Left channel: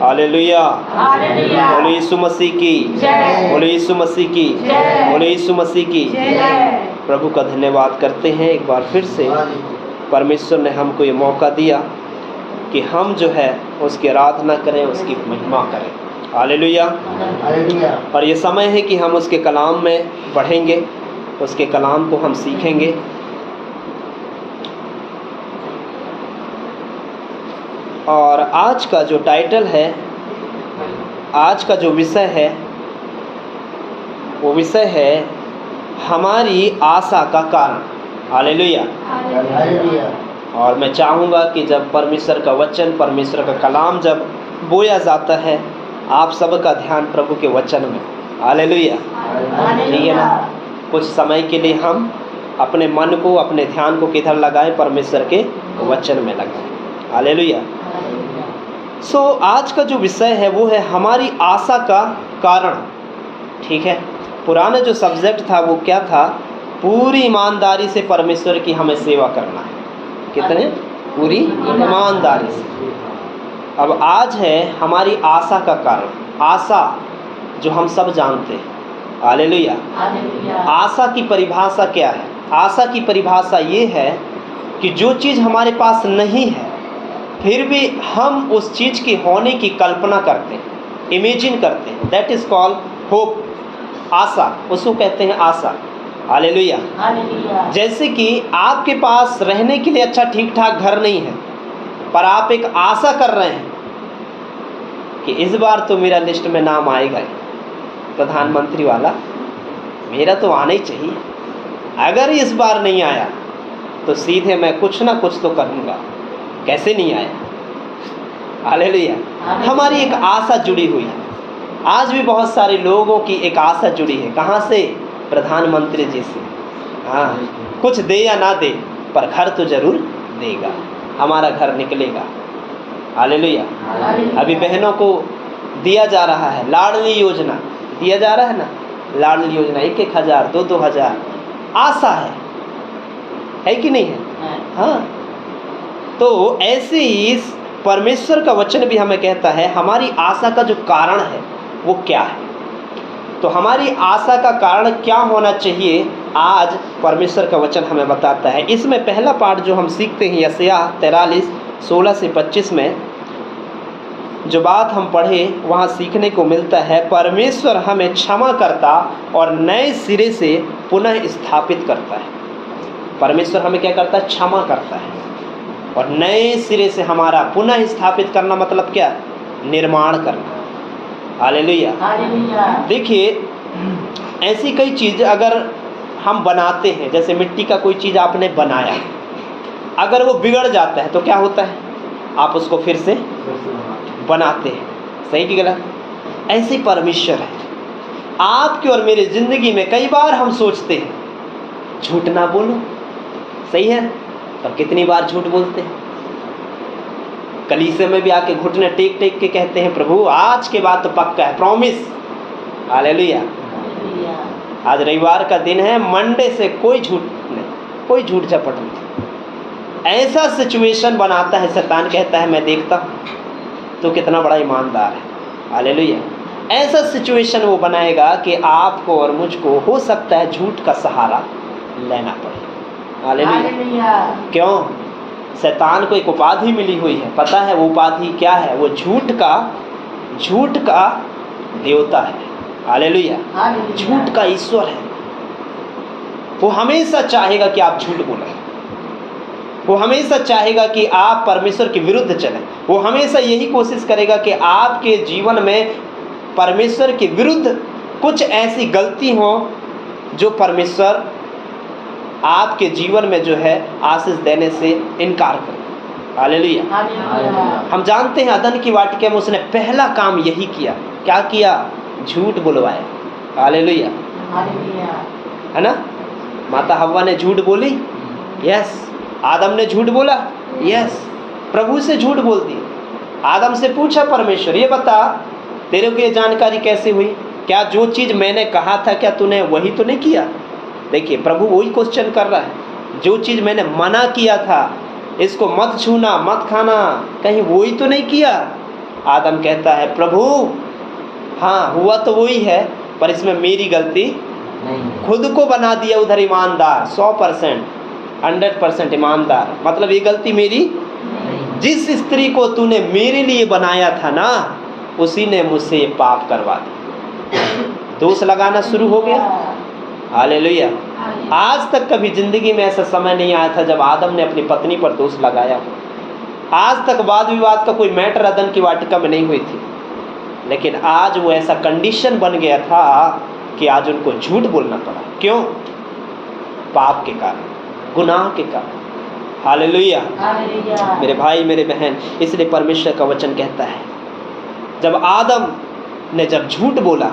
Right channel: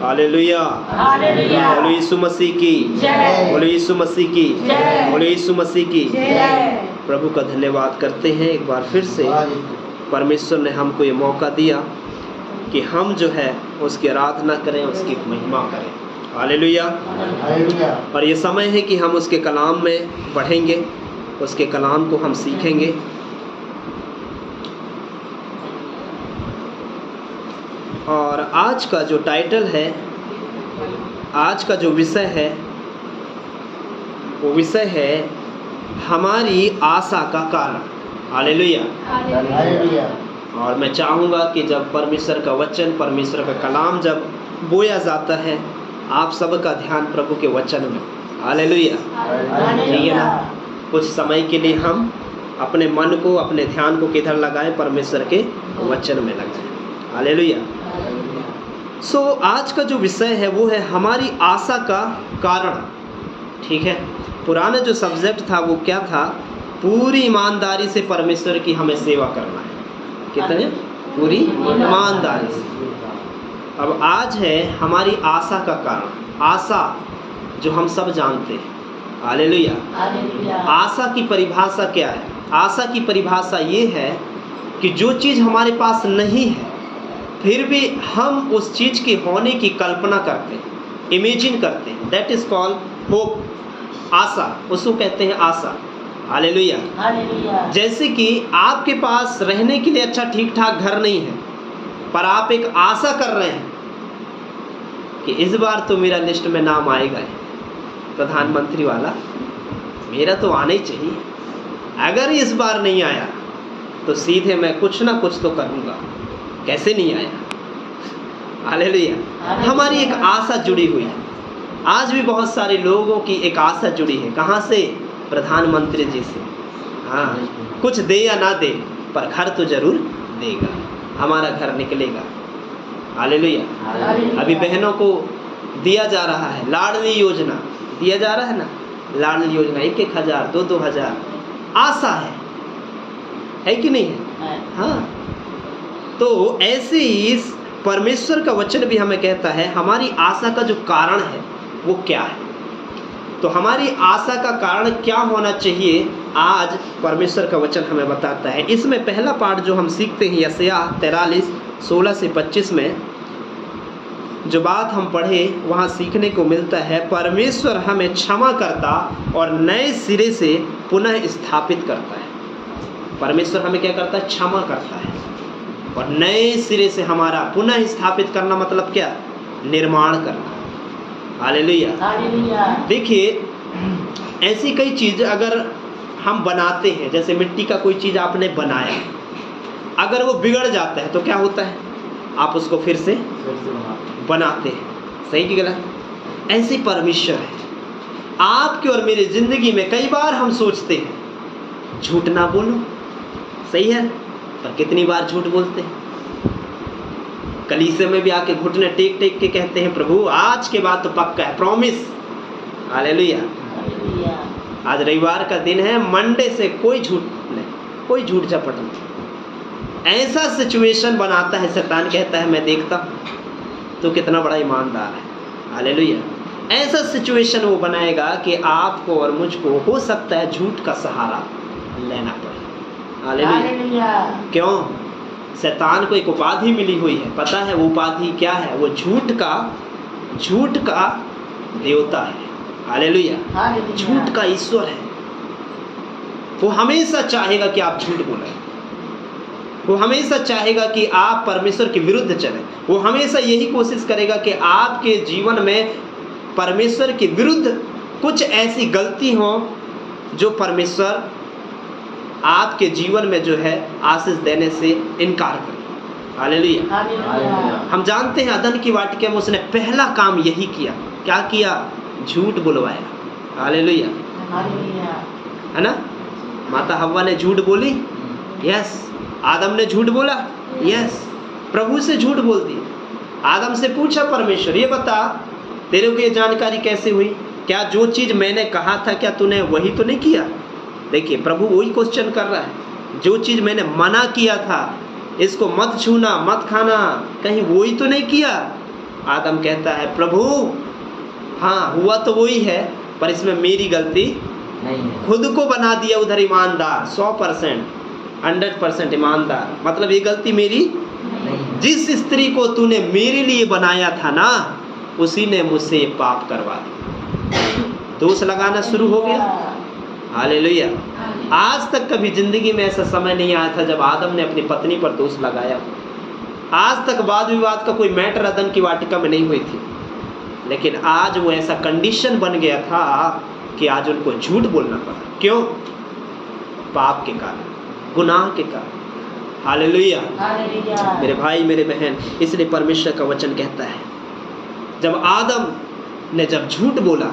Hallelujah, बोलो यीशु मसीह की, बोलो यीशु मसीह की, बोलो यीशु मसीह की। प्रभु का धन्यवाद करते हैं एक बार फिर से। परमेश्वर ने हमको ये मौका दिया कि हम जो है उसकी आराधना करें, उसकी महिमा करें। हालेलुया। और ये समय है कि हम उसके कलाम में बढ़ेंगे, उसके कलाम को हम सीखेंगे। और आज का जो टाइटल है, आज का जो विषय है, वो विषय है हमारी आशा का कारण। हालेलुया। और मैं चाहूँगा कि जब परमेश्वर का वचन, परमेश्वर का कलाम जब बोया जाता है, आप सबका ध्यान प्रभु के वचन में। हालेलुया। ठीक है ना? कुछ समय के लिए हम अपने मन को, अपने ध्यान को किधर लगाएं? परमेश्वर के वचन में लगाएं। हालेलुया। आज का जो विषय है वो है हमारी आशा का कारण। ठीक है। पुराना जो सब्जेक्ट था वो क्या था? पूरी ईमानदारी से परमेश्वर की हमें सेवा करना। कितने? पूरी ईमानदारी से। अब आज है हमारी आशा का कारण। आशा जो हम सब जानते हैं। हालेलुया। आशा की परिभाषा क्या है? आशा की परिभाषा ये है कि जो चीज़ हमारे पास नहीं है फिर भी हम उस चीज़ की होने की कल्पना करते हैं, इमेजिन करते हैं। That is called hope. आशा, उसको कहते हैं आशा। हालेलुया। जैसे कि आपके पास रहने के लिए अच्छा ठीक ठाक घर नहीं है, पर आप एक आशा कर रहे हैं कि इस बार तो मेरा लिस्ट में नाम आएगा प्रधानमंत्री वाला, मेरा तो आना ही चाहिए। अगर इस बार नहीं आया तो सीधे मैं कुछ ना कुछ तो करूँगा। कैसे नहीं आया? हालेलुया। हमारी एक आशा जुड़ी हुई है। आज भी बहुत सारे लोगों की एक आशा जुड़ी है। कहाँ से? प्रधानमंत्री जी से। हाँ, कुछ दे या ना दे, पर घर तो जरूर देगा, हमारा घर निकलेगा। हालेलुया। अभी बहनों को दिया जा रहा है लाडली योजना, दिया जा रहा है ना, लाडली योजना 1,000 2,000। आशा है कि नहीं है? हाँ। तो ऐसे ही परमेश्वर का वचन भी हमें कहता है हमारी आशा का जो कारण है वो क्या है। तो हमारी आशा का कारण क्या होना चाहिए, आज परमेश्वर का वचन हमें बताता है। इसमें पहला पाठ जो हम सीखते हैं यशायाह 43:16 से 25 में जो बात हम पढ़े वहाँ सीखने को मिलता है, परमेश्वर हमें क्षमा करता और नए सिरे से पुनः स्थापित करता है। परमेश्वर हमें क्या करता है? क्षमा करता है और नए सिरे से हमारा पुनः स्थापित करना मतलब क्या? निर्माण करना। हालेलुया। देखिए, ऐसी कई चीज़ अगर हम बनाते हैं, जैसे मिट्टी का कोई चीज़ आपने बनाया, अगर वो बिगड़ जाता है तो क्या होता है? आप उसको फिर से बनाते हैं। सही कि गलत? ऐसे परमेश्वर है। आपकी और मेरी जिंदगी में कई बार हम सोचते हैं झूठ ना बोलो, सही है, पर कितनी बार झूठ बोलते हैं। कलीसिया में भी आके घुटने टेक टेक के कहते हैं प्रभु आज के बाद तो पक्का है, प्रॉमिस। हालेलुया। आज रविवार का दिन है, मंडे से कोई झूठ नहीं, कोई झूठ झपट नहीं। ऐसा सिचुएशन बनाता है शैतान, कहता है मैं देखता हूँ तो कितना बड़ा ईमानदार है। हालेलुया। ऐसा सिचुएशन वो बनाएगा कि आपको और मुझको हो सकता है झूठ का सहारा लेना पड़े। हालेलुया। क्यों? शैतान को एक उपाधि मिली हुई है, पता है वो उपाधि क्या है? वो झूठ का देवता है। हालेलुया। झूठ का ईश्वर है। वो हमेशा चाहेगा कि आप झूठ बोलें, वो हमेशा चाहेगा कि आप परमेश्वर के विरुद्ध चलें। वो हमेशा यही कोशिश करेगा कि आपके जीवन में परमेश्वर के विरुद्ध कुछ ऐसी गलती हो जो परमेश्वर आपके जीवन में जो है आशीष देने से इनकार करे। हालेलुया। हम जानते हैं अदन की वाटिका में उसने पहला काम यही किया। क्या किया? झूठ बुलवाया। हालेलुया। है ना? माता हव्वा ने झूठ बोली, यस। आदम ने झूठ बोला, यस। प्रभु से झूठ बोल दी। आदम से पूछा परमेश्वर ये बता तेरे को ये जानकारी कैसे हुई? क्या जो चीज़ मैंने कहा था क्या तूने वही तो नहीं किया? देखिए, प्रभु वही क्वेश्चन कर रहा है। जो चीज़ मैंने मना किया था, इसको मत छूना, मत खाना, कहीं वही तो नहीं किया? आदम कहता है प्रभु हाँ हुआ तो वही है, पर इसमें मेरी गलती नहीं, खुद को बना दिया उधर ईमानदार, 100% 100% ईमानदार, मतलब ये गलती मेरी नहीं। जिस स्त्री को तूने मेरे लिए बनाया था ना, उसी ने मुझसे ये पाप करवा दिया। दोष लगाना शुरू हो गया। हालेलुया। आज तक कभी जिंदगी में ऐसा समय नहीं आया था जब आदम ने अपनी पत्नी पर दोष लगाया। आज तक वाद विवाद का कोई मैटर अदन की वाटिका में नहीं हुई थी, लेकिन आज वो ऐसा कंडीशन बन गया था कि आज उनको झूठ बोलना पड़ा। क्यों? पाप के कारण, गुनाह के कारण। हालेलुया। मेरे भाई मेरे बहन, इसलिए परमेश्वर का वचन कहता है जब आदम ने जब झूठ बोला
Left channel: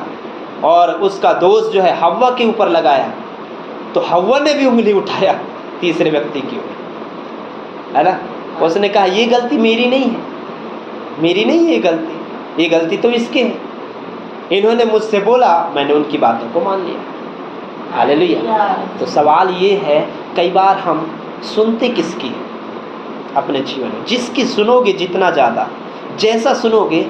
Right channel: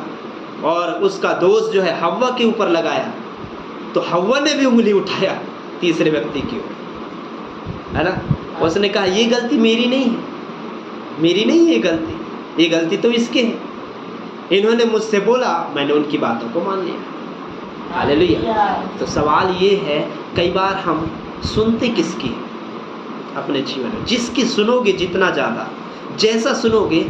और उसका दोष जो है हव्वा के ऊपर लगाया, तो हव्वा ने भी उंगली उठाया तीसरे व्यक्ति की ओर, है ना। उसने कहा ये गलती मेरी नहीं है, मेरी नहीं है ये गलती तो इसके है। इन्होंने मुझसे बोला, मैंने उनकी बातों को मान लिया। हालेलुया। तो सवाल ये है, कई बार हम सुनते किसकी अपने जीवन में? जिसकी सुनोगे जितना ज़्यादा, जैसा सुनोगे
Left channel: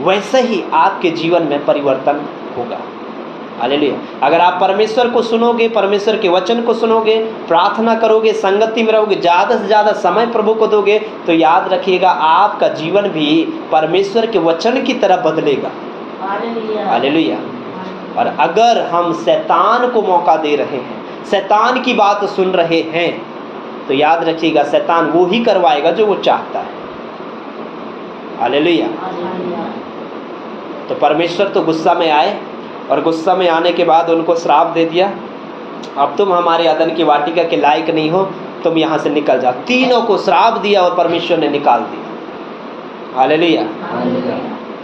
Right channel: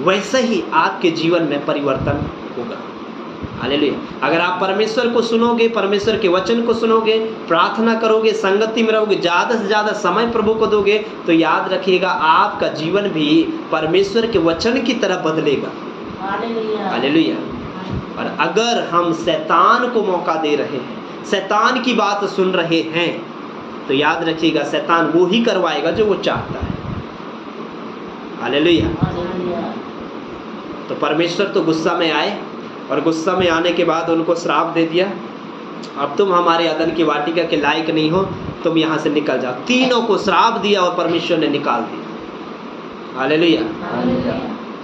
वैसा ही आपके जीवन में परिवर्तन होगा। हालेलुया। अगर आप परमेश्वर को सुनोगे, परमेश्वर के वचन को सुनोगे, प्रार्थना करोगे, संगति में रहोगे, ज़्यादा से ज़्यादा समय प्रभु को दोगे, तो याद रखिएगा आपका जीवन भी परमेश्वर के वचन की तरह बदलेगा। हालेलुया। और अगर हम शैतान को मौका दे रहे हैं, शैतान की बात सुन रहे हैं, तो याद रखिएगा शैतान वो ही करवाएगा जो वो चाहता है। हालेलुया। तो परमेश्वर तो गुस्सा में आए, और गुस्सा में आने के बाद उनको श्राप दे दिया, अब तुम हमारे अदन की वाटिका के लायक नहीं हो, तुम यहाँ से निकल जाओ। तीनों को श्राप दिया और परमेश्वर ने निकाल दिया। हालेलुया।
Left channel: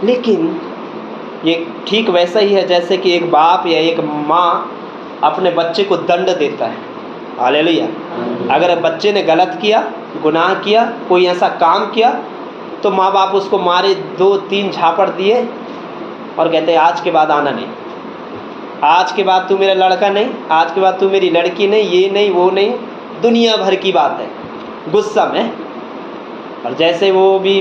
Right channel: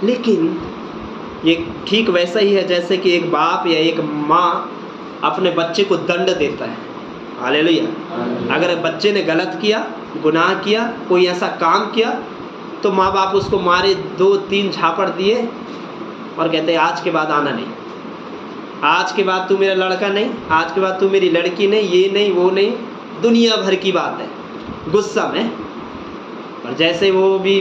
लेकिन ये ठीक वैसा ही है जैसे कि एक बाप या एक माँ अपने बच्चे को दंड देता है। हालेलुया। अगर बच्चे ने गलत किया, गुनाह किया, कोई ऐसा काम किया, तो माँ बाप उसको मारे, 2-3 झापड़ दिए और कहते हैं आज के बाद आना नहीं, आज के बाद तू मेरा लड़का नहीं, आज के बाद तू मेरी लड़की नहीं, ये नहीं वो नहीं, दुनिया भर की बात है गुस्सा में। और जैसे वो भी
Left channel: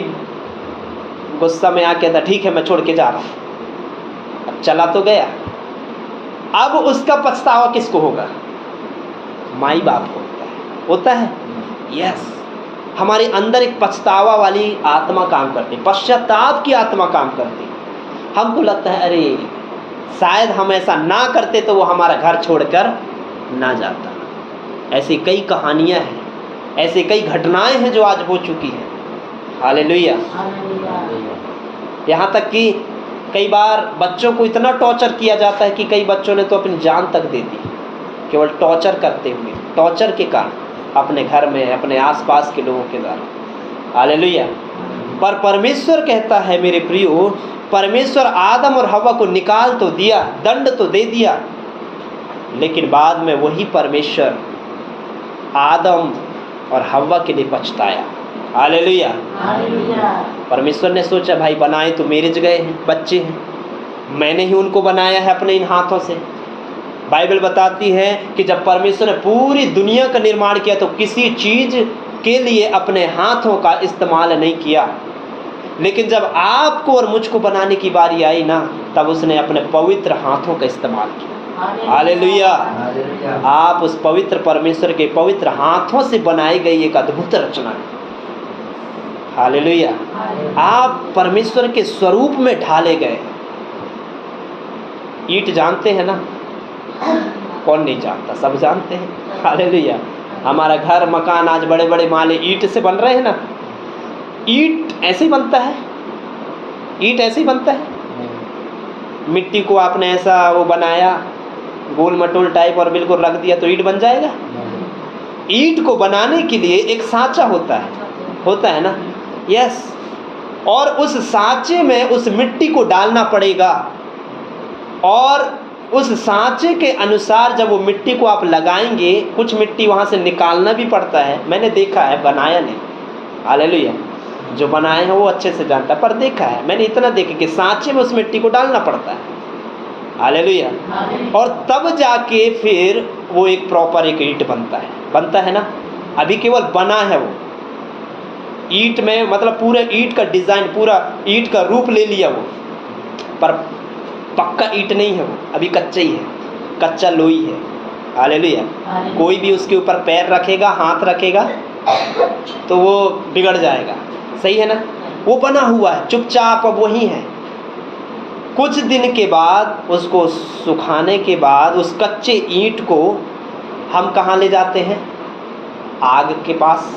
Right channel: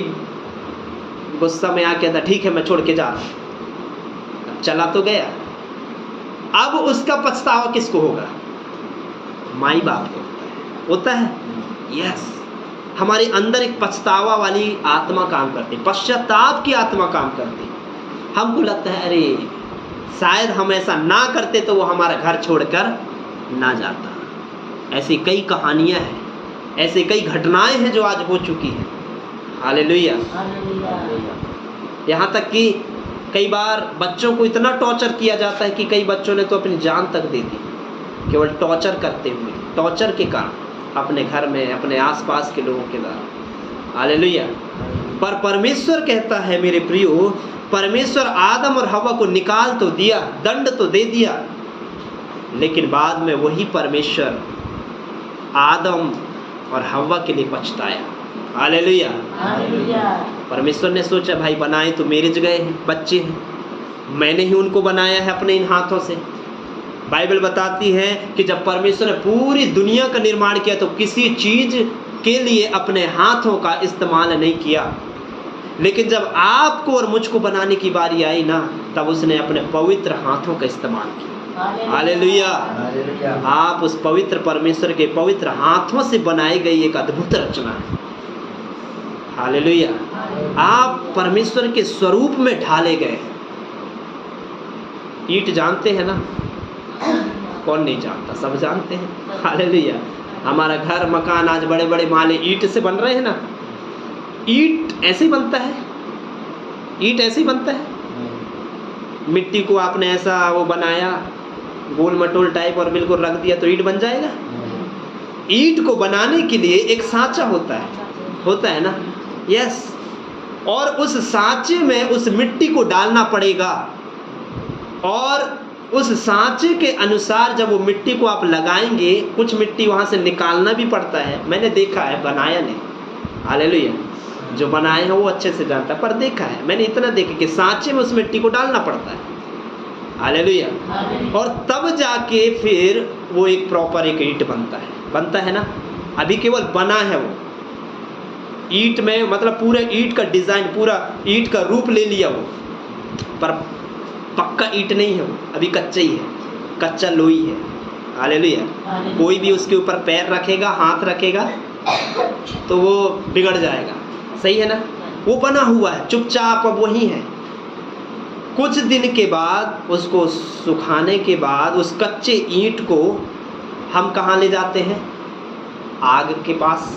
गुस्सा में आके कहता ठीक है मैं छोड़ के जा रहा हूँ, अब चला तो गया, अब उसका पछतावा किसको होगा? माई बाप को होता है। यस, हमारे अंदर एक पछतावा वाली आत्मा काम करती है, पश्चाताप की आत्मा काम करती है। हमको लगता है अरे शायद हम ऐसा ना करते तो वो हमारा घर छोड़कर ना जाता। ऐसी कई कहानियां हैं, ऐसी कई घटनाएं हैं जो आज हो चुकी हैं। हालेलुया। यहाँ तक कि कई बार बच्चों को इतना टॉर्चर किया जाता है कि कई बच्चों ने तो अपनी जान तक दे दी, केवल टॉर्चर करते हुए, टॉर्चर के कारण अपने घर में, अपने आसपास के लोगों के द्वारा। हालेलुया। पर परमेश्वर कहता है मेरे प्रियो, परमेश्वर आदम और हव्वा को निकाल तो दिया, दंड तो दे दिया, लेकिन बाद में वही परमेश्वर आदम और हव्वा के लिए पछताया। हालेलुया। परमेश्वर ने सोचा भाई बनाए तो मेरे जगह बच्चे हैं, मैंने ही उनको बनाया है अपने इन हाथों से। बाइबल बताती है कि जब परमेश्वर ने पूरी दुनिया का निर्माण किया तो किसी चीज के लिए अपने हाथों का इस्तेमाल नहीं किया, लेकिन जब आपको और मुझको बनाने की बारी आई ना, तब उसने अपने पवित्र हाथों का इस्तेमाल किया। हालेलुया। आप उस पवित्र परमेश्वर के पवित्र हाथों से बनाई गई एक अद्भुत रचना है। हालेलुया। आप परमेश्वर के स्वरूप में ढाले गए। ईंट जानते हैं ना? कौन नहीं जानता, सब जानते हैं। हालेलुया। हमारा घर मकान आज बड़े बड़े माले ईंट से बन रहे हैं ना। ईंट ऐसे ही बनता है, ईंट ऐसे ही बनता है। मिट्टी को आपने ऐसा वो बनाया गोल मटोल टाइप और बिल्कुल रख दिया तो ईंट बन जाएगा? ईंट को बनाने के लिए एक सांचा होता है ना। यस। और उस सांचे में उस मिट्टी को डालना पड़ेगा, और उस सांचे के अनुसार जब वो मिट्टी को आप लगाएंगे, कुछ मिट्टी वहाँ से निकालना भी पड़ता है। मैंने देखा है, बनाया नहीं। हालेलुया। जो बनाए हैं वो अच्छे से जानता है, पर देखा है मैंने, इतना देखा कि सांचे में उस मिट्टी को डालना पड़ता है। हालेलुया। और तब जाके फिर वो एक प्रॉपर एक ईंट बनता है ना। अभी केवल बना है वो, ईंट में, मतलब पूरे ईंट का डिज़ाइन, पूरा ईंट का रूप ले लिया वो, पर पक्का ईंट नहीं है वो, अभी कच्चा ही है, कच्चा लोई है। हालेलुया। कोई भी उसके ऊपर पैर रखेगा, हाथ रखेगा तो वो बिगड़ जाएगा। सही है ना? वो बना हुआ है, चुपचाप अब वही है। कुछ दिन के बाद, उसको सुखाने के बाद, उस कच्चे ईंट को हम कहाँ ले जाते हैं? आग के पास,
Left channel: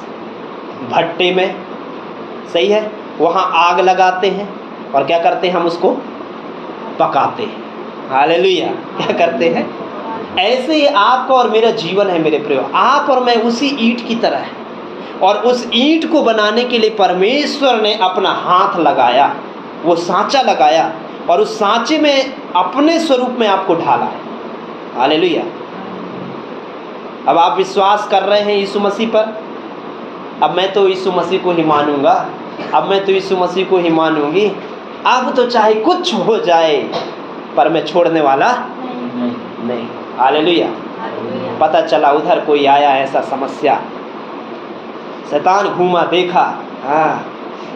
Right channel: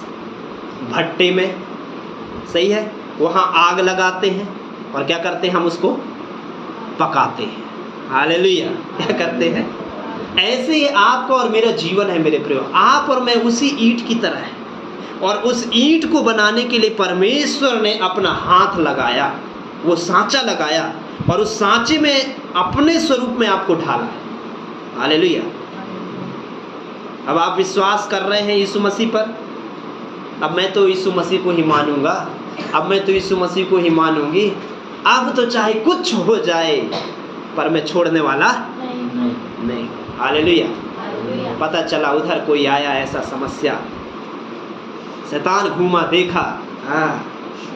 भट्टे में। सही है? वहाँ आग लगाते हैं और क्या करते हैं? हम उसको पकाते हैं। हालेलुया। क्या करते हैं? ऐसे ही आपका और मेरा जीवन है मेरे प्रियो। आप और मैं उसी ईंट की तरह है, और उस ईंट को बनाने के लिए परमेश्वर ने अपना हाथ लगाया, वो सांचा लगाया, और उस सांचे में अपने स्वरूप में आपको ढाला है। हालेलुया। अब आप विश्वास कर रहे हैं यीशु मसीह पर, अब मैं तो यीशु मसीह को ही मानूंगा, अब मैं तो यीशु मसीह को ही मानूंगी, अब तो चाहे कुछ हो जाए पर मैं छोड़ने वाला नहीं। हालेलुया। पता चला उधर कोई आया ऐसा समस्या, शैतान घूमा, देखा, हाँ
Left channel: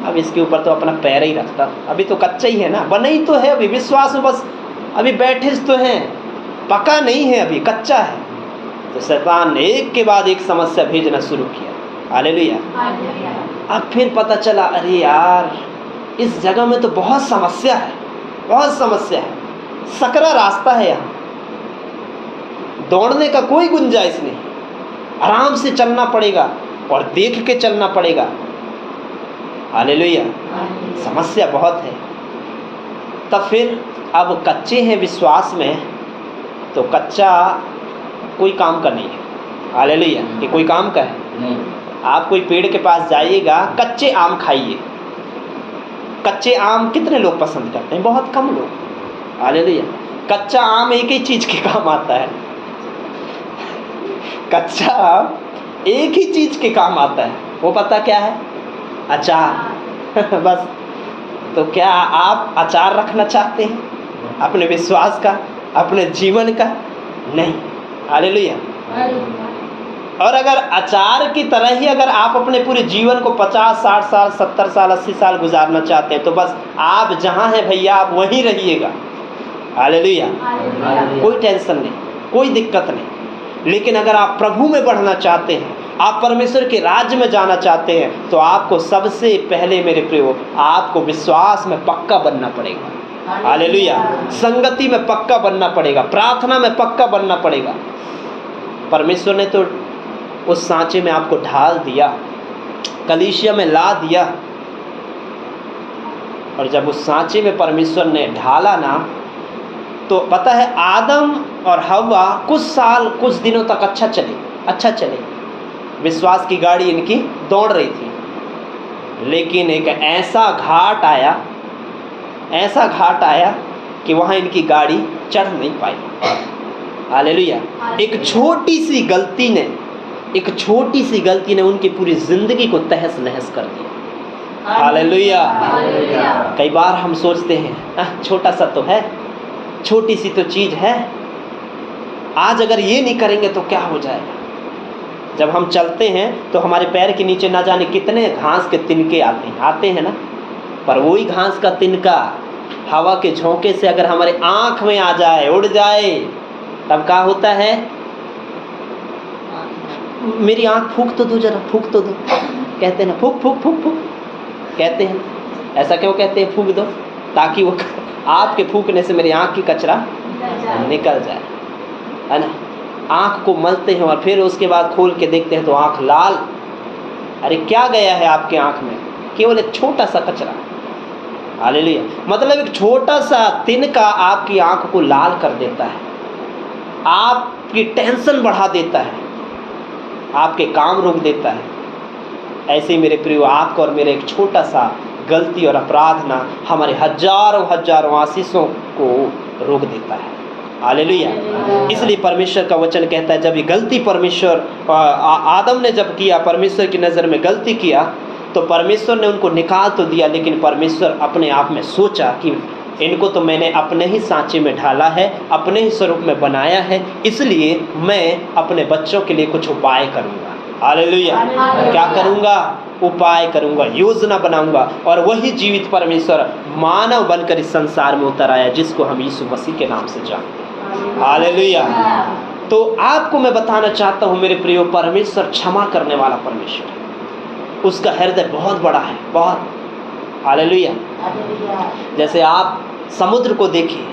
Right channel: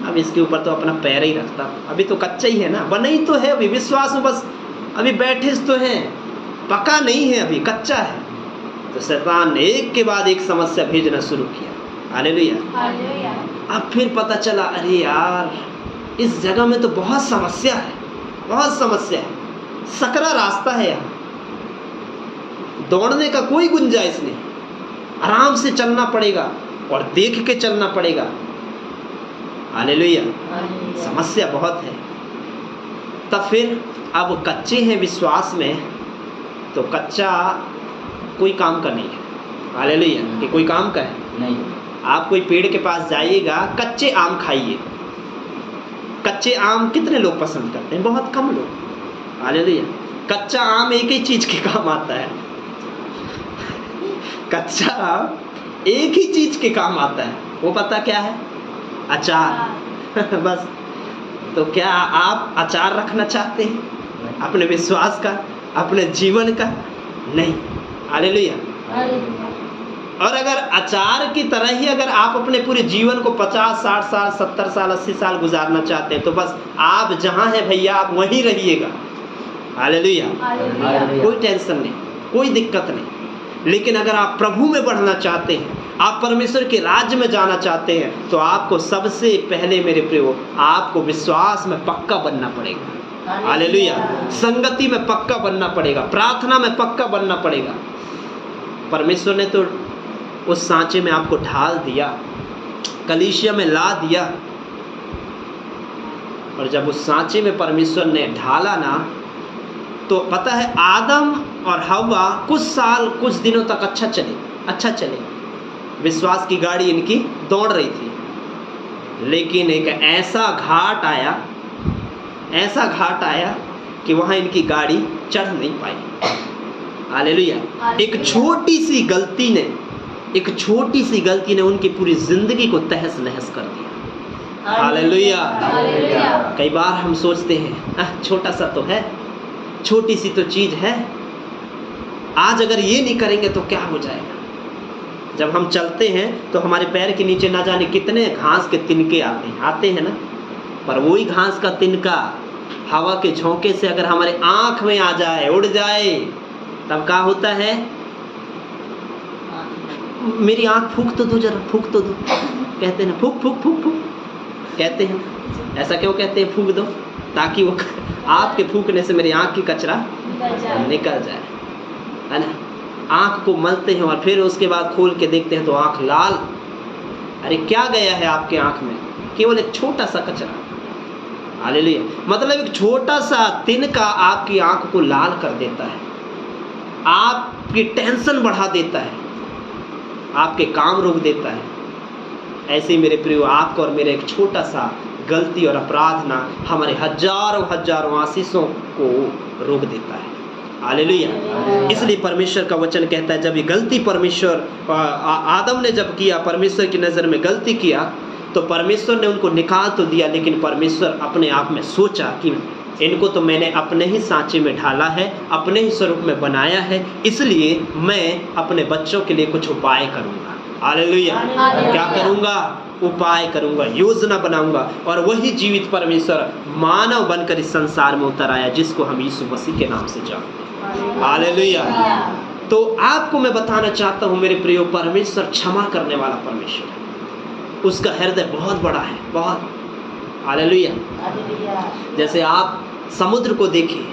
अब इसके ऊपर तो अपना पैर ही रखता, अभी तो कच्चा ही है ना, बना ही तो है अभी, विश्वास में बस अभी बैठे तो हैं, पका नहीं है, अभी कच्चा है। तो शैतान ने एक के बाद एक समस्या भेजना शुरू किया। हालेलुया। अब फिर पता चला, अरे यार इस जगह में तो बहुत समस्या है, बहुत समस्या है, सकरा रास्ता है, यहाँ दौड़ने का कोई गुंजाइश नहीं, आराम से चलना पड़ेगा और देख के चलना पड़ेगा। हालेलुया। समस्या बहुत है। तब फिर अब कच्चे हैं विश्वास में, तो कच्चा कोई काम का नहीं है। हालेलुया। ये कोई काम का है नहीं। आप कोई पेड़ के पास जाइएगा, कच्चे आम खाइए। कच्चे आम कितने लोग पसंद करते हैं? बहुत कम लोग। हालेलुया। कच्चा आम एक ही चीज के काम आता है, कच्चा आम एक ही चीज के काम आता है, वो पता क्या है? अचार। बस। तो क्या आप अचार रखना चाहते हैं अपने विश्वास का, अपने जीवन का? नहीं। हालेलुया। और अगर अचार की तरह ही अगर आप अपने पूरे जीवन को 50, 60 साल, 70 साल, 80 साल गुजारना चाहते हैं, तो बस आप जहाँ हैं भैया, आप वहीं रहिएगा। हालेलुया। कोई टेंशन नहीं, कोई दिक्कत नहीं। लेकिन अगर आप प्रभु में बढ़ना चाहते हैं, आप परमेश्वर के राज्य में जाना चाहते हैं, तो आपको सबसे पहले मेरे प्रियो, आपको विश्वास में पक्का बनना पड़ेगा। हालेलुया। संगति में पक्का बनना पड़ेगा, प्रार्थना में पक्का बनना पड़ेगा। परमेश्वर ने तो उस सांचे में आपको ढाल दिया, कलीसिया में ला दिया, और जब उस सांचे में परमेश्वर ने ढाला ना, तो पता है आदम और हव्वा कुछ साल, कुछ दिनों तक अच्छा चले, विश्वास की गाड़ी इनकी दौड़ रही थी। लेकिन एक ऐसा घाट आया कि वहाँ इनकी गाड़ी चढ़ नहीं पाई। हालेलुया। एक छोटी सी गलती ने उनकी पूरी जिंदगी को तहस नहस कर दिया। हालेलुया। कई बार हम सोचते हैं छोटा सा तो है, छोटी सी तो चीज है, आज अगर ये नहीं करेंगे तो क्या हो जाएगा। जब हम चलते हैं तो हमारे पैर के नीचे ना जाने कितने घास के तिनके आते हैं ना, पर वही घास का तिनका हवा के झोंके से अगर हमारे आंख में आ जाए, उड़ जाए, तब क्या होता है? मेरी आंख फूंक तो दो जरा, फूंक तो दो, कहते हैं ना, फूंक फूंक फूंक फूंक कहते हैं। ऐसा क्यों कहते हैं? फूंक दो, ताकि वो आपके फूंकने से मेरी आंख की कचरा निकल जाए, है ना। आंख को मलते हैं और फिर उसके बाद खोल के देखते हैं तो आंख लाल। अरे क्या गया है आपके आंख में? केवल एक छोटा सा कचरा। हालेलुया। मतलब एक छोटा सा तिनका आपकी आंख को लाल कर देता है, आपकी टेंशन बढ़ा देता है, आपके काम रोक देता है। ऐसे ही मेरे प्रियो, आपको और मेरे एक छोटा सा गलती और अपराध ना हमारे हजारों आशीषों को रोक देता है। हालेलुया। इसलिए परमेश्वर का वचन कहता है, जब ये गलती परमेश्वर आदम ने जब किया, परमेश्वर की नज़र में गलती किया, तो परमेश्वर ने उनको निकाल तो दिया, लेकिन परमेश्वर अपने आप में सोचा कि इनको तो मैंने अपने ही सांचे में ढाला है, अपने ही स्वरूप में बनाया है, इसलिए मैं अपने बच्चों के लिए कुछ उपाय करूँगा। हालेलुया। क्या करूँगा? उपाय करूँगा, योजना बनाऊँगा, और वही जीवित परमेश्वर मानव बनकर इस संसार में उतर आया, जिसको हम यीशु मसीह के नाम से जानते हैं। हालेलुया। तो आपको मैं बताना चाहता हूँ मेरे प्रियो, परमेश्वर क्षमा करने वाला परमेश्वर है। उसका हृदय बहुत बड़ा है, बहुत। हालेलुया। जैसे आप समुद्र को देखें,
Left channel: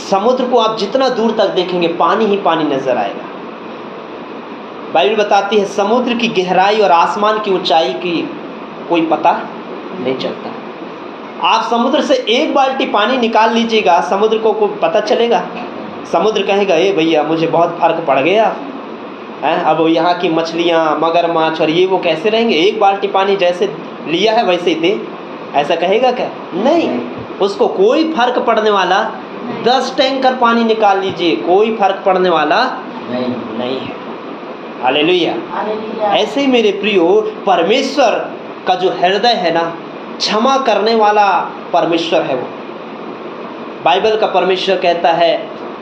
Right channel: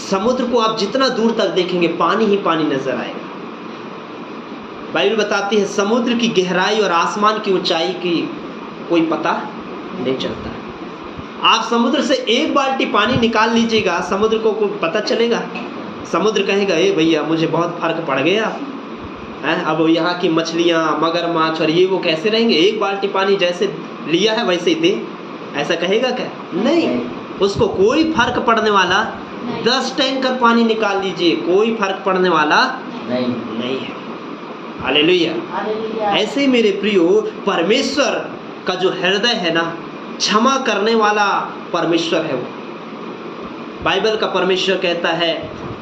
समुद्र को आप जितना दूर तक देखेंगे पानी ही पानी नजर आएगा। बाइबल बताती है समुद्र की गहराई और आसमान की ऊंचाई की कोई पता नहीं चलता। आप समुद्र से एक बाल्टी पानी निकाल लीजिएगा, समुद्र को पता चलेगा? समुद्र कहेगा ए भैया मुझे बहुत फर्क पड़ गया, अब यहाँ की मछलियाँ, मगरमच्छ और ये वो कैसे रहेंगे, एक बाल्टी पानी जैसे लिया है वैसे ही दे, ऐसा कहेगा क्या? नहीं, उसको कोई फर्क पड़ने वाला 10 टैंकर पानी निकाल लीजिए, कोई फर्क पड़ने वाला नहीं है। हालेलुया। ऐसे ही मेरे प्रियो, परमेश्वर का जो हृदय है ना, क्षमा करने वाला परमेश्वर है वो। बाइबल का परमेश्वर कहता है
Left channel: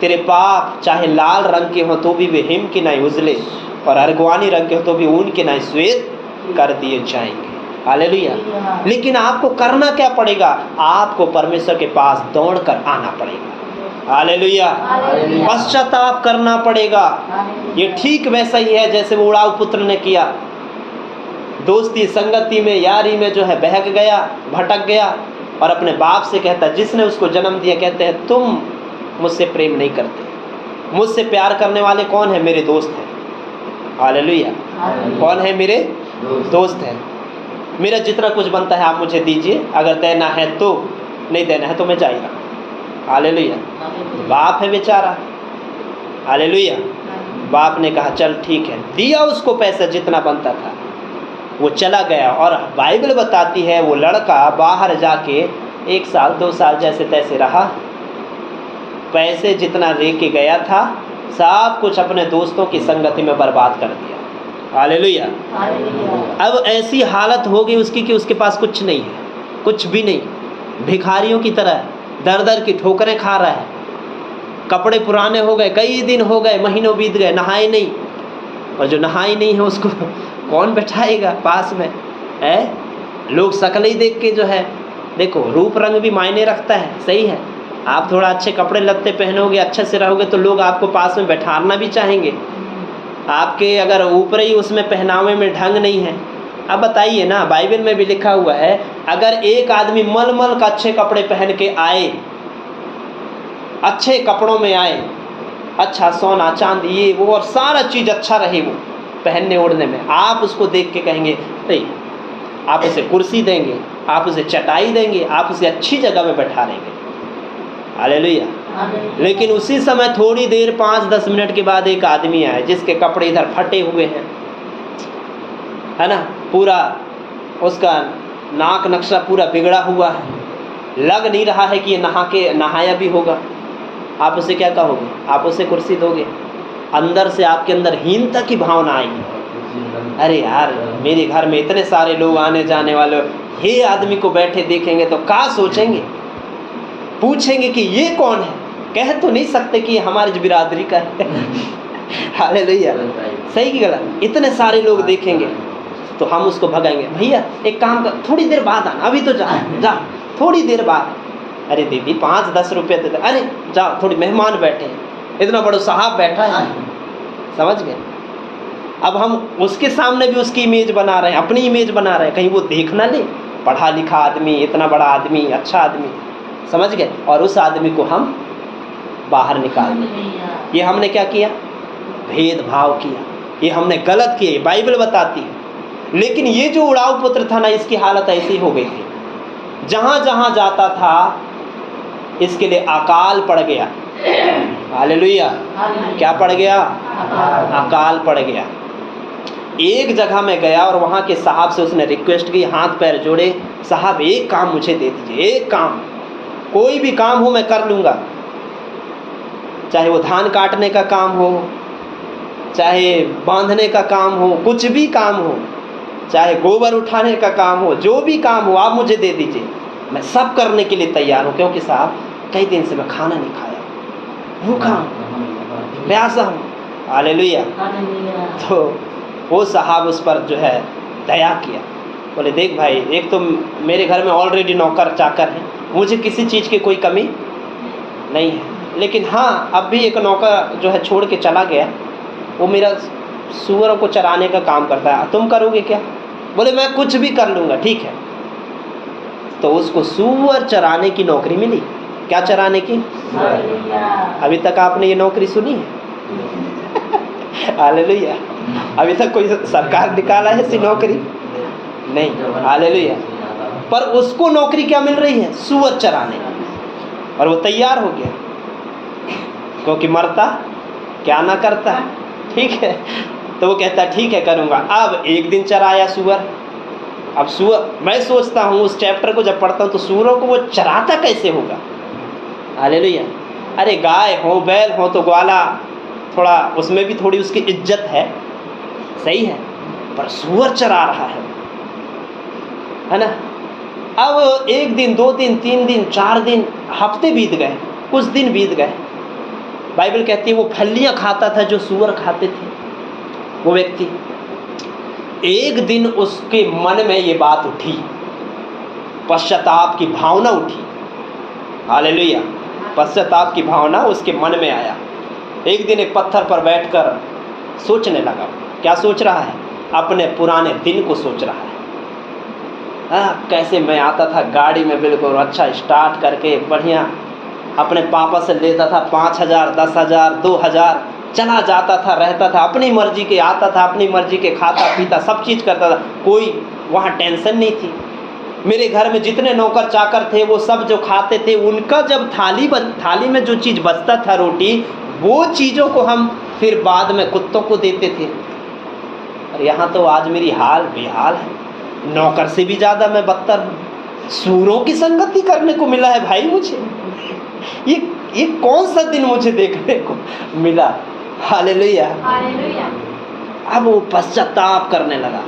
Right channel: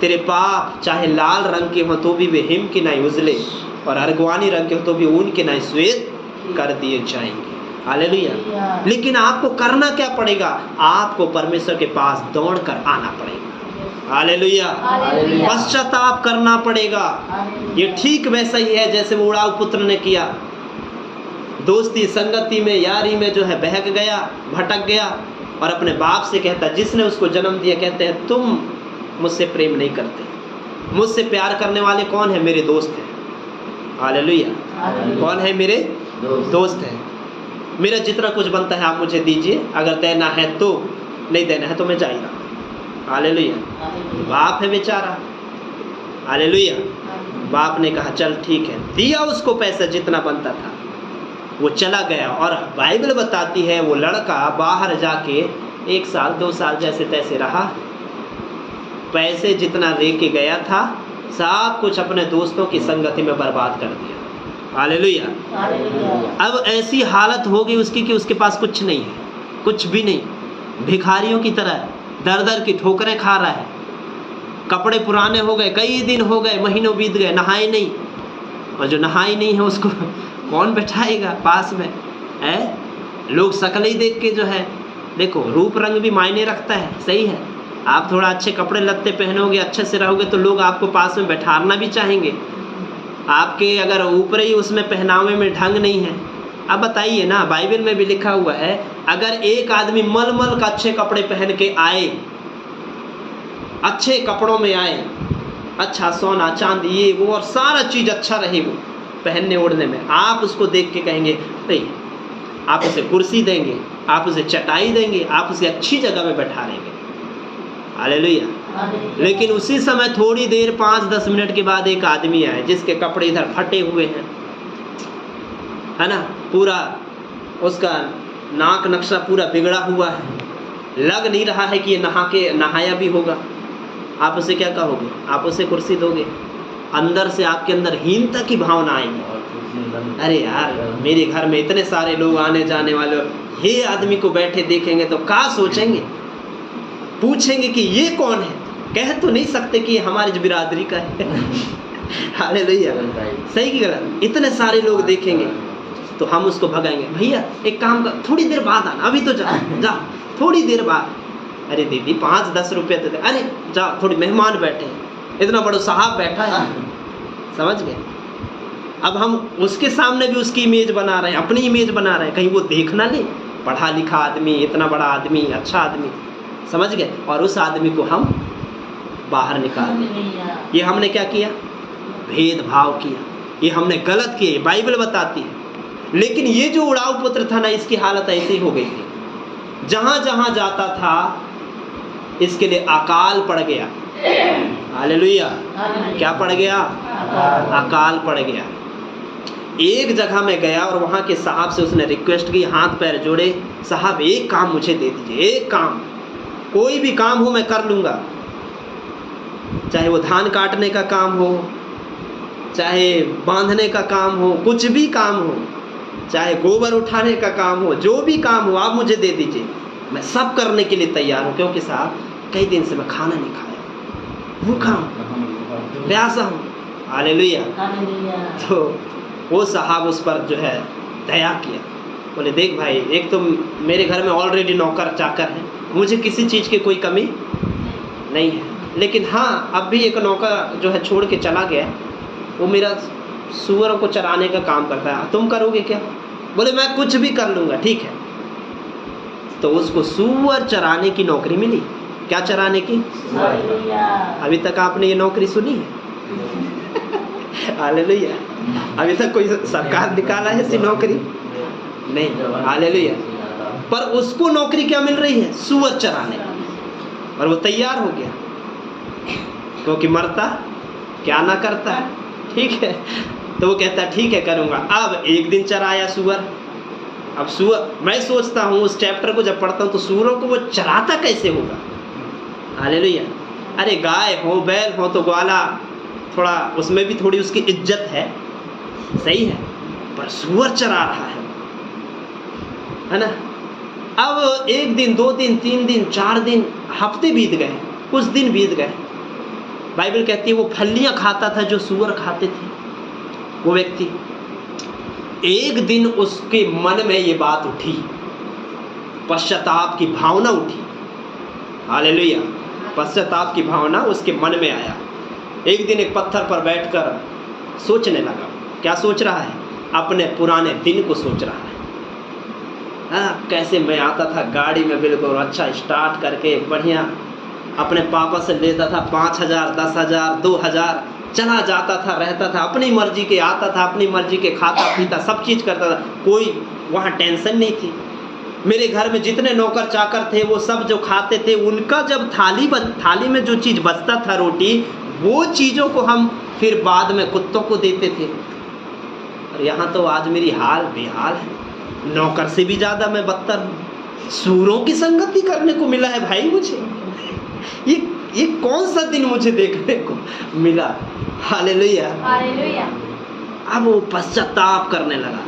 तेरे पाप चाहे लाल रंग के हो तो भी वे हिम की नाई उजले, और अर्गवानी रंग के हो तो भी ऊन के नाई श्वेत कर दिए जाएंगे। हालेलुया। लेकिन आपको करना क्या पड़ेगा? आपको परमेश्वर के पास दौड़कर आना पड़ेगा। हालेलुया। पश्चाताप करना पड़ेगा। ये ठीक वैसा ही है जैसे वो उड़ाऊ पुत्र ने किया, दोस्ती संगति में यारी में जो है बहक गया, भटक गया, और अपने बाप से कहता, जिसने उसको जन्म दिया, कहते हैं तुम मुझसे प्रेम नहीं करते, मुझसे प्यार करने वाले कौन है? मेरे दोस्त हैं। हालेलुया। कौन है? मेरे दोस्त हैं। मेरा जितना कुछ बनता है आप मुझे दीजिए, अगर देना है तो, नहीं देना है तो मैं जा ही रहा। हालेलुया। बाप है बेचारा। हालेलुया। बाप ने कहा चल ठीक है, दिया उसको पैसा जितना बनता था, वो चला गया। और बाइबल बताती है वो लड़का बाहर जाके 1 साल 2 साल जैसे तैसे रहा, पैसे जितना लेके गया था सब कुछ अपने दोस्तों की संगति में बर्बाद कर दिया। हालेलुया। अब ऐसी हालत हो गई उसकी कि उसके पास कुछ नहीं है, कुछ भी नहीं, भिखारियों की तरह दर दर की ठोकरें खा रहा है। कपड़े पुराने हो गए, कई दिन हो गए, महीनों बीत गए, नहाए नहीं, और जो नहाई नहीं है उसको कौन बैठाएगा पास में है? लोग शक्ल ही देख के जो है, देखो रूप रंग भी मायने रखता है, सही है। आप थोड़ा अच्छे कपड़े लत्ते पहनोगे, अच्छे से रहोगे तो लोग आपको पास में बैठाना भी चाहेंगे। आपके अगर ऊपर ही उसमें पहनावे में ढंग नहीं है, अब बताइए ना, बाइबल में भी लिखा हुआ है अगर एक आदमी मलमल का अच्छे कपड़े पहन के आए, अच्छे कपड़ों में आए, अच्छा सोना चांदी ये वो और सारा चीज़ अच्छा रहे वो पहनने ओढ़ने में, आप उसको देख के कहेंगे नहीं, आप उसे कुर्सी देंगे, आप उसे चटाई देंगे, आप उसे अच्छी जगह में बैठा लेंगे। हालेलुया। लेकिन उसी समय थोड़ी देर 5-10 मिनट के बाद एक आदमी आया जिसके कपड़े इधर फटे हुए हैं, है ना, पूरा उसका नाक नक्शा पूरा बिगड़ा हुआ है, लग नहीं रहा है कि ये नहाया भी होगा। आप उसे क्या कहोगे? आप उसे कुर्सी दोगे? अंदर से आपके अंदर हीनता की भावना आएगी, अरे यार मेरे घर में इतने सारे लोग आने जाने वाले, ये आदमी को बैठे देखेंगे तो क्या सोचेंगे? पूछेंगे कि ये कौन है? कह तो नहीं सकते कि ये हमारी बिरादरी का है। हालेलुया। सही की गलत? इतने सारे लोग देखेंगे तो हम उसको भगाएंगे, भैया एक काम कर, थोड़ी देर बाद आना, अभी तो जा थोड़ी देर बाद। अरे दीदी 5-10 रुपये दे दे, अरे जाओ थोड़ी मेहमान बैठे हैं, इतना बड़ा साहब बैठा है, समझ गए? अब हम उसके सामने भी उसकी इमेज बना रहे हैं, अपनी इमेज बना रहे हैं, कहीं वो देख ना ले, पढ़ा लिखा आदमी, इतना बड़ा आदमी, अच्छा आदमी, समझ गए? और उस आदमी को हम बाहर निकाल दिए। ये हमने क्या किया? भेदभाव किया, ये हमने गलत किया, बाइबल बताती है। लेकिन ये जो उड़ाऊ पुत्र था ना, इसकी हालत ऐसी हो गई थी, जहाँ जहाँ जाता था इसके लिए अकाल पड़ गया। हालेलुया। क्या पड़ गया? अकाल पड़ गया। एक जगह में गया और वहाँ के साहब से उसने रिक्वेस्ट की, हाथ पैर जोड़े, साहब एक काम मुझे दे दीजिए, एक काम, कोई भी काम हो मैं कर लूँगा, चाहे वो धान काटने का काम हो, चाहे बांधने का काम हो, कुछ भी काम हो, चाहे गोबर उठाने का काम हो, जो भी काम हो आप मुझे दे दीजिए, मैं सब करने के लिए तैयार हूँ। क्योंकि साहब कई दिन से मैं खाना नहीं खाया, भूखा हूँ, प्यासा हूँ। हालेलुया। तो वो साहब उस पर जो है दया किया, बोले देख भाई, एक तो मेरे घर में ऑलरेडी नौकर चाकर है, मुझे किसी चीज़ की कोई कमी नहीं है, लेकिन हाँ अब भी एक नौकर जो है छोड़ के चला गया, वो मेरा सूअरों को चराने का काम करता है, तुम करोगे क्या? बोले मैं कुछ भी कर लूँगा, ठीक है। तो उसको सूअर चराने की नौकरी मिली। क्या चराने की? अभी तक आपने ये नौकरी सुनी है? हालेलुया। अभी तक कोई सरकार निकाला है ऐसी नौकरी? नहीं। हालेलुया। पर उसको नौकरी क्या मिल रही है? सूअर चराने। और वो तैयार हो गया, क्योंकि मरता क्या ना करता, ठीक है। तो वो कहता ठीक है करूँगा। अब एक दिन चराया सूअर। अब सूअर, मैं सोचता हूँ उस चैप्टर को जब पढ़ता हूँ तो सूअरों को वो चराता कैसे होगा? हालेलुया। अरे गाय हो बैल हो तो ग्वाला थोड़ा उसमें भी थोड़ी उसकी इज्जत है, सही है, पर सूअर चरा रहा है ना। अब एक दिन, 2 दिन, 3 दिन, 4 दिन, हफ्ते बीत गए, कुछ दिन बीत गए। बाइबल कहती है वो फलियां खाता था जो सूअर खाते थे वो व्यक्ति। एक दिन उसके मन में ये बात उठी, पश्चाताप की भावना उठी। हालेलुया। पश्चाताप की भावना उसके मन में आया। एक दिन एक पत्थर पर बैठकर सोचने लगा। क्या सोच रहा है? अपने पुराने दिन को सोच रहा है। कैसे मैं आता था गाड़ी में बिल्कुल अच्छा स्टार्ट करके बढ़िया, अपने पापा से लेता था 5,000, 10,000, 2,000, चला जाता था, रहता था, अपनी मर्जी के आता था, अपनी मर्जी के खाता पीता, सब चीज़ करता था, कोई वहाँ टेंशन नहीं थी। मेरे घर में जितने नौकर चाकर थे वो सब जो खाते थे, उनका जब थाली में जो चीज़ बचता था रोटी, वो चीज़ों को हम फिर बाद में कुत्तों को देते थे। और यहाँ तो आज मेरी हाल बेहाल है, नौकर से भी ज़्यादा मैं बदतर हूँ। सूरों की संगति करने को मिला है भाई मुझे। ये कौन सा दिन मुझे देखने को मिला? हालेलुया। हालेलुया। अब वो पश्चाताप करने लगा।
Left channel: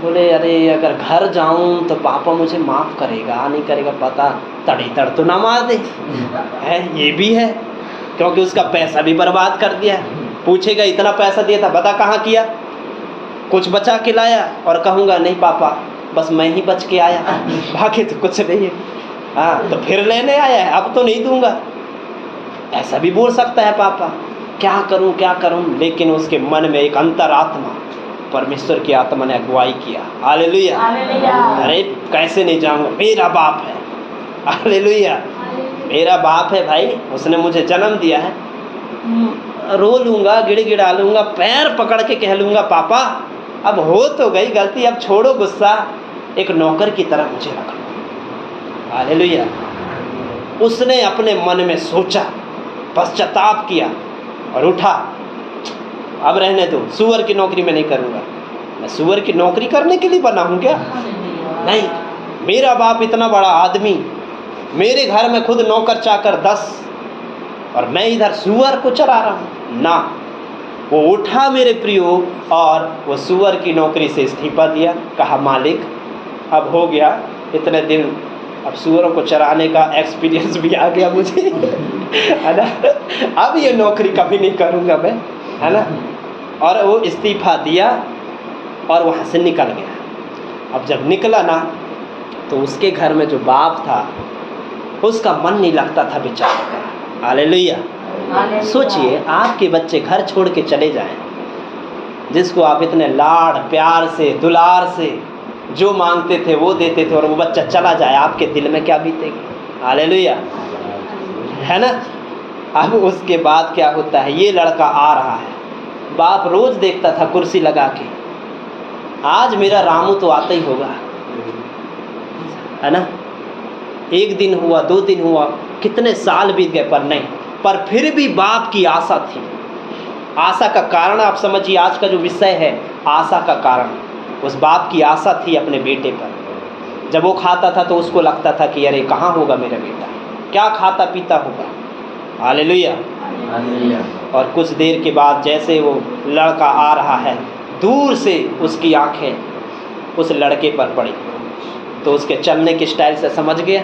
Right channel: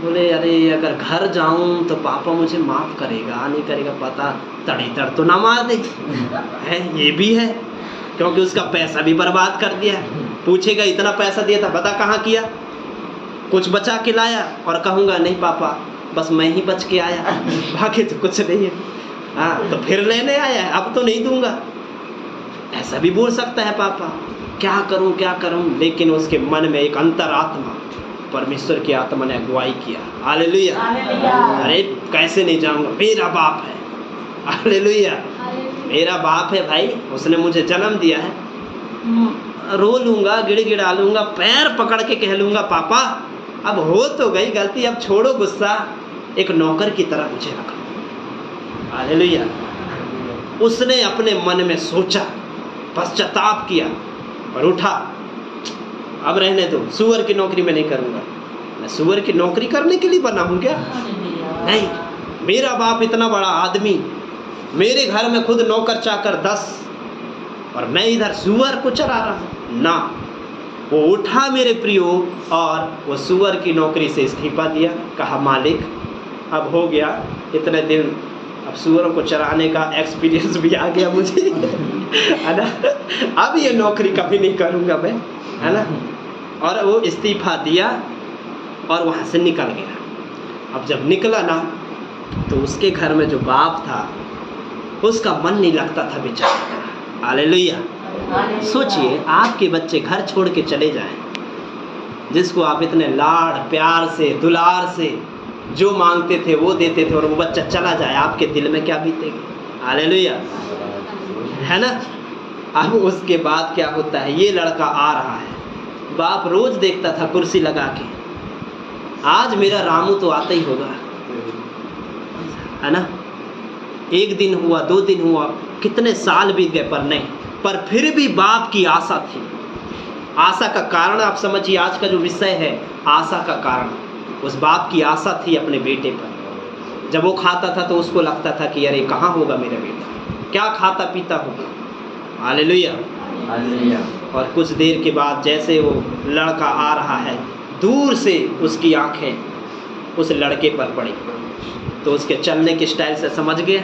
बोले अरे अगर घर जाऊं तो पापा मुझे माफ़ करेगा नहीं करेगा, पता तड़ी तड़ तो ना मार दे है। ये भी है, क्योंकि उसका पैसा भी बर्बाद कर दिया। पूछेगा इतना पैसा दिया था, बता कहाँ किया? कुछ बचा के लाया? और कहूँगा नहीं पापा बस मैं ही बच के आया, बाकी तो कुछ नहीं है। हाँ, तो फिर लेने आया है, अब तो नहीं दूंगा, ऐसा भी बोल सकता है पापा। क्या करूं क्या करूं? लेकिन उसके मन में एक अंतरात्मा, परमेश्वर की आत्मा ने अगुवाई किया। हालेलुया। अरे कैसे नहीं जाऊंगा, मेरा बाप है। हालेलुया। मेरा बाप है भाई, उसने मुझे जन्म दिया है। रो लूंगा, गिड़गिड़ा लूंगा, पैर पकड़ के कह लूंगा पापा अब हो तो गई गलती, अब छोड़ो गुस्सा, एक नौकर की तरह मुझे रखो। हालेलुया। उसने अपने मन में सोचा, पश्चाताप किया और उठा, अब रहने दो, सूअर की नौकरी मैं नहीं करूँगा। मैं सूअर की नौकरी करने के लिए बना हूँ क्या? नहीं। मेरा बाप इतना बड़ा आदमी, मेरे घर में खुद नौकर चाकर 10, और मैं इधर सूअर को चरा रहा हूँ ना। वो उठा मेरे प्रियो और वो सूअर की नौकरी से इस्तीफा दिया। कहा मालिक अब हो गया इतने दिन, अब सूअरों को चराने का एक्सपीरियंस भी आ गया मुझे है ना, अब ये नौकरी कभी नहीं करूँगा मैं, है ना। और वो इस्तीफा दिया और वहाँ से निकल गया। अब जब निकला ना तो उसके घर में जो बाप था उसका मन नहीं लगता था बेचारा। हालेलुया। सोचिए आपके बच्चे घर छोड़ के चले जाएं, जिसको आप इतने लाड़ प्यार से दुलार से जो मांगते थे वो देते थे, और वो बच्चा चला जाए, आपके दिल में क्या बीतेगी? हालेलुया, है ना। अब उसके बाद क्या होता है, ये लड़का आ रहा है, बाप रोज देखता था कुर्सी लगा के, आज मेरा रामू तो आता ही होगा, है ना। एक दिन हुआ, 2 दिन हुआ, कितने साल बीत गए, पर नहीं, पर फिर भी बाप की आशा थी। आशा का कारण आप समझिए, आज का जो विषय है आशा का कारण, उस बाप की आशा थी अपने बेटे पर। जब वो खाता था तो उसको लगता था कि अरे कहाँ होगा मेरा बेटा, क्या खाता पीता होगा। हालेलुया। और कुछ देर के बाद जैसे वो लड़का आ रहा है, दूर से उसकी आंखें उस लड़के पर पड़ी, तो उसके चलने के स्टाइल से समझ गया,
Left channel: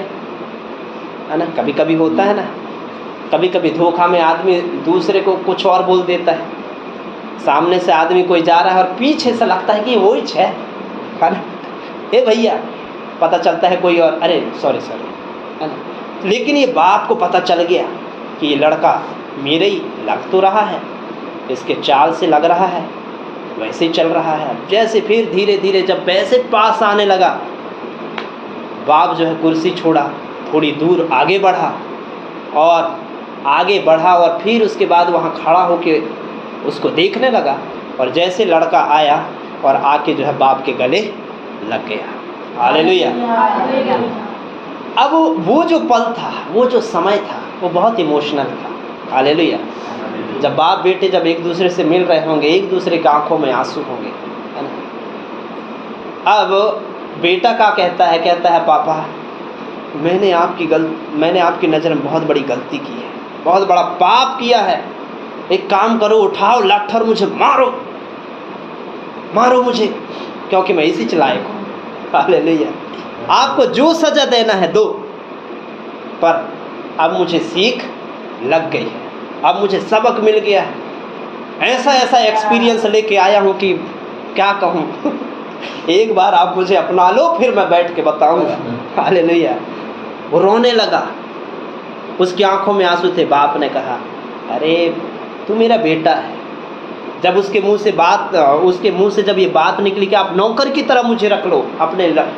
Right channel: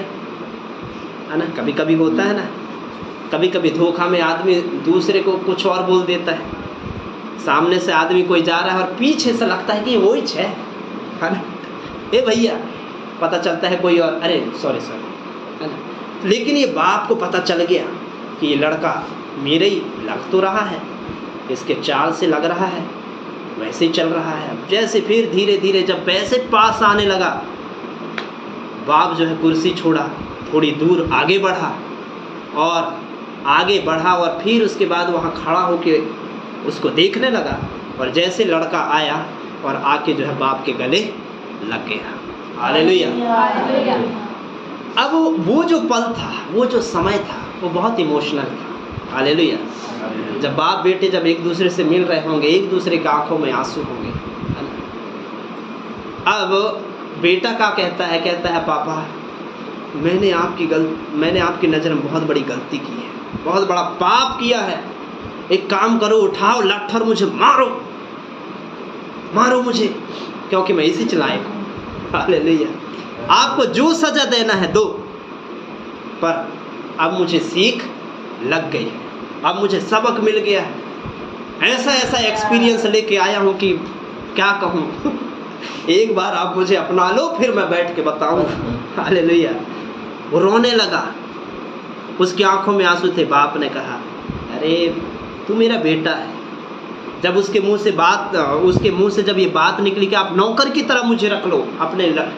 है ना। कभी कभी होता है ना, कभी कभी धोखा में आदमी दूसरे को कुछ और बोल देता है, सामने से आदमी कोई जा रहा है और पीछे से लगता है कि वही है ना, ए भैया, पता चलता है कोई और, अरे सॉरी है ना। लेकिन ये बाप को पता चल गया कि ये लड़का मेरे ही लग तो रहा है, इसके चाल से लग रहा है, वैसे ही चल रहा है। जैसे फिर धीरे धीरे जब वैसे पास आने लगा, बाप जो है कुर्सी छोड़ा, थोड़ी दूर आगे बढ़ा और फिर उसके बाद वहाँ खड़ा होके उसको देखने लगा। और जैसे लड़का आया और आके जो है बाप के गले लग गया। हालेलुया। अब वो जो पल था, वो जो समय था, वो बहुत इमोशनल था। हालेलुया। जब बाप बेटे जब एक दूसरे से मिल रहे होंगे, एक दूसरे की आंखों में आंसू होंगे, है ना। अब बेटा क्या कहता है पापा, मैंने आपकी नज़र में बहुत बड़ी गलती की है, बहुत बड़ा पाप किया है। एक काम करो, उठाओ लाठर, मुझे मारो मुझे, क्योंकि मैं इसी चलाए। हालेलुया। आपको जो सजा देना है दो, पर अब मुझे सीख लग गई है, अब मुझे सबक मिल गया है। ऐसा एक्सपीरियंस लेके आया हूँ कि क्या कहूँ। एक बार आप मुझे अपना लो, फिर मैं बैठ के बताऊंगा। हालेलुया। वो रोने लगा, उसकी आंखों में आंसू थे। बाप ने कहा, अरे तू मेरा बेटा है। जब उसके मुंह से जब ये बात निकली कि आप नौकर की तरह मुझे रख लो,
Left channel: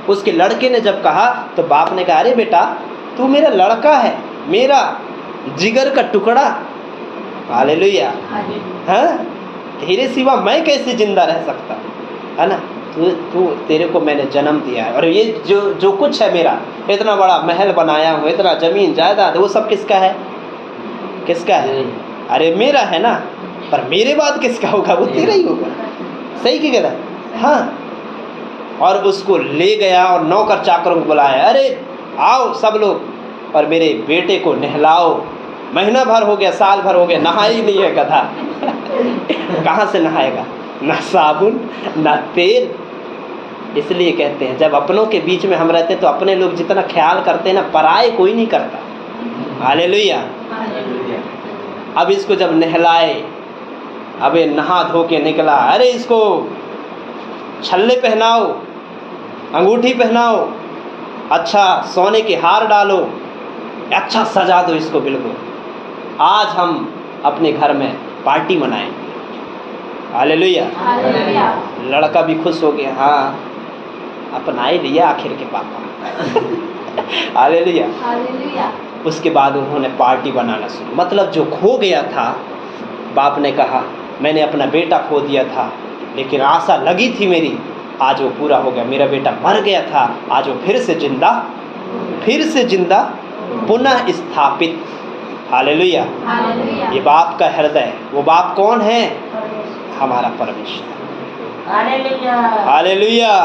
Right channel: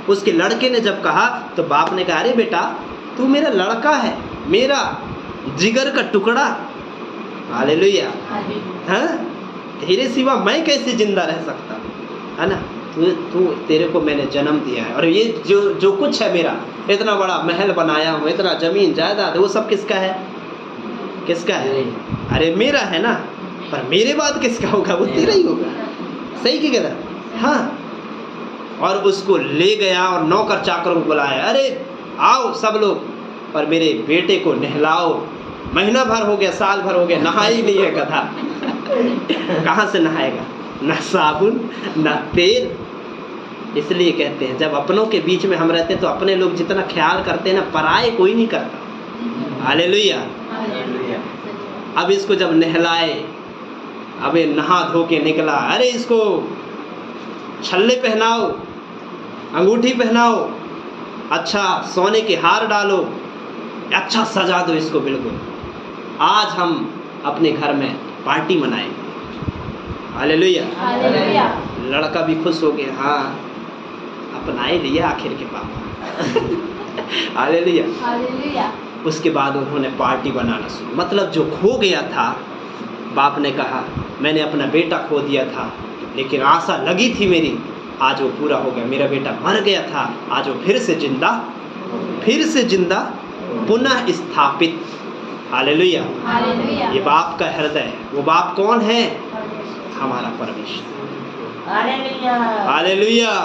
उसके लड़के ने जब कहा, तो बाप ने कहा, अरे बेटा तू मेरा लड़का है, मेरा जिगर का टुकड़ा। हालेलुया। हाँ, तेरे सिवा मैं कैसे जिंदा रह सकता, है ना। तेरे को मैंने जन्म दिया है, और ये जो कुछ है मेरा, इतना बड़ा महल बनाया हूँ, इतना जमीन जायदाद, वो सब किसका है? अरे मेरा है ना, पर मेरे बाद किसका होगा? वो तेरा ही होगा। सही की गलत? हाँ। और उसको ले गया और नौकर चाकरों को बुलाया, अरे आओ सब लोग और मेरे बेटे को नहलाओ। महीना भर हो गया, साल भर हो गया, नहा ही नहीं है गधा। कहाँ से नहाएगा? ना साबुन ना तेल। इसलिए कहते हैं जब अपनों के बीच में हम रहते हैं तो अपने लोग जितना ख्याल करते हैं ना, पराये कोई नहीं करता। हालेलुया। अब इसको जब नहलाए, अब ये नहा धो के निकला, अरे इसको छल्ले पहनाओ, अंगूठी पहनाओ, अच्छा सोने के हार डालो, अच्छा सजा दो इसको बिल्कुल, आज हम अपने घर में पार्टी मनाएंगे। हालेलुया। लड़का भी खुश हो गया, हाँ अपना ही लिया आखिर के पापा। हालेलुया। उसके बाद उन्होंने पार्टी बनाना शुरू, मतलब जो खो गया था, बाप ने कहा मैंने अपना बेटा खो दिया था, लेकिन आशा लगी थी मेरी, आज वो पूरा हो गया। मेरा बेटा मर गया था, आज वो फिर से जिंदा पुनः स्थापित। हालेलुया। ये बाप का हृदय, वो बाप कौन है? हमारा परमेश्वर। हालेलुया।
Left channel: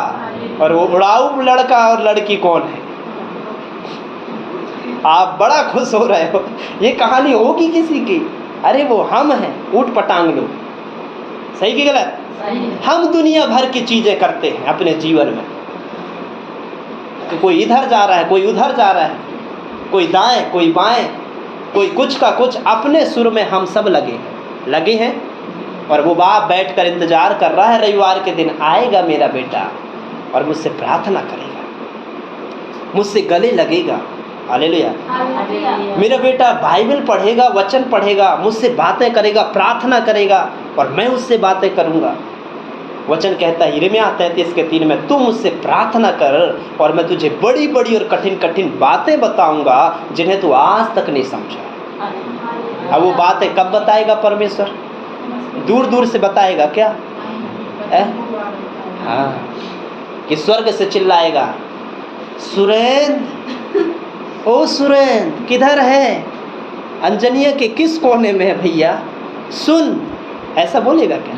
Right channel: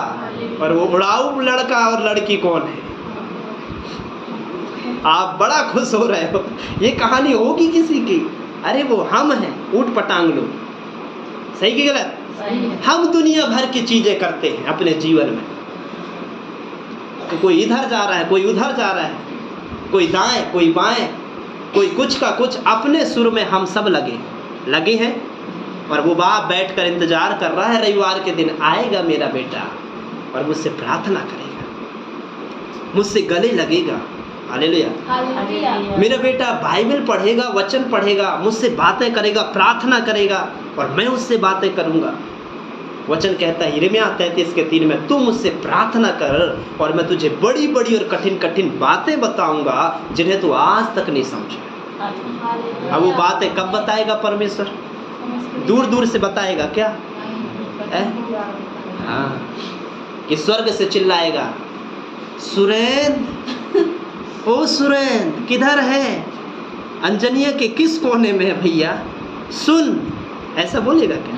और वो उड़ाऊ लड़का और लड़की कौन है? आप बड़ा खुश हो रहे हो, ये कहानी होगी किसी की? अरे वो हम हैं, ऊट पटांग लोग। सही की गलत? हम दुनिया भर की चीजें करते हैं अपने जीवन में, तो कोई इधर जा रहा है, कोई उधर जा रहा है, कोई दाएं कोई बाएं, कोई कुछ का कुछ, अपने सुर में हम सब लगे हैं। और वो बाप बैठकर इंतजार कर रहा है, रविवार के दिन आएगा मेरा बेटा और मुझसे प्रार्थना करेगा, मुझसे गले लगेगा। हालेलुया। मेरा बेटा बाइबल पढ़ेगा, वचन पढ़ेगा, मुझसे बातें करेगा, प्रार्थना करेगा, और मैं उससे बातें करूंगा। वचन कहता है यिर्मयाह 33:3 में, तू मुझसे प्रार्थना कर और मैं तुझे बड़ी बड़ी और कठिन कठिन बातें बताऊंगा जिन्हें तू आज तक नहीं समझा। अब वो बातें कब बताएगा परमेश्वर? दूर दूर से बताएगा क्या? हाँ, कि स्वर्ग से चिल्लाएगा, सुरेंद्र, ओ सुरेंद्र किधर है? अंजनिया के किस कोने में है भैया? सुन, ऐसा बोलेगा क्या?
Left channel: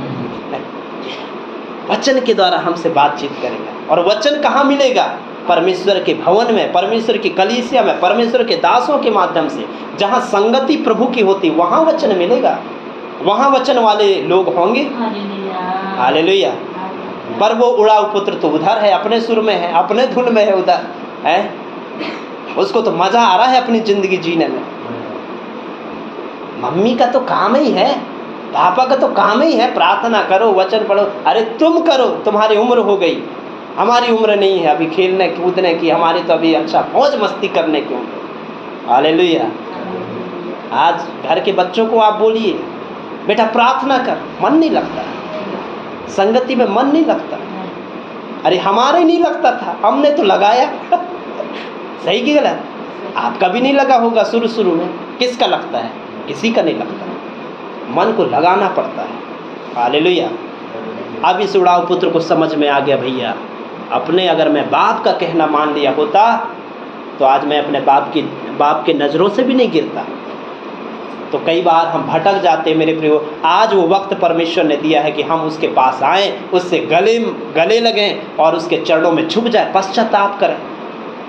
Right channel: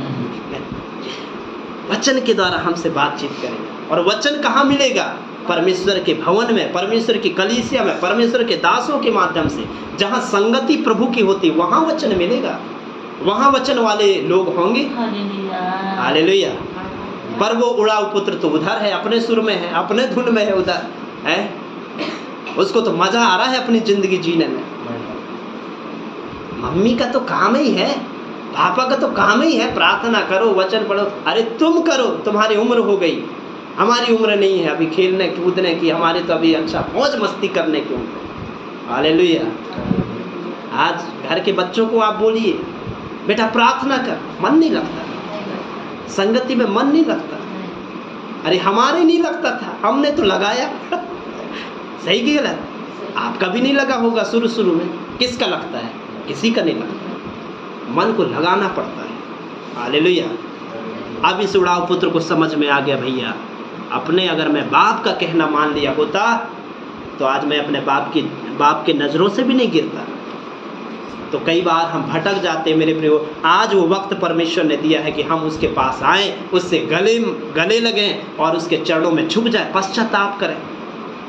वचन के द्वारा हमसे बातचीत करेगा। और वचन कहाँ मिलेगा? परमेश्वर के भवन में, परमेश्वर की कलीसिया में, परमेश्वर के दासों के माध्यम से। जहाँ संगति प्रभु की होती वहाँ वचन मिलेगा, वहाँ वचन वाले लोग होंगे। हालेलुया। पर वो उड़ाऊ पुत्र तो उधर है, अपने सुर में है, अपने धुन में है, उधर है, उसको तो मजा आ रहा है अपनी जिंदगी जीने में। मम्मी का तो काम ही है पापा का तो काम ही है प्रार्थना करो, वचन पढ़ो। अरे तुम करो, तुम्हारी उम्र हो गई, हमारी उम्र नहीं है अभी खेलने कूदने की, हमारी तो अभी अच्छा मौज मस्ती करने की उम्र। हालेलुया। आज घर के बच्चों को आप बोलिए बेटा प्रार्थना कर, मन नहीं लगता, संगति में मन नहीं लगता। अरे हमारे नहीं लगता था, हमने तो लगाया सही की गलत? आपका भी नहीं लगा होगा शुरू में। किसका लगता है? किसी का नहीं लगता। मन को लगाना पड़ता है। हालेलुया। अब इस उड़ाऊ पुत्र को समझ में आ गया, भैया अपने अगर मैं बाप का कहना मान लिया होता तो आज मैं अपने बाप के नज़रों से भी नहीं गिरता। तो कई बार हम भटक जाते मेरे प्रियो। आज वो वक्त परमेश्वर ने दिया है कि हम उसके पास आएँ, उससे गले लगें और उसके चरणों में झुक जाए, पश्चाताप करें।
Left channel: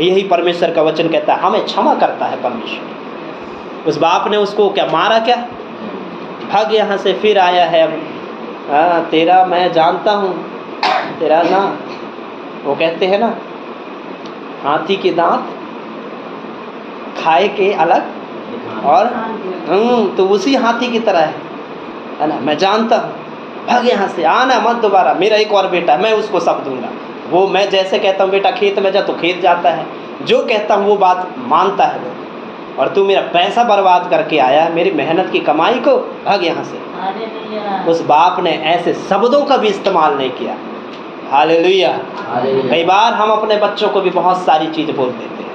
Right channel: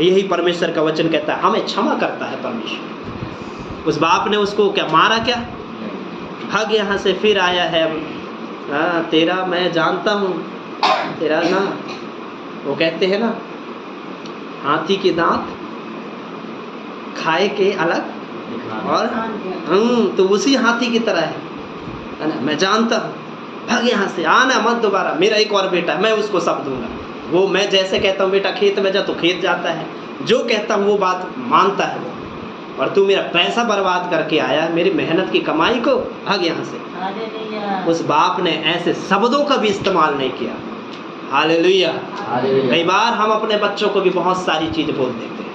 यही परमेश्वर का वचन कहता है, हमें क्षमा करता है परमेश्वर। उस बाप ने उसको क्या मारा? क्या भाग यहाँ से, फिर आया है अब। हाँ, तेरा मैं जानता हूँ, तेरा ना, वो कहते हैं ना, हाथी के दांत खाए के अलग, और तो उसी हाथी की तरह है ना। मैं जानता हूँ, भाग यहाँ से, आना मत दोबारा। मेरा एक और बेटा, मैं उसको सब दूंगा। वो मैं जैसे कहता हूँ बेटा खेत में जा, तो खेत जाता है, जो कहता हूँ वो बात मानता है वो। और तू मेरा पैसा बर्बाद करके आया, मेरी मेहनत की कमाई को, भाग यहाँ से। उस बाप ने ऐसे शब्दों का भी इस्तेमाल नहीं किया। हालेलुया। कई बार हम अपने बच्चों को भी बहुत सारी चीज़ बोल देते हैं।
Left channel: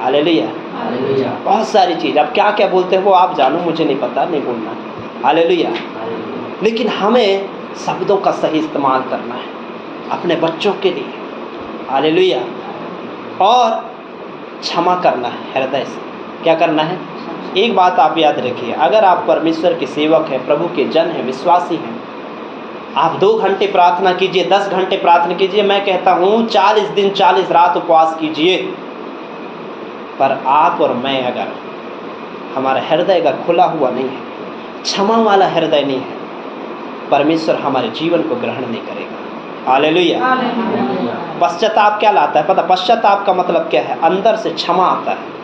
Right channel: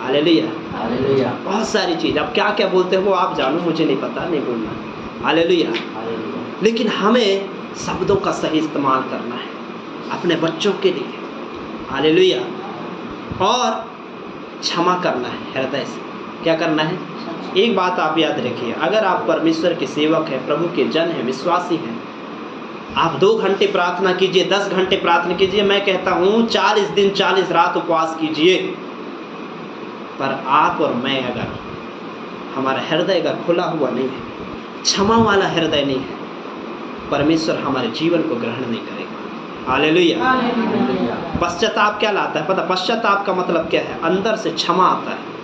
हालेलुया। बहुत सारी चीज़, अब क्या क्या बोलते हैं वो आप जानो, मुझे नहीं पता, नहीं बोलना। हालेलुया। लेकिन हमें शब्दों का सही इस्तेमाल करना है अपने बच्चों के लिए। हालेलुया। और क्षमा करना है हृदय से। क्या करना है? एक बात आप याद रखिए, अगर आप परमेश्वर के सेवक हैं, प्रभु के जन हैं, विश्वासी हैं, आप 2 घंटे प्रार्थना कीजिए, 10 घंटे प्रार्थना कीजिए, मैं कहता हूँ 40 दिन 40 रात उपवास कीजिए, पर आप और मैं अगर हमारा हृदय का खुला हुआ नहीं है, क्षमा वाला हृदय नहीं है, परमेश्वर हमारे जीवन को ग्रहण नहीं करेगा। हालेलुया। पश्चाताप क्या लाता है पता? पश्चाताप का मतलब क्या है? अंदर से क्षमा आता है।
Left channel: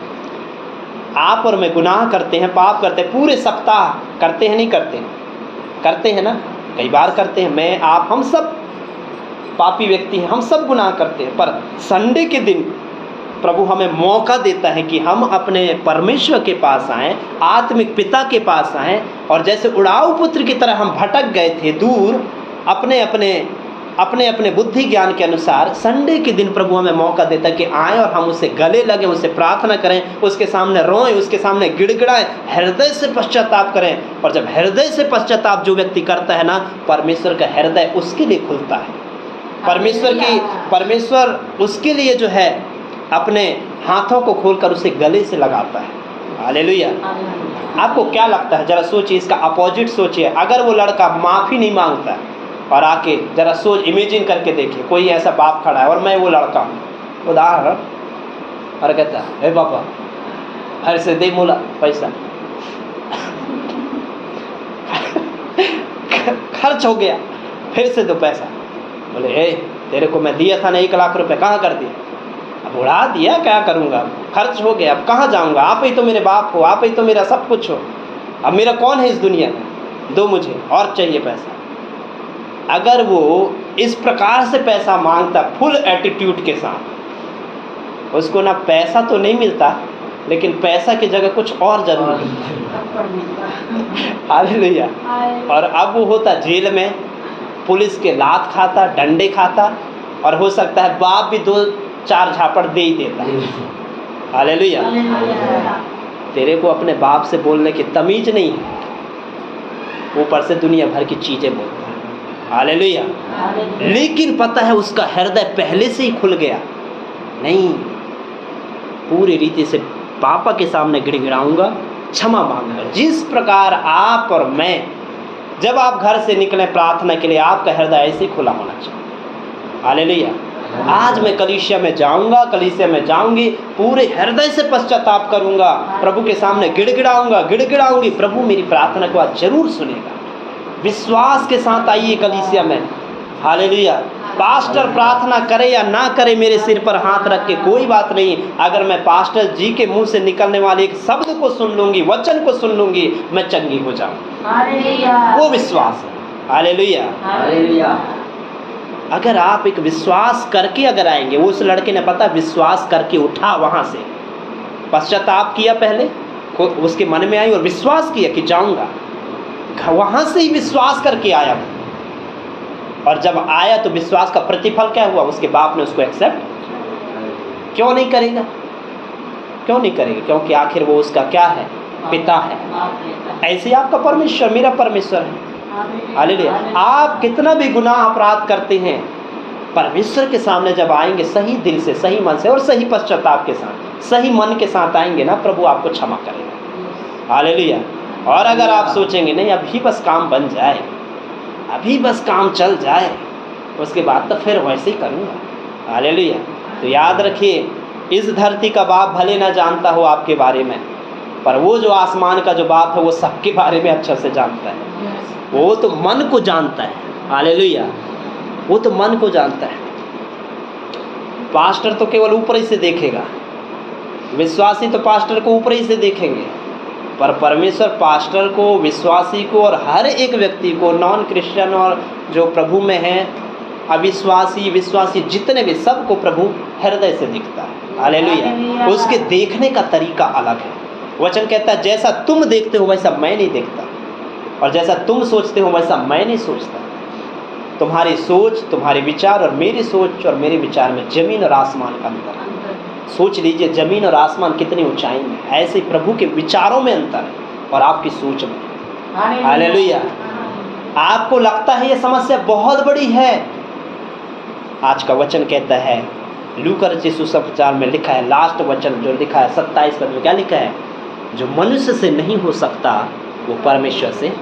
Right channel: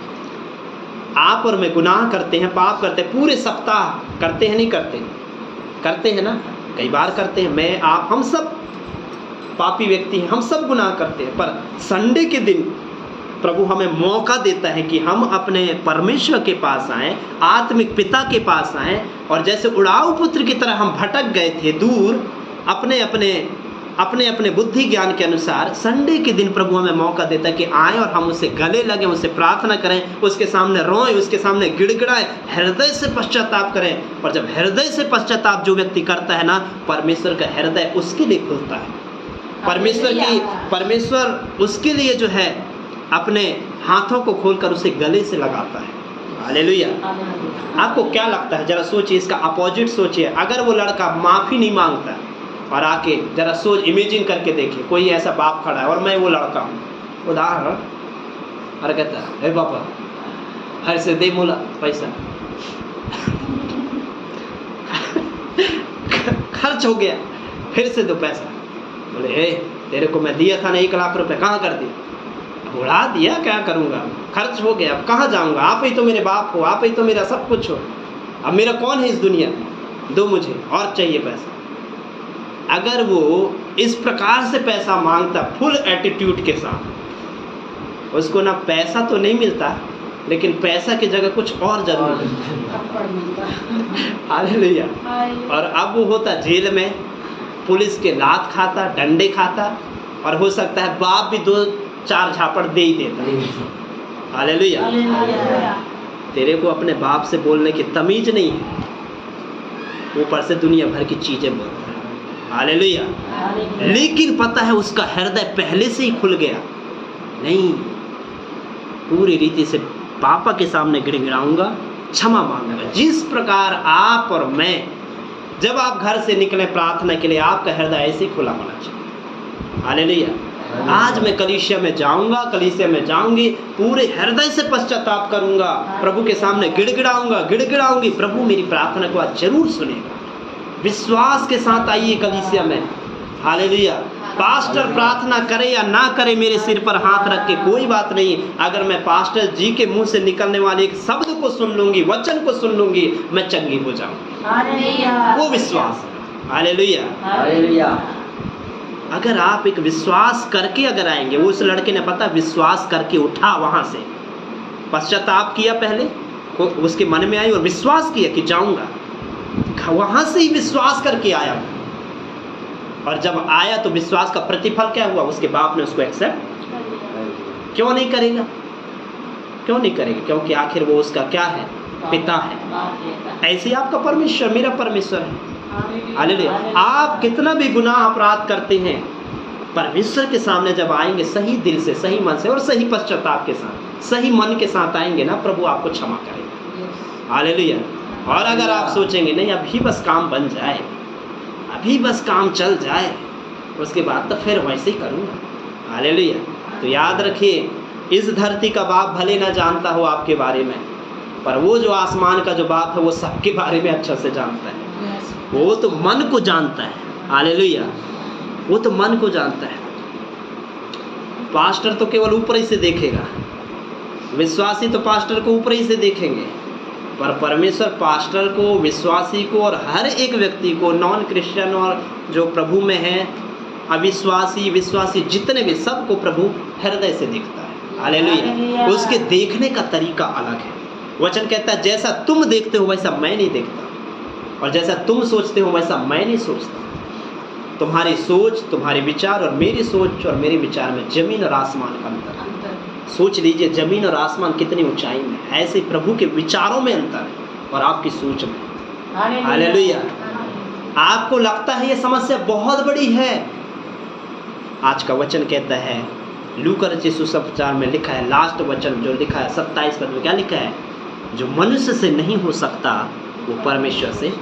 आप और मैं गुनाह करते हैं, पाप करते हैं, पूरे सप्ताह करते हैं, नहीं करते? करते हैं ना, कई बार करते हैं। मैं, आप, हम सब पापी व्यक्ति हैं, हम सब गुनाह करते हैं। पर संडे के दिन प्रभु हमें मौका देता है कि हम अपने परमेश्वर के पास आएँ, आत्मिक पिता के पास आएँ, और जैसे उड़ाऊ पुत्र की तरह हम भटक गए थे दूर अपने अपने बुद्धि ज्ञान के अनुसार, संडे के दिन प्रभु हमें मौका देता है कि आएँ और हम उससे गले लगें, उससे प्रार्थना करें, उसके सामने रोएं, उसके सामने गिड़गिड़ाएं, हृदय से पश्चाताप करें। और जब हृदय से पश्चाताप जो व्यक्ति करता है ना, परमेश्वर का हृदय उसके लिए खुलता है। परमेश्वर उसके लिए जो है अपने हाथों को खोलकर उसे गले से लगाता है। हालेलुया। आपको क्या लगता है? जरा सोचिए, इसका अपोजिट सोचिए। अगर वो लड़का माफ़ी नहीं मांगता और आके जरा सोच, इमेजिन करके देखिए, कोई ऐसा बाप खड़ा है और मैं वो लड़का हूँ, उदाहरण, और कहता है हे पापा हर से दे मोला पैसा खर्च हो गया, फिर से दो पैसा। बोले तेरे को मैं दिया था ना 1 लाख रुपए, कहाँ कर दिया? अब उड़ा दिया, क्या करूँगा, खर्च हो गया, अब कहाँ जाऊँगा? आप ही तो मेरे बाप हो, आप ही तो मेरा सब कुछ हो, अब मेरा कौन है इस दुनिया में? दो मुझे, और चाहिए पैसा। अगर वो इस प्रकार से पैसा मांगता फुल एटीट्यूड के साथ, उसको ना पैसा तो नहीं मिलता, लेकिन पैसा की जगह कुछ और जरूर मिलता। हालेलुया। और अब वो होता जेल में, पुलिस के लात खाता, डंडे खाता, और हो सकता है बाप भी 2-4 झापड़ दे ही देता। हालेलुया। तेरे को अपने बाप से बोलने की तमीज नहीं है, ऊपर से दुनिया भर की चीजें बोलते। हालेलुया। लेकिन पता है उसका हृदय पहले से ही खुल गया। नहीं, पूरी रीति से पापा के सामने गिड़गिड़ाऊंगा, क्षमा मांगूंगा। जिस प्रकार आप और मैं, जब आप घर से निकले प्रार्थना के लिए, आपका हृदय ऐसे ही खुला होना चाहिए। हालेलुया। आज मैं कलीसिया में जाऊंगा, कलीसिया में जाऊंगी, पूरे हृदय से पश्चाताप करूंगा, प्रभु के सामने गिड़गिड़ाऊंगी। प्रभु मेरी प्रार्थना को आज जरूर सुनेगा। विश्वास के साथ आइए कलीसिया में। हालेलुया। पास्टर प्रार्थना करे या ना करे, मेरे सिर पर हाथ रख के कोई बात नहीं, अगर मैं पास्टर जी के मुंह से निकलने वाले एक शब्द को सुन लूंगी, वचन को सुन लूंगी, मैं चंगी हो जाऊं। वो विश्वास है। Hallelujah, hallelujah. अगर आप एक विश्वास करके अगर आएंगे, वो उस लड़के ने पता विश्वास करके उठा, वहां से पश्चाताप किया, पहले उसके मन में आई और विश्वास किया कि जाऊंगा, वहां से ही विश्वास करके आया। और जब आया तो विश्वास का प्रतिफल क्या हुआ, उसके बाप ने उसको एक्सेप्ट क्यों नहीं करेगा, क्यों नहीं करेगा? क्योंकि आखिर वो उसका क्या है, पिता है। ऐसे आपका परमेश्वर मेरा परमेश्वर है। हालेलुया। आप कितना भी गुनाह अपराध करते हैं, परमेश्वर के सामने जब आएंगे सही दिल से, सही मन से और सही पश्चाताप के साथ, सही मन के साथ आएंगे ना, प्रभु आपको क्षमा करेगा। हालेलुया। और अगर आप सोचेंगे नहीं अभी बस काम बन जाए, अभी बस काम चल जाए, उसके बाद तो फिर वैसे ही करूँगा। हालेलुया। तो याद रखिए, इस धरती का बाप भले ना जानता हो आपके बारे में, पर वो जो आसमान का जो बाप है वो सबके बारे में अच्छे से जानता है। वो तो मन को जानता है। हालेलुया। वो तो मन को जानता है। पास्टर तो केवल ऊपर ही से देखेगा, विश्वासी तो पास्टर को ऊपर ही से देखेंगे, पर परमेश्वर पास्टर को, विश्वासी को और हर एक व्यक्ति को, नॉन क्रिश्चियन और जो प्रभु में है, अविश्वासी, विश्वासी, जितने भी, सबको प्रभु हृदय से देखता है। हालेलुया। उसके देखने का तरीका अलग है। वचन कहता है जैसा तुम देखते हो वैसा मैं नहीं देखता, और जैसा तुम सोचते हो वैसा मैं नहीं सोचता। तुम्हारी सोच, तुम्हारे विचार और मेरी सोच और मेरे विचार में जमीन और आसमान का अंतर है। सोच लीजिए, जमीन और आसमान कितनी ऊंचाई में, ऐसे प्रभु के विचारों में अंतर है और आपकी सोच में। हालेलुया। आपको लगता है ये समस्या बहुत बड़ी है, आज का वचन कहता है, लूका रचित सुसमाचार में लिखा है, लास्ट वचन जो लिखा है 27 पद में क्या लिखा है, जो मनुष्य से नहीं हो सकता वो परमेश्वर से।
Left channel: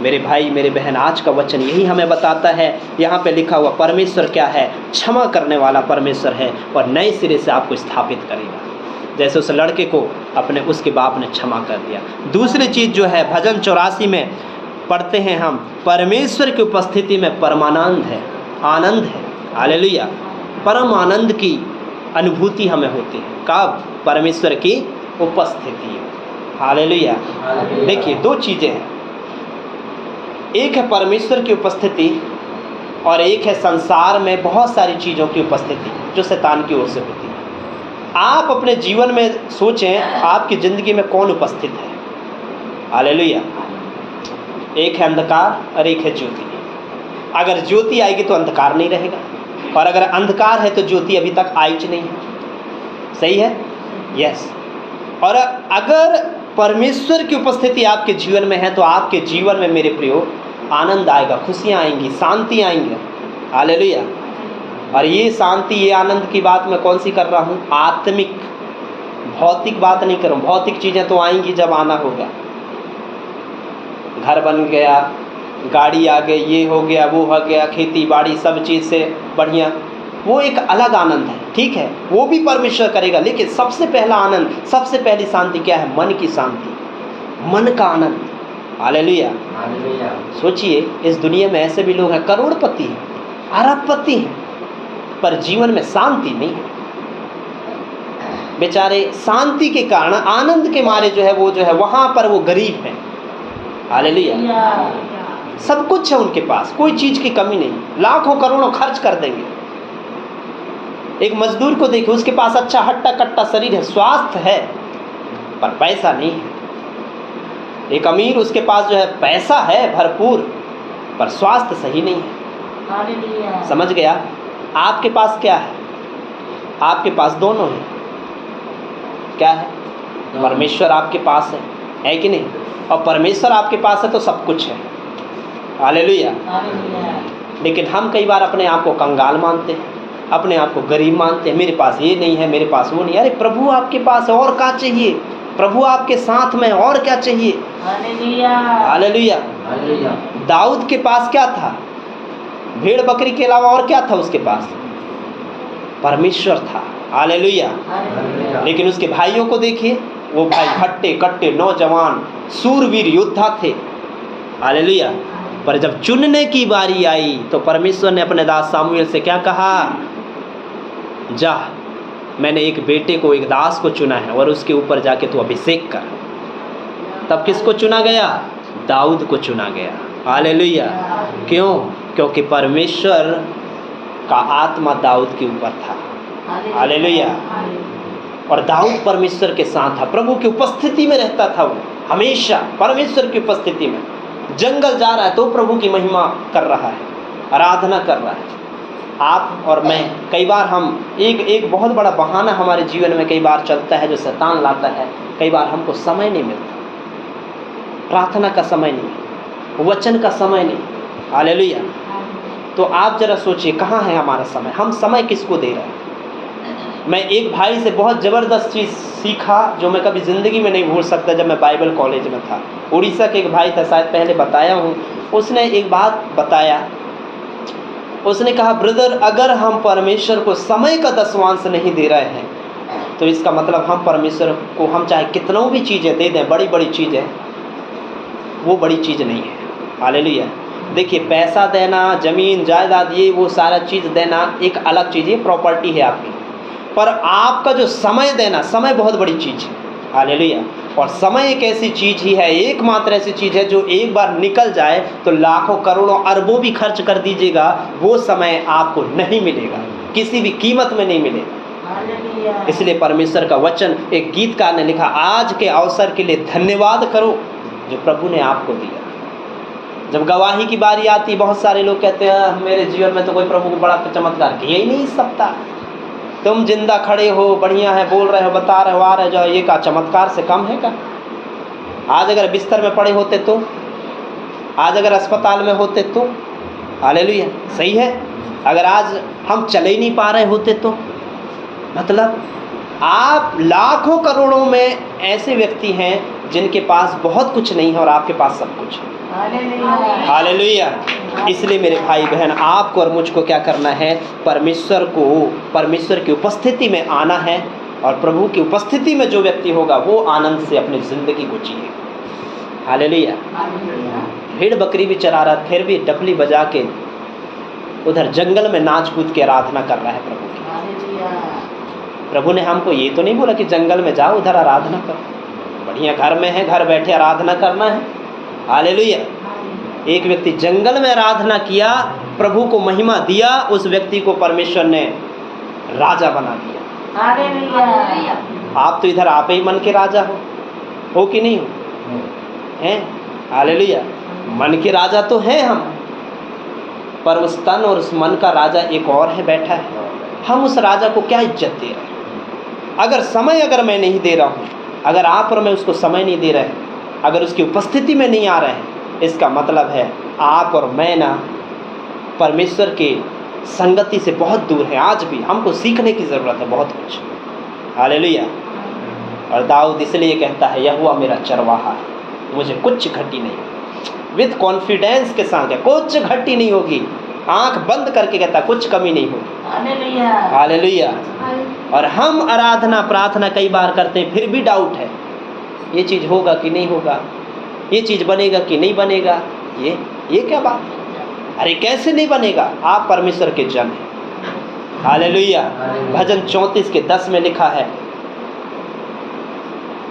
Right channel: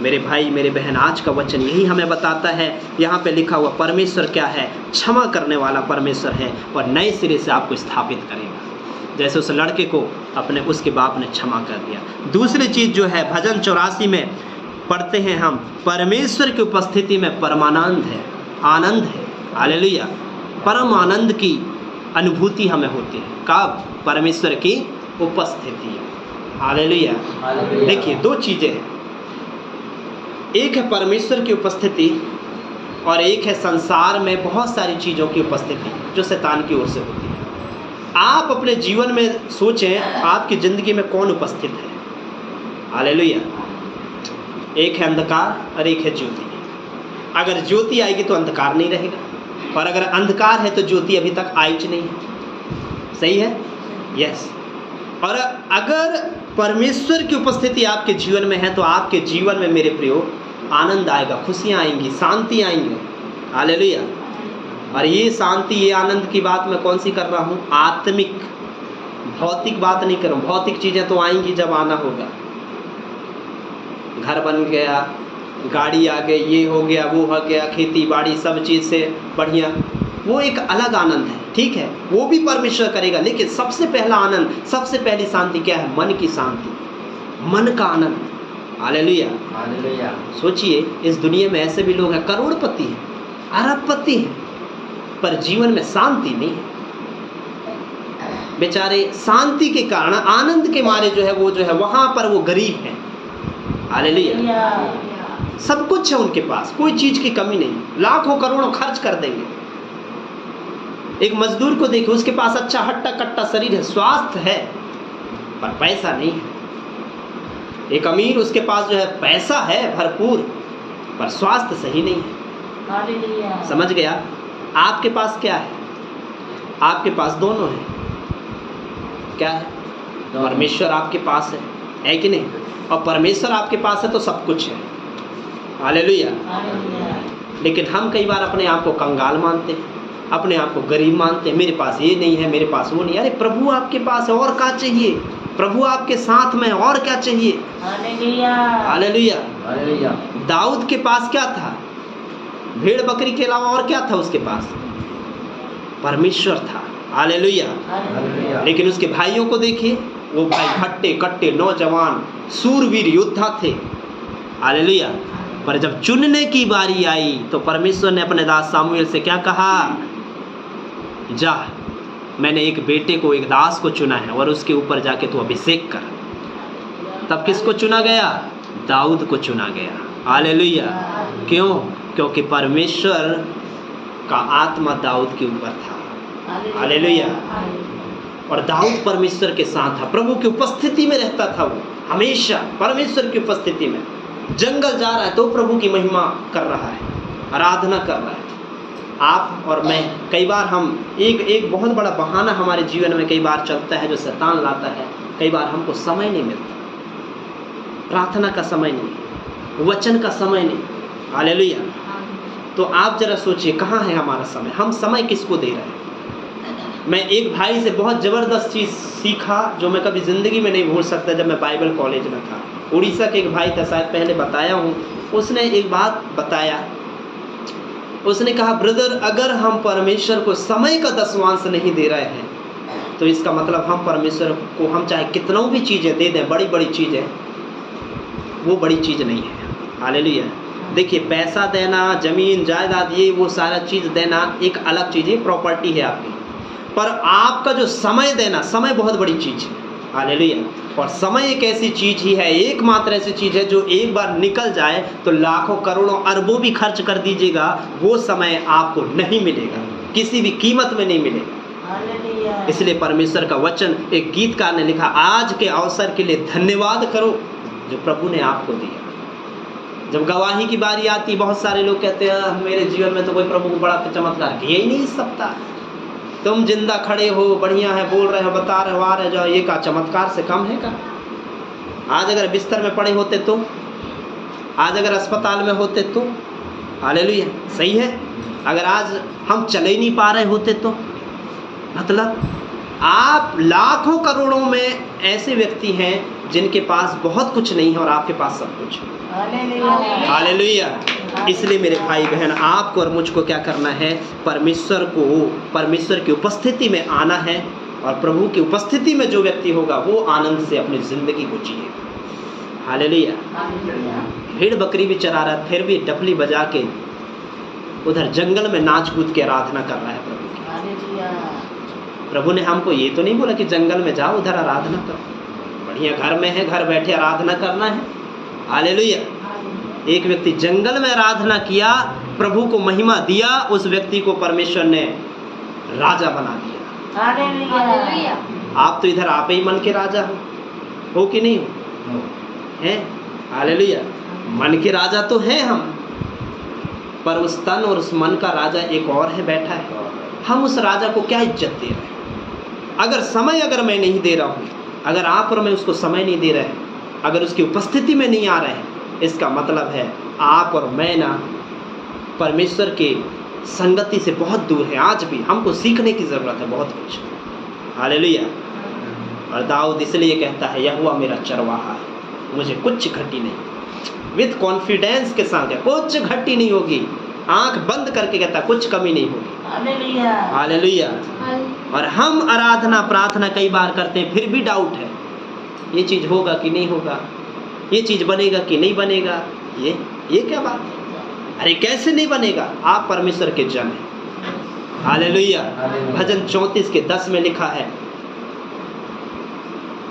मेरे भाई मेरे बहन, आज का वचन यही हमें बताता है। यहाँ पे लिखा हुआ परमेश्वर क्या है, क्षमा करने वाला परमेश्वर है और नए सिरे से आपको स्थापित करेगा, जैसे उस लड़के को अपने उसके बाप ने क्षमा कर दिया। दूसरी चीज़ जो है, भजन 84 में पढ़ते हैं हम, परमेश्वर की उपस्थिति में परमानंद है, आनंद है। हालेलुया। परम आनंद की अनुभूति हमें होती है कब, परमेश्वर की उपस्थिति। हालेलुया। देखिए, दो चीज़ें हैं, एक है परमेश्वर की उपस्थिति और एक है संसार में बहुत सारी चीज़ों की उपस्थिति जो शैतान की ओर से होती है। आप अपने जीवन में सोचें, आपकी ज़िंदगी में कौन उपस्थित है। हालेलुया। एक है अंधकार और एक है ज्योति। अगर ज्योति आएगी तो अंधकार नहीं रहेगा, और अगर अंधकार है तो ज्योति अभी तक आई नहीं। सही है? यस। और अगर परमेश्वर की उपस्थिति आपके जीवन में है तो आपके जीवन में मेरे प्रियो आनंद आएगा, खुशियाँ आएंगी, शांति आएंगी। हालेलुया। और ये शांति, ये आनंद की बात मैं कौन सी कर रहा हूँ, आत्मिक, भौतिक बात नहीं कर रहा हूँ। भौतिक चीज़ें तो आएंगी जब आना होगा, घर बन गया, गाड़ी आ गई, ये हो गया, वो हो गया, खेती बाड़ी सब चीज़ से बढ़िया, वो एक अलग आनंद है, ठीक है, वो भी परमेश्वर करेगा। लेकिन सबसे पहला आनंद, सबसे पहली शांति क्या है, मन की शांति, मन का आनंद। हालेलुया। हालेलुया। सोचिए, इस दुनिया में ऐसे भी लोग हैं, करोड़पति हैं, अरबपति हैं, पर जीवन में शांति नहीं। बेचारे शांति के कारण, आनंद के मारे जो है वो जो है वहाँ पर वो गरीब है। हालेलुया। सब कुछ है उनके पास, कोई चीज़ की कमी नहीं, लाखों करोड़ों खर्च कर देंगे। एक मजदूर को देखिए, उसके पास अच्छा हट्टा कट्टा शरीर है, स्वास्थ्य है, पर पैसा नहीं है। एक अमीर, उसके पास जो है पैसा है भरपूर, पर स्वास्थ्य सही नहीं। समझ गया? आपके पास क्या है? आपके पास दोनों है। क्या है? परमेश्वर आपके पास है कि नहीं? और परमेश्वर आपके पास है तो सब कुछ है। हालेलुया। लेकिन हम कई बार अपने आप को कंगाल मानते हैं, अपने आप को गरीब मानते हैं, मेरे पास ये नहीं है, मेरे पास वो नहीं। अरे प्रभु आपके पास है, और क्या चाहिए? प्रभु आपके साथ में, और क्या चाहिए? हालेलुया। हालेलुया। हालेलुया। दाऊद के पास क्या था? भेड़ बकरी के अलावा और क्या था उसके पास? परमेश्वर था। हालेलुया। लेकिन उसके भाइयों को देखिए, वो भाई हट्टे कट्टे नौजवान सूरवीर योद्धा थे। हालेलुया। पर जब चुनने की बारी आई तो परमेश्वर ने अपने दास सामुएल से क्या कहा, जा, मैंने एक बेटे को, एक दास को चुना है और उसके ऊपर जाके तू अभिषेक कर। तब किसको चुना गया? दाऊद को चुना गया। हालेलुया। क्यों? क्योंकि परमेश्वर का आत्मा दाऊद के ऊपर था। हालेलुया। और दाऊद परमेश्वर के साथ था, प्रभु की उपस्थिति में रहता था। वो हमेशा परमेश्वर की उपस्थिति में, जंगल जा रहा है तो प्रभु की महिमा कर रहा है, आराधना कर रहा है। आप और मैं, कई बार हम एक बहुत बड़ा बहाना हमारे जीवन में कई बार चलता है, जो शैतान लाता है। कई बार हमको समय नहीं मिलता, प्रार्थना का समय नहीं, वचन का समय नहीं। हालेलुया। तो आप जरा सोचिए, कहाँ है हमारा समय? हम समय किसको दे रहे हैं? मैं एक भाई से बहुत ज़बरदस्त चीज़ सीखा जो मैं कभी ज़िंदगी में नहीं भूल सकता। जब मैं बाइबल कॉलेज में था, उड़ीसा के एक भाई था, शायद पहले बताया हूँ। उसने एक बात बताया, उसने कहा, ब्रदर, अगर हम परमेश्वर को समय का दसवांश नहीं दे रहे हैं तो इसका मतलब हम परमेश्वर को, हम चाहे कितनों भी चीज़ें दे दें, बड़ी बड़ी चीज़ें, वो बड़ी चीज़ नहीं है। हालेलुया। देखिए, पैसा देना, ज़मीन जायदाद, ये वो सारा चीज़ देना एक अलग चीज़ है, प्रॉपर्टी है आपकी। पर आपका जो समय देना, समय बहुत बड़ी चीज़ है। हालेलुया। और समय एक ऐसी चीज़ ही है, एकमात्र ऐसी चीज़ है जो एक बार निकल जाए तो लाखों करोड़ों अरबों भी खर्च कर दीजिएगा, वो समय आपको नहीं मिलेगा, किसी भी कीमत में नहीं मिलेगा। इसलिए परमेश्वर का वचन, एक गीतकार ने लिखा, आज के अवसर के लिए धन्यवाद करो जो प्रभु ने आपको दिया। जब गवाही की बारी आती, बहुत सारे लोग कहते हैं, मेरे जीवन में तो कोई प्रभु को बड़ा चमत्कार किया ही नहीं सकता। तुम जिंदा खड़े हो, बढ़िया है, बोल रहे हो, बता रहे हो, आ रहे जाओ, ये का चमत्कार से कम है क्या? आज अगर बिस्तर में पड़े होते तो, आज अगर अस्पताल में होते तो, हालेलुया, सही है। अगर आज हम चले ही नहीं पा रहे होते तो, मतलब आप लाखों करोड़ों में ऐसे व्यक्ति हैं जिनके पास बहुत कुछ नहीं है और आपके पास सब कुछ है। हालेलुया। इसलिए मेरे भाई बहन, आपको और मुझको क्या करना है? परमेश्वर की उपस्थिति में आना है। और प्रभु की उपस्थिति में जो व्यक्ति होगा वो आनंद से अपनी जिंदगी को जिएगा। हालेलुया। भेड़ बकरी भी चरा रहा, फिर भी डफली बजा के उधर जंगल में नाच कूद के आराधना कर रहा है प्रभु की। प्रभु ने हमको ये तो नहीं बोला कि जंगल में जाओ, उधर आराधना करो। बढ़िया घर में है, घर बैठे आराधना करना है। हालेलुया। एक व्यक्ति जंगल में आराधना किया, प्रभु को महिमा दिया, उस व्यक्ति को परमेश्वर ने राजा बना दिया। हालेलुया। आप तो इधर आप ही मन के राजा हो कि नहीं हो? हैं? हालेलुया। मन के राजा तो हैं हम, पर उस तन और उस मन का राजा एक और है, बैठा है। हम उस राजा को क्या इज्जत दे रहे हैं? अगर मैं नहीं दे रहा हूँ, अगर आप और मैं उसको समय नहीं दे रहे हैं, अगर उसकी उपस्थिति में नहीं आ रहे हैं, इसका मतलब है आप और मैं ना परमेश्वर के संगति से बहुत दूर है। आज भी हमको सीखने की ज़रूरत है बहुत कुछ। हालेलुया। और दाऊद इसलिए कहता है, यहोवा मेरा चरवाहा है, मुझे कुछ घटी नहीं। विद कॉन्फिडेंस के साथ है, कुछ घटी नहीं होगी। आंख बंद करके कहता, कुछ कमी नहीं होगी। हालेलुया। और हम आराधना प्रार्थना कई बार करते हैं, फिर भी डाउट है, ये चीज़ होगा कि नहीं होगा, ये चीज़ बनेगा कि नहीं बनेगा। ये क्या बात है? अरे कैसे नहीं बनेगा? आप परमेश्वर के जन हैं। हालेलुया। भजन 34 के 10 में लिखा है,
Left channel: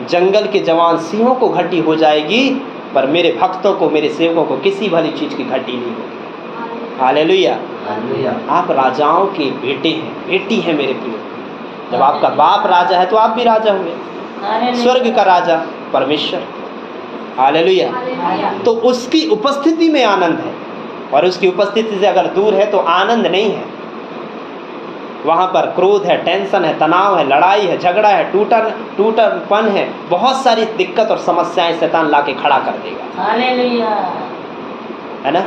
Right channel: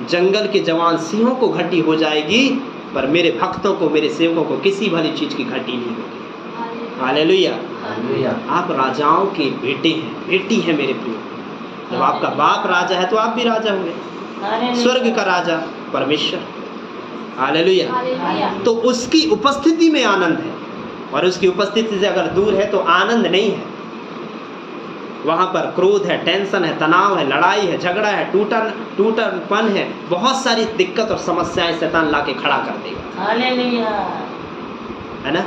जंगल के जवान सिंहों को घटी हो जाएगी, पर मेरे भक्तों को, मेरे सेवकों को किसी भली चीज़ की घटी नहीं होगी। हालेलुया। आप राजाओं के बेटे हैं, बेटी हैं मेरे प्रिय। जब आपका बाप राजा है तो आप भी राजा होंगे। स्वर्ग का राजा परमेश्वर। हालेलुया। तो उसकी उपस्थिति में आनंद है, और उसकी उपस्थिति से अगर दूर है तो आनंद नहीं है। वहाँ पर क्रोध है, टेंशन है, तनाव है, लड़ाई है, झगड़ा है, टूटनपन है, बहुत सारी दिक्कत और समस्याएं शैतान लाके खड़ा कर देगा। हालेलुया। है ना?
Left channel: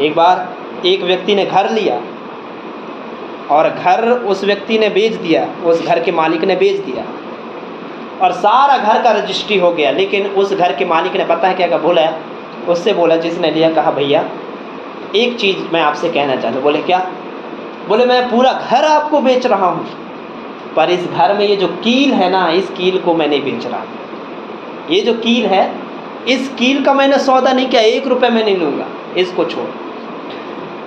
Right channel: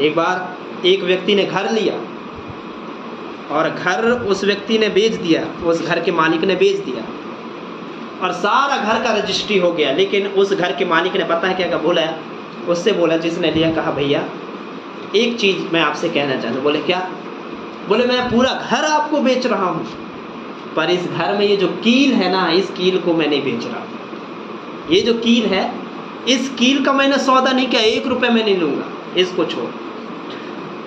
एक बार एक व्यक्ति ने घर लिया और घर उस व्यक्ति ने बेच दिया, उस घर के मालिक ने बेच दिया और सारा घर का रजिस्ट्री हो गया। लेकिन उस घर के मालिक ने पता है क्या बोला है? उससे बोला, जिसने लिया, कहा भैया एक चीज़ मैं आपसे कहना चाहता हूँ। बोले क्या? बोले मैं पूरा घर आपको बेच रहा हूँ, पर इस घर में ये जो कील है ना, इस कील को मैं नहीं बेच रहा। ये जो कील है, इस कील का मैंने सौदा नहीं किया, 1 रुपये मैं नहीं लूँगा। इसको छोड़।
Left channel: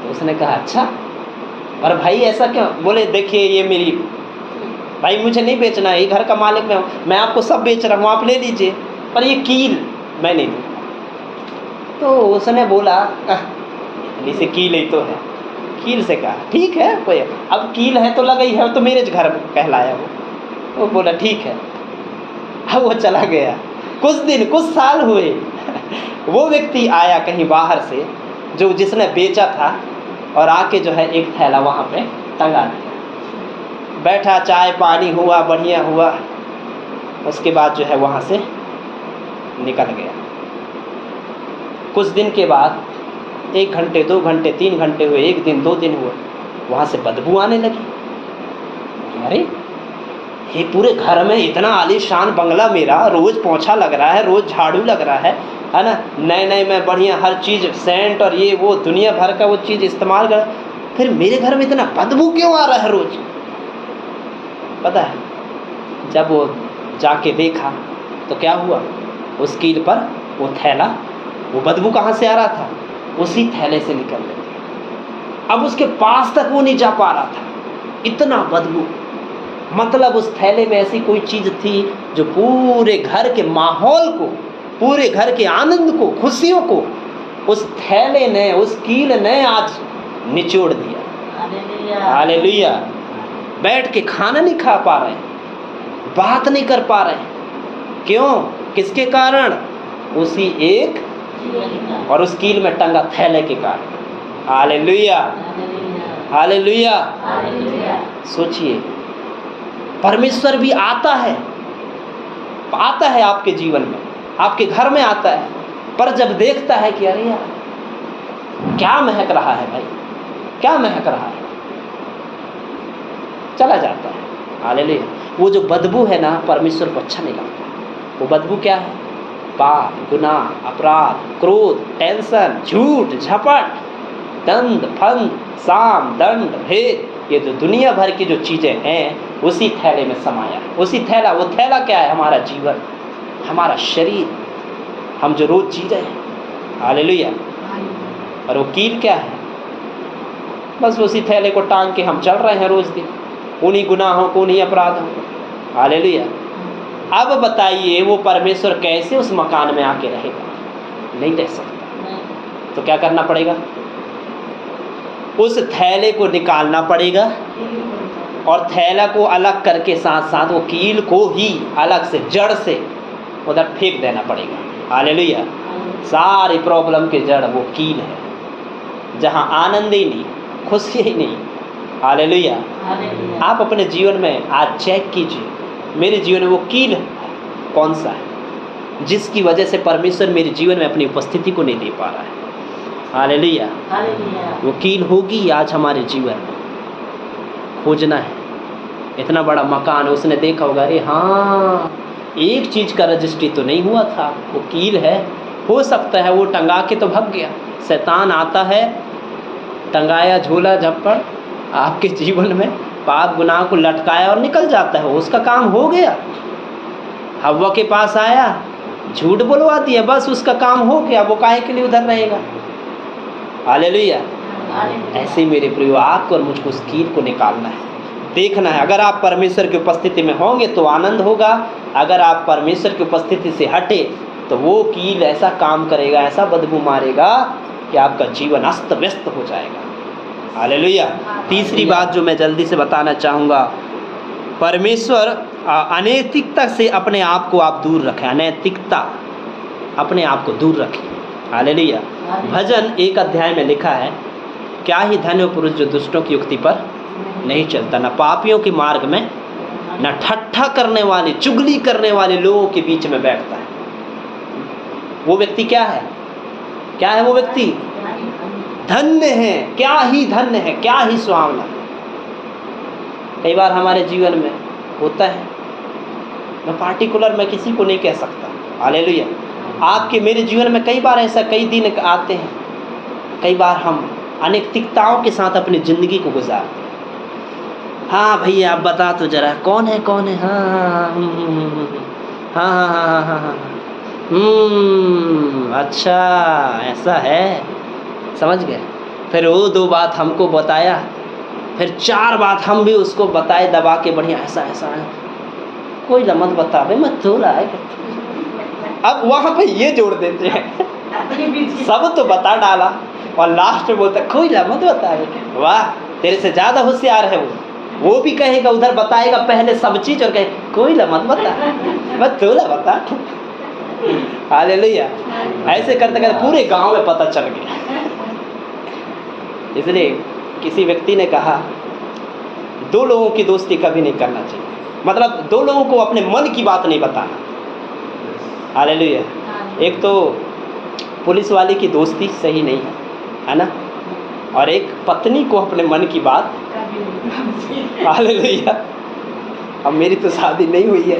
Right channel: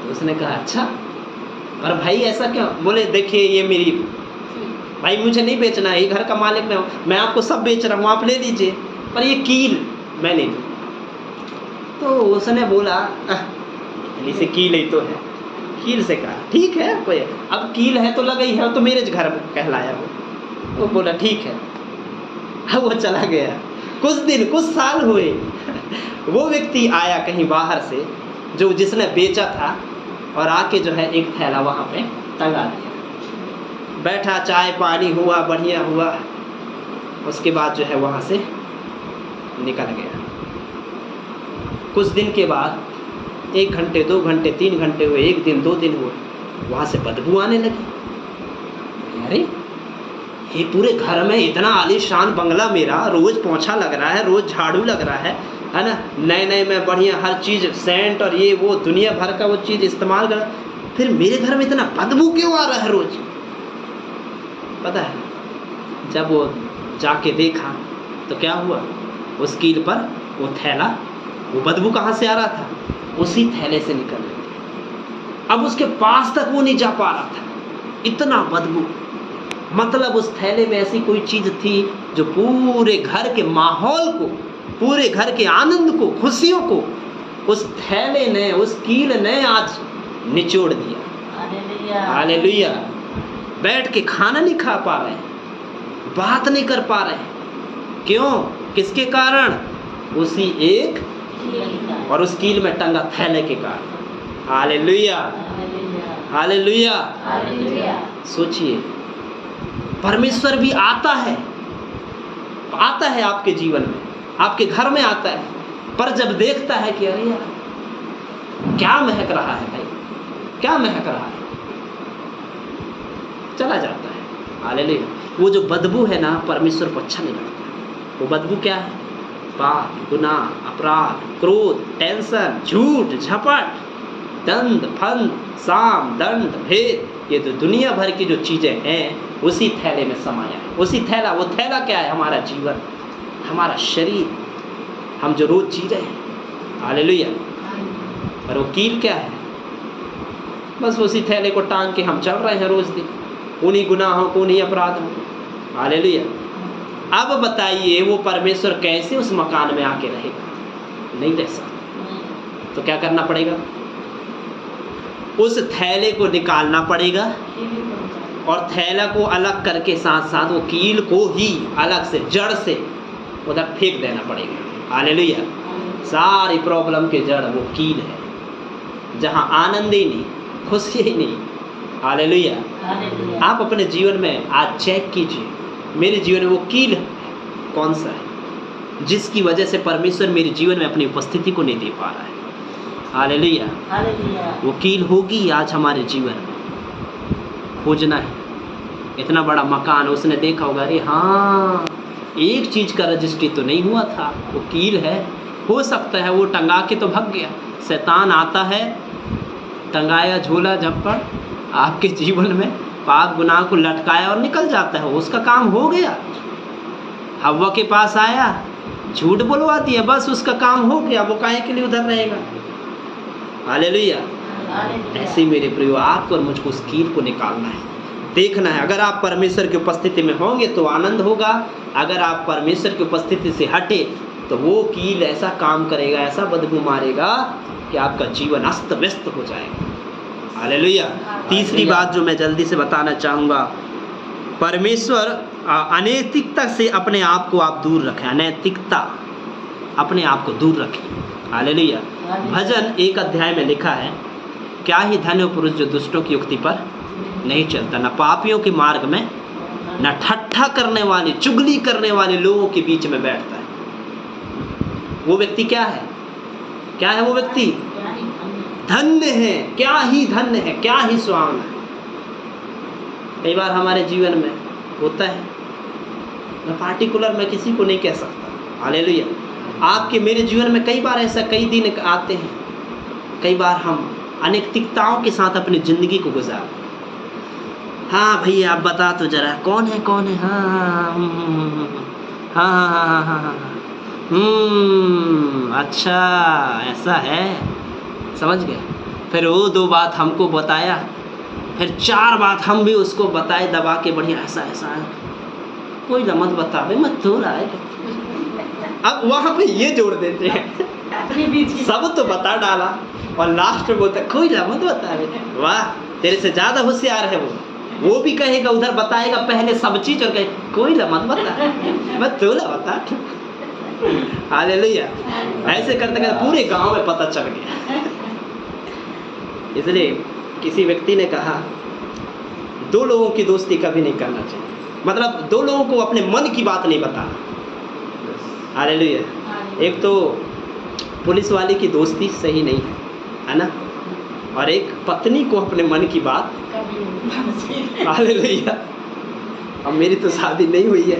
तो उसने कहा अच्छा, और भाई ऐसा क्यों? बोले देखिए ये मेरी, भाई मुझे नहीं बेचना है, ये घर का मालिक मैं आपको सब बेच रहा हूँ, आप ले लीजिए, पर ये कील मैं नहीं दूंगा। तो उसने बोला इसे कील ही तो है, कील से कहा ठीक है कोई, अब कील है तो लगा ही है, तो मेरे घर कहलाया वो बोला ठीक है। अब वो चला गया, कुछ दिन कुछ साल हुए वो व्यक्ति आया कहीं बाहर से जो जिसने बेचा था, और आके जो है एक थैला वहाँ पे टंगा दिया, बैठा, चाय पानी हुआ, बढ़िया हुआ, उसके बाद जो है वहाँ से निकल गया। कुछ दिन के बाद 1 घंटे 2 घंटे 3 घंटे हुए, 1 दिन 2 दिन हुए, वहाँ से बदबू आने लगी। अरे ये पूरे घर में इतना आलीशान बंगला मेरा, रोज पोंछा लग रहा है, रोज झाड़ू लग रहा है ना, नए नए मैं बढ़िया हर चीज़ सेंट और ये वो दुनिया भर का वो चीज़ इस्तेमाल कर, फिर मेरे घर में इतना बदबू क्यों आ रहा है रोज? पता है जब वो जाके देखा तो क्या हुआ, उस कील पर वो थैला, वो बदबू कहाँ से आ रहा था? उसी थैले से निकल रही थी। अब उसके पास तक वो नहीं जा पा रहा था, इतना बदबू। मतलब उस थैले में ऐसी कोई चीज़ थी जो पूरे घर के माहौल को, पूरे घर के आनंद को, खुशियों को उस थैले ने, उस कील ने आज निचोड़ दिया। हालेलुया। बैठ के खाना नहीं खा पा रहे, बात नहीं कर पा रहे, क्यों? किसके कारण? उसी एक और उस कील में टंगा थैले के कारण। Hallelujah, hallelujah. सोचिए, परमेश्वर भी आता है आपके जीवन में, आपके घर में आता है, पर जब देखता है कि अरे यार क्या महक रहा है भाई, क्या महक रहा है, चला जाता है। हालेलुया। वो जो बदबू है ना, परमेश्वर को अच्छा नहीं लगता। वो बदबू क्या है? पाप, गुनाह, अपराध, क्रोध, टेंशन, झूठ, झपट, दंड, फंद, साम, दंड, भेद, ये तो दुनिया भर की जो चीज़ें हैं उसी थैले में समाया। उसी थैला, वो थैला क्या है? हमारा जीवन, हमारा शरीर, हम जो रोज जी रहे हैं। हालेलुया। और वो कील क्या है? बस उसी थैले को टांग के हम चल रहे हैं रोज दिन, उन्हीं गुनाहों को, उन्हीं अपराधों को। हालेलुया। अब बताइए वो परमेश्वर कैसे उस मकान में आके रहेगा? नहीं रह सकता। तो क्या करना पड़ेगा? उस थैले को निकालना पड़ेगा, और थैला को अलग करके साथ साथ वो कील को ही अलग से जड़ से उधर फेंक देना पड़ेगा। हालेलुया। सारी प्रॉब्लम के जड़ वो कील है, जहाँ आनंद ही नहीं, खुशी ही नहीं। हालेलुया। आप अपने जीवन में आज चेक कीजिए, मेरे जीवन में वो कील कौन सा है जिसकी वजह से परमेश्वर मेरे जीवन में अपनी उपस्थिति को नहीं दे पा रहा है। हालेलुया। वो कील होगी आज हमारे जीवन में, खोजना है। इतना बड़ा मकान है, उसने देखा होगा, अरे हाँ एक चीज़ का रजिस्ट्री तो नहीं हुआ था, वो कील है। हो सकता है वो टंगा के तो भाग गया, शैतान आता है, टंगाया झोला झप्पड़ आपके जीवन में, पाप गुनाह को लटकाया और निकल जाता है, उसका काम हो गया। हव्वा के पास आया, झूठ बुलवा दिया, बस उसका काम हो गया, वो काहे के लिए उधर रहेगा। हालेलुया। ऐसे मेरे प्रियो, आपको और मुझको उस कील को निकालना है, देखना है। अगर आप परमेश्वर की उपस्थिति में होंगे तो आनंद होगा, अगर आप परमेश्वर की उपस्थिति से हटे तो वो कील ऐसा काम करेगा, ऐसा बदबू मारेगा कि आपका जीवन अस्त व्यस्त हो जाएगा। हालेलुया। तीसरी बात जो मैं जल्दी से बताना चाहूँगा, परमेश्वर अनैतिकता से अपने आप को आप दूर रखें। अनैतिकता, अपने आप को दूर रखें। हालेलुया। भजन 1 अध्याय में लिखा है, क्या ही धन्य पुरुष जो दुष्टों की युक्ति पर नहीं चलता, न पापियों के मार्ग में, न ठट्ठा करने वाले, चुगली करने वाले लोगों के बीच में बैठता है। वो व्यक्ति क्या है? क्या है वो व्यक्ति? धन्य है। क्या ही धन्य है, क्या ही सुहावना। कई बार हमारे जीवन में होता है, मैं पार्टिकुलर मैं किसी को नहीं कह सकता। हालेलुया। आपके मेरे जीवन में कई बार ऐसा, कई दिन आते हैं, कई बार हम अनैतिकताओं के साथ अपनी ज़िंदगी को गुजारते हैं। हाँ भैया आप बता तो जरा, कौन है कौन है? हाँ हाँ हाँ हाँ हाँ हाँ हाँ, अच्छा ऐसा है। समझ गए। फिर वो 2 बात हमको बताया, फिर 4 बात हम भी उसको बताए दबा के, बढ़िया ऐसा ऐसा है, कोई मत बतावे मत तो रहा है। अब वहाँ पे ये जोड़ देते हैं सब तो बता डाला और लास्ट में बोलता कोई मत बतावे। वाह, तेरे से ज़्यादा होशियार है वो भी कहेगा उधर बताएगा पहले सब चीज़ और कहे कोई मत बता, मत तो बता। हालेलुया। ऐसे करते करते पूरे गांव में पता चल गया। इसलिए किसी व्यक्ति ने कहा 2 लोगों की दोस्ती कभी नहीं करना चाहिए, मतलब 2 लोगों को अपने मन की बात नहीं बताना। हालेलुया। एक तो पुलिस वाले की दोस्ती सही नहीं है ना, और एक पत्नी को अपने मन की बात। हालेलुया। अब मेरी तो शादी नहीं हुई है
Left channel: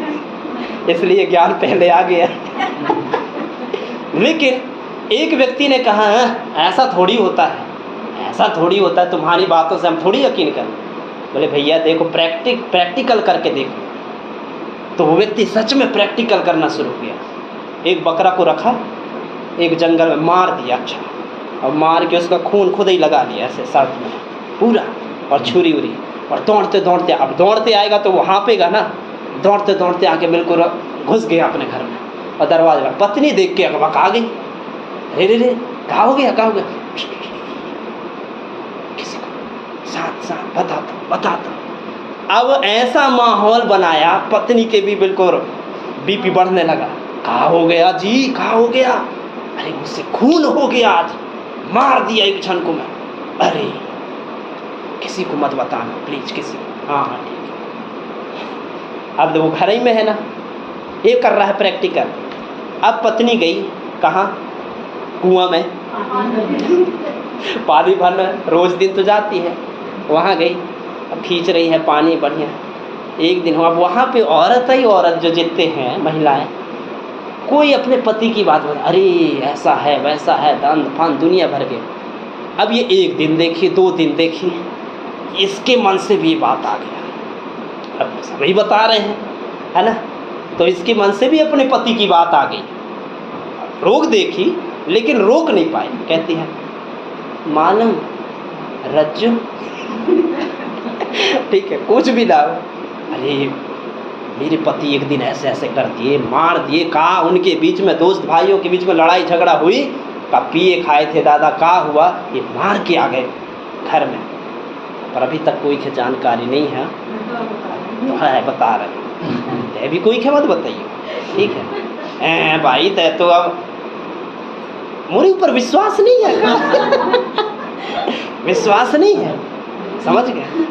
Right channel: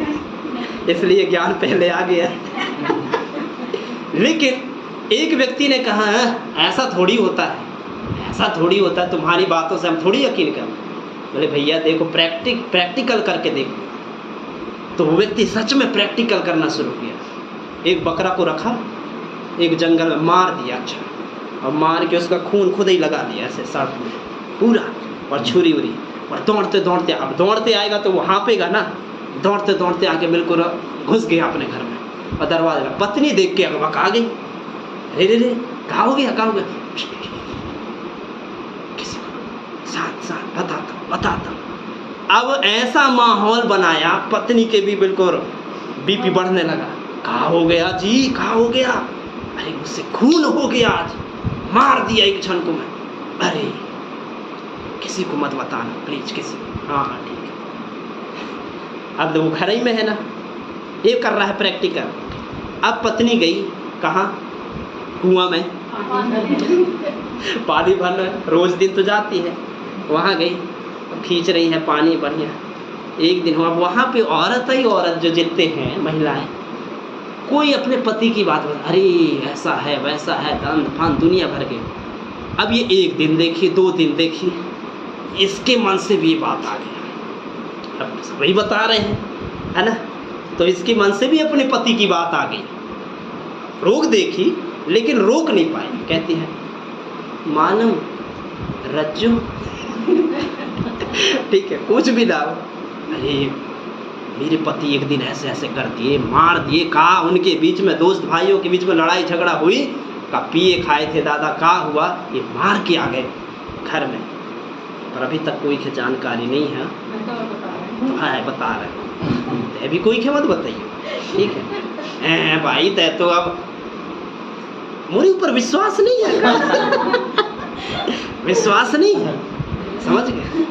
इसलिए ज्ञान पहले आ गया। लेकिन एक व्यक्ति ने कहा ऐसा थोड़ी होता है, ऐसा थोड़ी होता है, तुम्हारी बातों से हम थोड़ी यकीन करें। बोले भैया देखो, प्रैक्टिकल करके देखो। तो वो व्यक्ति सच में प्रैक्टिकल करना शुरू किया। एक बकरा को रखा, एक जंगल में मार दिया, अच्छा, और मार के उसका खून खुद ही लगा दिया ऐसे शर्ट में पूरा, और छुरी उरी, और दौड़ते दौड़ते, अब दौड़ते आएगा तो वो हाँपेगा ना, दौड़ते दौड़ते आके बिल्कुल घुस गया अपने घर में और दरवाजा। पत्नी देख के अगवा आ गई, रे रे रे कहाँ हो गया, कहाँ हो गया, किसी को साथ बताता। अब ऐसा माहौल बनाया, पत्नी के भी बिल्कुल बीपी बढ़ने लगा। कहाँ हो गया जी, कहाँ हो गया, अरे मुझसे खून हो गया आज, मार दिया एक क्षण को मैं, अरे किसी को मत बताना प्लीज, किसी। हाँ ठीक है। अब वो घर ही में है ना, ये कर रहा है प्रैक्टिकल। अब पत्नी गई कहाँ, कुआं में पानी भरना, रोज दिन तो जाती है, वहाँ गई, अब खींच रही है पानी बढ़िया। एक दिन हुआ, वहाँ पे औरत ही औरत जो जितते हैं महिलाएं, कोई अपने पति की बात बता, अरे ऐसा है वैसा है, दान फान दुनिया भर के। अब ये 1 दिन देखी, 2 दिन देखी, इसके मन से भी बात आ गई। अब सभी बता रहे हैं, है ना, तो इसके मन से भी अपने पति की बात आ गई। रोक देखी लेकिन रोक नहीं पाई। कहती है मालूम रज्जू ठीक है, कुछ भी ना हो, अरे मेरे पति एक दिन ऐसे ऐसे कर दिए, मार दिए, कहा उनके बीच में, दोस्त भाइयों के बीच में लड़ाई झगड़ा हुई, का पिए खाए थे दादा, कहा हुआ ये मार के आ गए घर में, पर अभी तक कोई की जानकारी नहीं है। तो हाँ बता रहे, अभी कोई के मत बताइए, ठीक है भाई, तय तो अब मेरे ऊपर विश्वास नहीं है विश्वास नहीं है, समझ गए,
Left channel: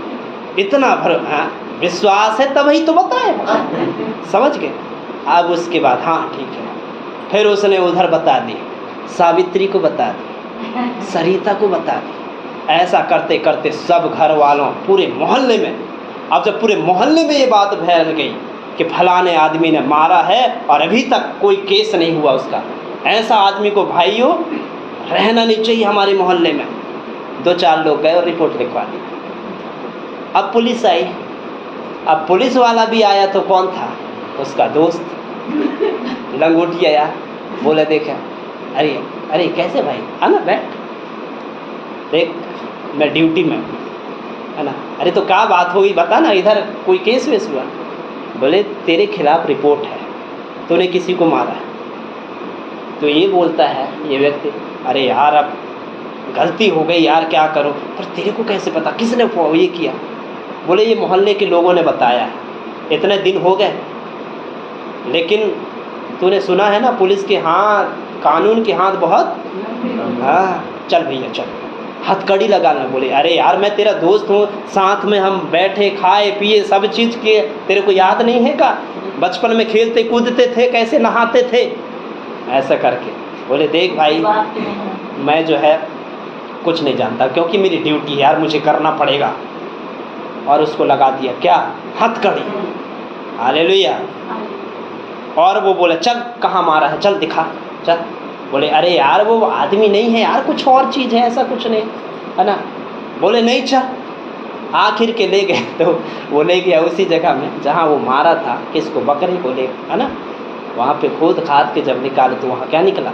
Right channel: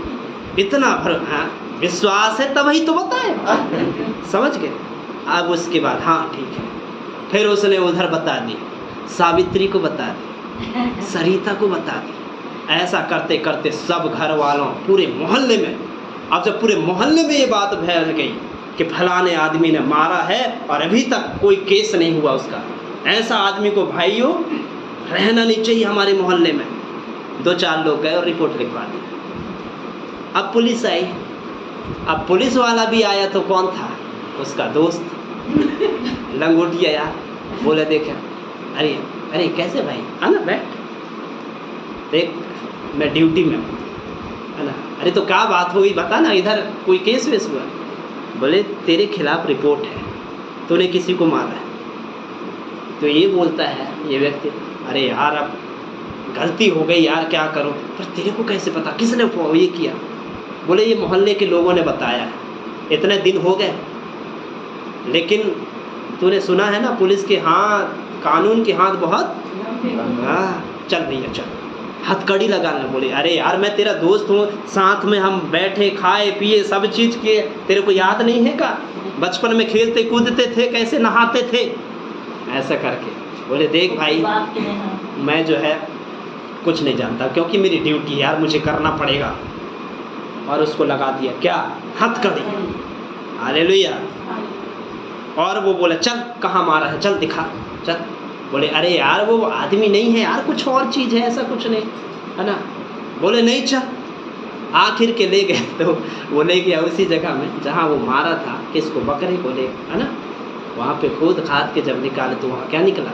इतना विश्वास है तभी तो बताए, समझ गए। अब उसके बाद हाँ ठीक है, फिर उसने उधर बता दी, सावित्री को बता दी, सरिता को बता दी। ऐसा करते करते सब घर वालों, पूरे मोहल्ले में, अब जब पूरे मोहल्ले में ये बात फैल गई कि फलाने आदमी ने मारा है और अभी तक कोई केस नहीं हुआ उसका, ऐसा आदमी को भाइयों रहना नहीं चाहिए हमारे मोहल्ले में। 2-4 लोग गए और रिपोर्ट लिखवा दी। अब पुलिस आई, अब पुलिस वाला भी आया तो कौन था, उसका दोस्त लंगोटी आया, बोला देखा, अरे अरे कैसे भाई, है ना, बैठ देख मैं ड्यूटी में, है ना, अरे तो क्या बात हुई बता ना, इधर कोई केस वेस हुआ। बोले तेरे खिलाफ रिपोर्ट है, तूने किसी को मारा है। तो ये बोलता है ये व्यक्ति, अरे यार अब गलती हो गई यार, क्या करो, पर तेरे को कैसे पता, किसने ये किया। बोले ये मोहल्ले के लोगों ने बताया, इतने दिन हो गए, लेकिन तूने सुना है ना पुलिस के हाथ, कानून के हाथ बहुत, हाँ चल भैया चल, हथकड़ी लगाने। बोले अरे यार मैं तेरा दोस्त हूँ, साथ में हम बैठे खाए पिए सब चीज़ किए, तेरे को याद नहीं है का, बचपन में खेलते कूदते थे, कैसे नहाते थे, ऐसा करके। बोले देख भाई मैं जो है कुछ नहीं जानता, क्योंकि मेरी ड्यूटी है यार, मुझे करना पड़ेगा। और उसको लगा दिया क्या, हथकड़ी। हालेलुया। और वो बोला चल कहाँ मारा है, चल दिखा चल। बोले अरे यार वो आदमी नहीं है यार, कुछ और चीज़ है, ऐसा कुछ नहीं है ना। बोले नहीं चल। आखिर के ले गए, तो वो ले गया उसी जगह में जहाँ वो मारा था, किसको, बकरे को ले, है ना। वहाँ पे खोद खाद के जब निकाले तो वहाँ क्या निकला,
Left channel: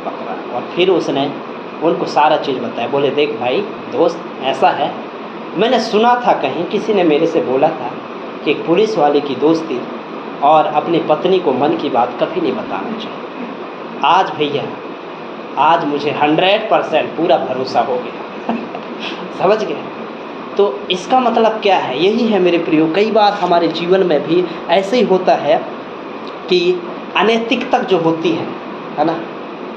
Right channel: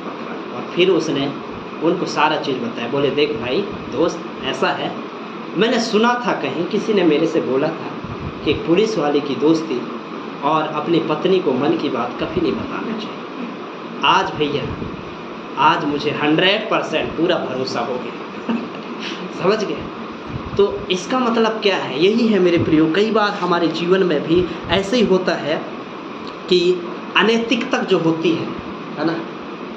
बकरा। और फिर उसने उनको सारा चीज़ बताया। बोले देख भाई दोस्त ऐसा है, मैंने सुना था कहीं किसी ने मेरे से बोला था कि पुलिस वाले की दोस्ती और अपनी पत्नी को मन की बात कभी नहीं बताना चाहिए। आज भैया आज मुझे 100% पूरा भरोसा हो गया समझ गए? तो इसका मतलब क्या है? यही है मेरे प्रियो, कई बार हमारे जीवन में भी ऐसे ही होता है कि अनैतिकता जो होती है ना,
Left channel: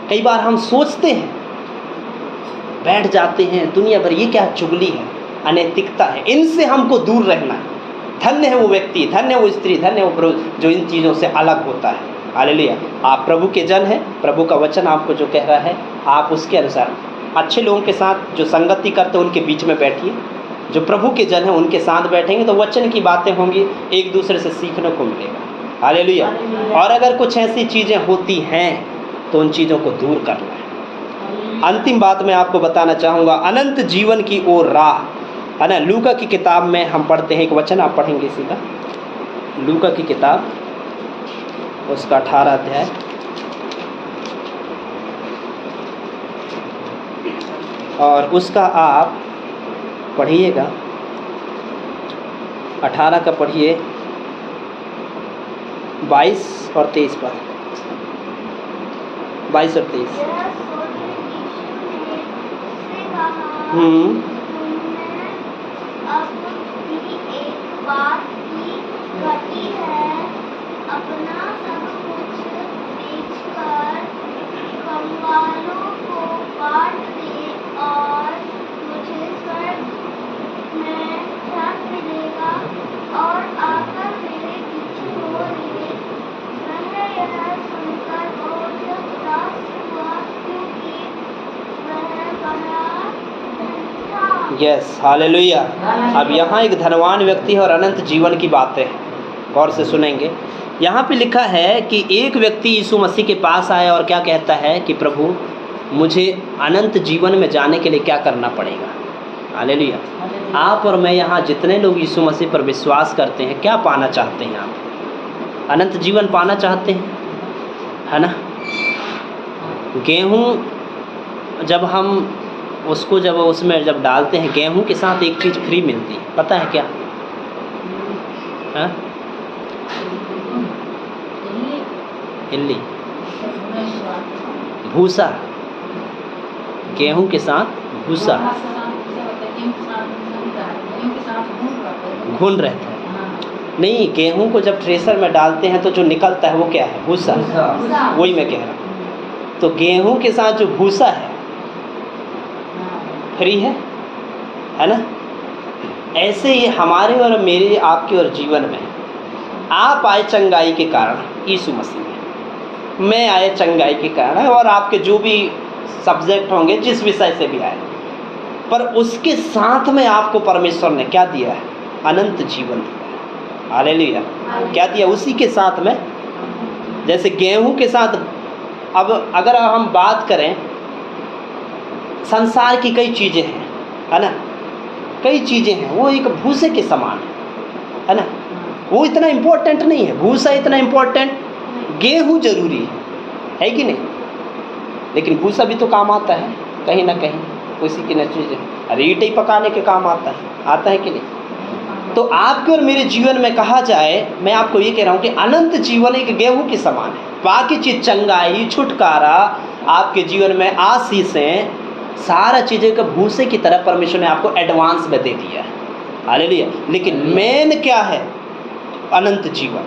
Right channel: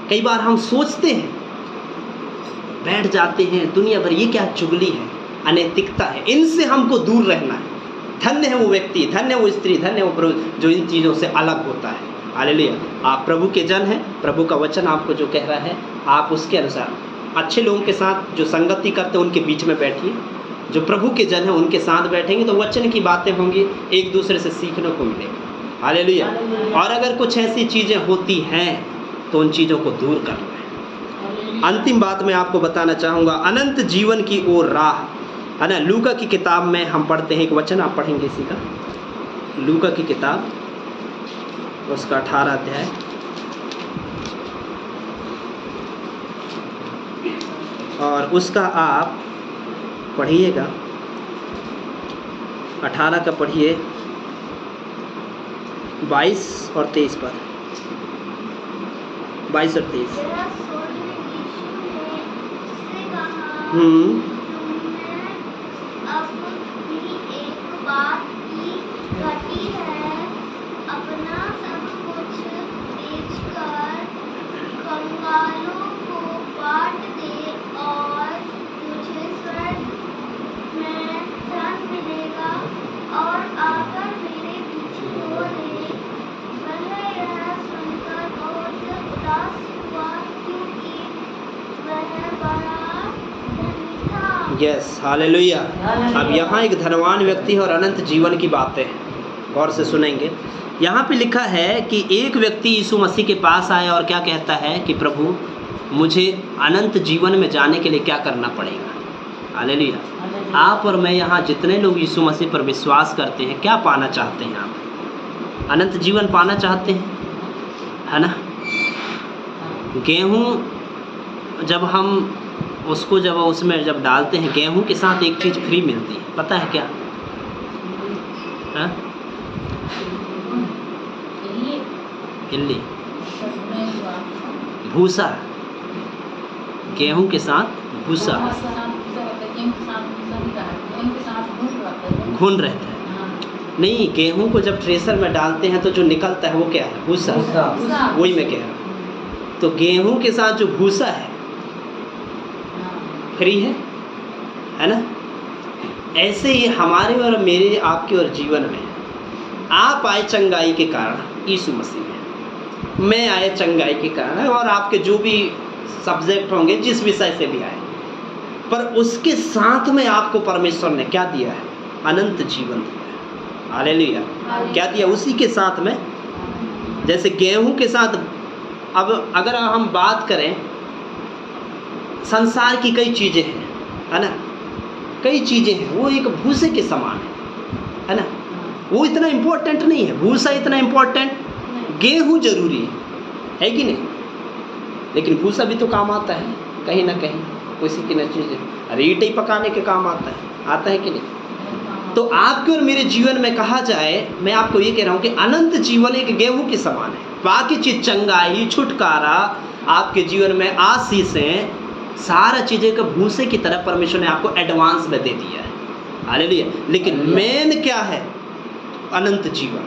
कई बार हम सोचते हैं, बैठ जाते हैं दुनिया भर, ये क्या चुगली है, अनैतिकता है, इनसे हमको दूर रहना है। धन्य है वो व्यक्ति, धन्य है वो स्त्री, धन्य है वो पुरुष जो इन चीज़ों से अलग होता है। हालेलुया। आप प्रभु के जन हैं, प्रभु का वचन आपको जो कह रहा है आप उसके अनुसार अच्छे लोगों के साथ जो संगति करते हैं उनके बीच में बैठिए। जो प्रभु के जन हैं उनके साथ बैठेंगे तो वचन की बातें होंगी, एक दूसरे से सीखने को मिलेगा। हालेलुया। और अगर कुछ ऐसी चीज़ें होती हैं तो उन चीज़ों को दूर करना। अंतिम बात मैं आपको बताना चाहूँगा, अनंत जीवन की ओर राह, है ना। लूका की किताब में हम पढ़ते हैं, एक वचन आप पढ़ेंगे इसी का, लूका की किताब उसका 18 अध्याय और उसका आप पढ़िएगा, 18 का पढ़िए 22 और 23 पर, 22 और 23। Yes, hallelujah. अब यहाँ एक धनवान व्यक्ति है और अनंत जीवन की बातें गौर से सुनेंगे। यहाँ पे लिखा है कि एक व्यक्ति यीशु मसीह के पास आया और क्या कहता है कि प्रभु मुझे अनंत जीवन में जाने के लिए क्या करना पड़ेगा। हालेलुया। आप और मैं यहाँ जितने लोग यीशु मसीह पर विश्वास करते हैं, क्या पाना चाहते हैं? आप अनंत जीवन पाना चाहते हैं, है ना। गेहूँ जब हम उसको जब उसमें जब डालते हैं, गेहूं के साथ एक चीज़ फ्री मिलती है, पता है क्या? हाँ, हिल्ली, भूसा, गेहूं के साथ भूसा, घुन रहता है। नहीं, गेहूं को जब थ्रेसर में डालते हैं तो जो निकलता है वो क्या है? भूसा। वही मैं कह रहा हूँ। तो गेहूं के साथ जो भूसा है फ्री है ना। ऐसे ही हमारे और मेरे, आपके और जीवन में आप आए चंगाई के कारण यीशु मसीह, मैं आए चंगाई के कारण, और आपके जो भी सब्जेक्ट होंगे जिस विषय से भी आए, पर उसके साथ में आपको परमेश्वर ने क्या दिया है? अनंत जीवन दिया। हालेलुया। क्या दिया? उसी के साथ में, जैसे गेहूं के साथ। अब अगर हम बात करें, संसार की कई चीज़ें हैं, है ना, कई चीज़ें हैं, वो एक भूसे के समान है ना, वो इतना इम्पोर्टेंट नहीं है, भूसा इतना इम्पोर्टेंट, गेहूं जरूरी है कि नहीं, लेकिन भूसा भी तो काम आता है कहीं ना कहीं, किसी की न चीज़ें, अरे ईंटें ही पकाने के काम आता है कि नहीं। तो आपके और मेरे जीवन में कहा जाए, मैं आपको ये कह रहा हूँ कि अनंत जीवन एक गेहूं के समान है। बाकी चीज़, चंगाई, छुटकारा, आपके जीवन में आशीषें, सारा चीज़ें का भूसे की तरह परमेश्वर ने आपको एडवांस में दे दिया है। हालेलुया। लेकिन मेन क्या है? अनंत जीवन।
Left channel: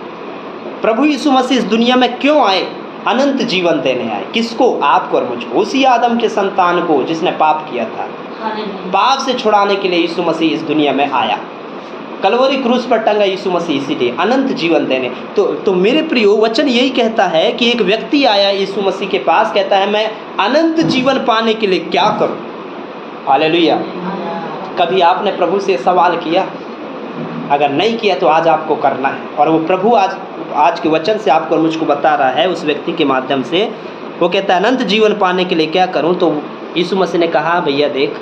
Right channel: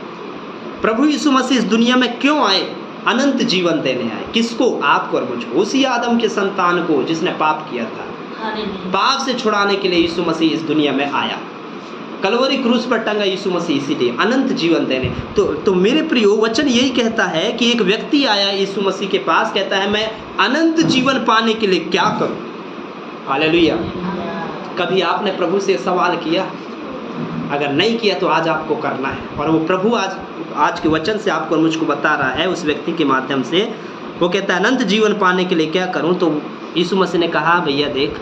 प्रभु यीशु मसीह इस दुनिया में क्यों आए? अनंत जीवन देने आए। किसको? आपको और मुझको, उसी आदम के संतान को जिसने पाप किया था। पाप से छुड़ाने के लिए यीशु मसीह इस दुनिया में आया, कलवरी क्रूस पर टंगा यीशु मसीह, इसीलिए अनंत जीवन देने। तो मेरे प्रियो, वचन यही कहता है कि एक व्यक्ति आया यीशु मसीह के पास, कहता है मैं अनंत जीवन पाने के लिए क्या करूं? हालेलुया। कभी आपने प्रभु से सवाल किया? अगर नहीं किया तो आज आपको करना है, और वो प्रभु आज के वचन से आपको और मुझको बता रहा है, उस व्यक्ति के माध्यम से। वो कहता है अनंत जीवन पाने के लिए क्या करूं? तो यीशु मसीह ने कहा, भैया देख,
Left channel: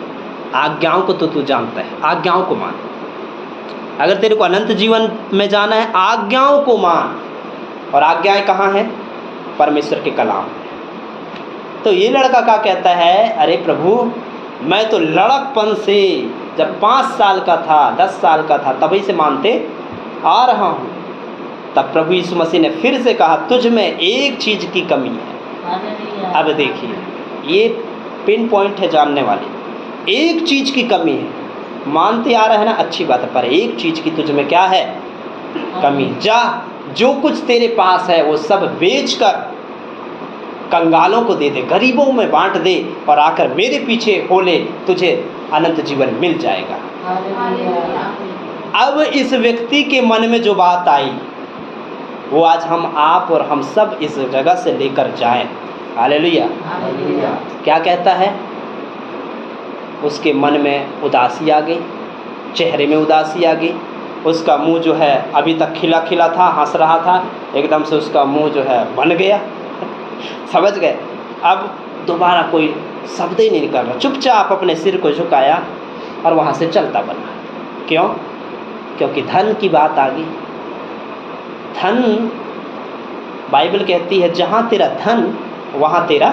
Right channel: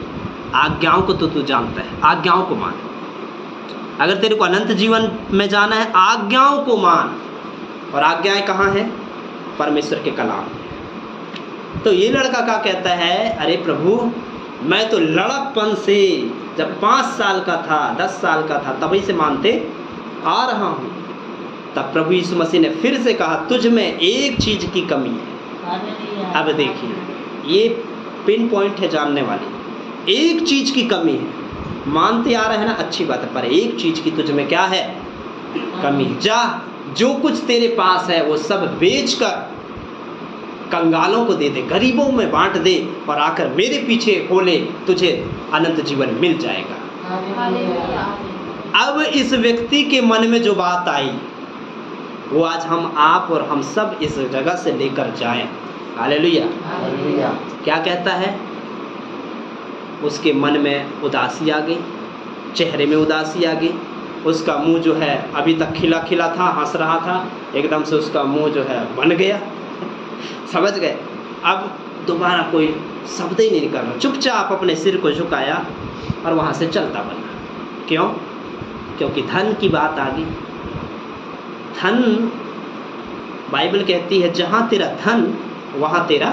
आज्ञाओं को तो तू जानता है, आज्ञाओं को मान। अगर तेरे को अनंत जीवन में जाना है, आज्ञाओं को मान। और आज्ञाएं कहाँ हैं? परमेश्वर के कलाम। तो ये लड़का क्या कहता है, अरे प्रभु मैं तो लड़कपन से जब 5 साल का था 10 साल का था तभी से मानते आ रहा हूँ। तब प्रभु यीशु मसीह ने फिर से कहा, तुझ में एक चीज़ की कमी है। अब देखिए ये पिन पॉइंट है जानने वाली, एक चीज़ की कमी है। मानते आ रहे हैं ना, अच्छी बात है, पर एक चीज़ की तुझ में क्या है, कमी। जा जो कुछ तेरे पास है वो सब बेचकर कंगालों को दे दे, गरीबों में बांट दे और आकर मेरे पीछे हो ले, तुझे अनंत जीवन मिल जाएगा। अब इस व्यक्ति के मन में जो बात आई वो आज हम आप और हम सब इस जगह से लेकर जाएं। हालेलुया। क्या कहता है, उसके मन में उदासी आ गई, चेहरे में उदासी आ गई, उसका मुंह जो है अभी तक खिला खिला था, हंस रहा था, एकदम से उसका मुंह जो है बन गया। समझ गए? अब दोबारा कोई शब्द ही नहीं निकल रहा, चुपचाप अपने सिर को झुकाया और वहाँ से चलता बना। क्यों? क्योंकि धन की बात आ गई। धन, बाइबल कहती है जहाँ तेरा धन वहाँ तेरा,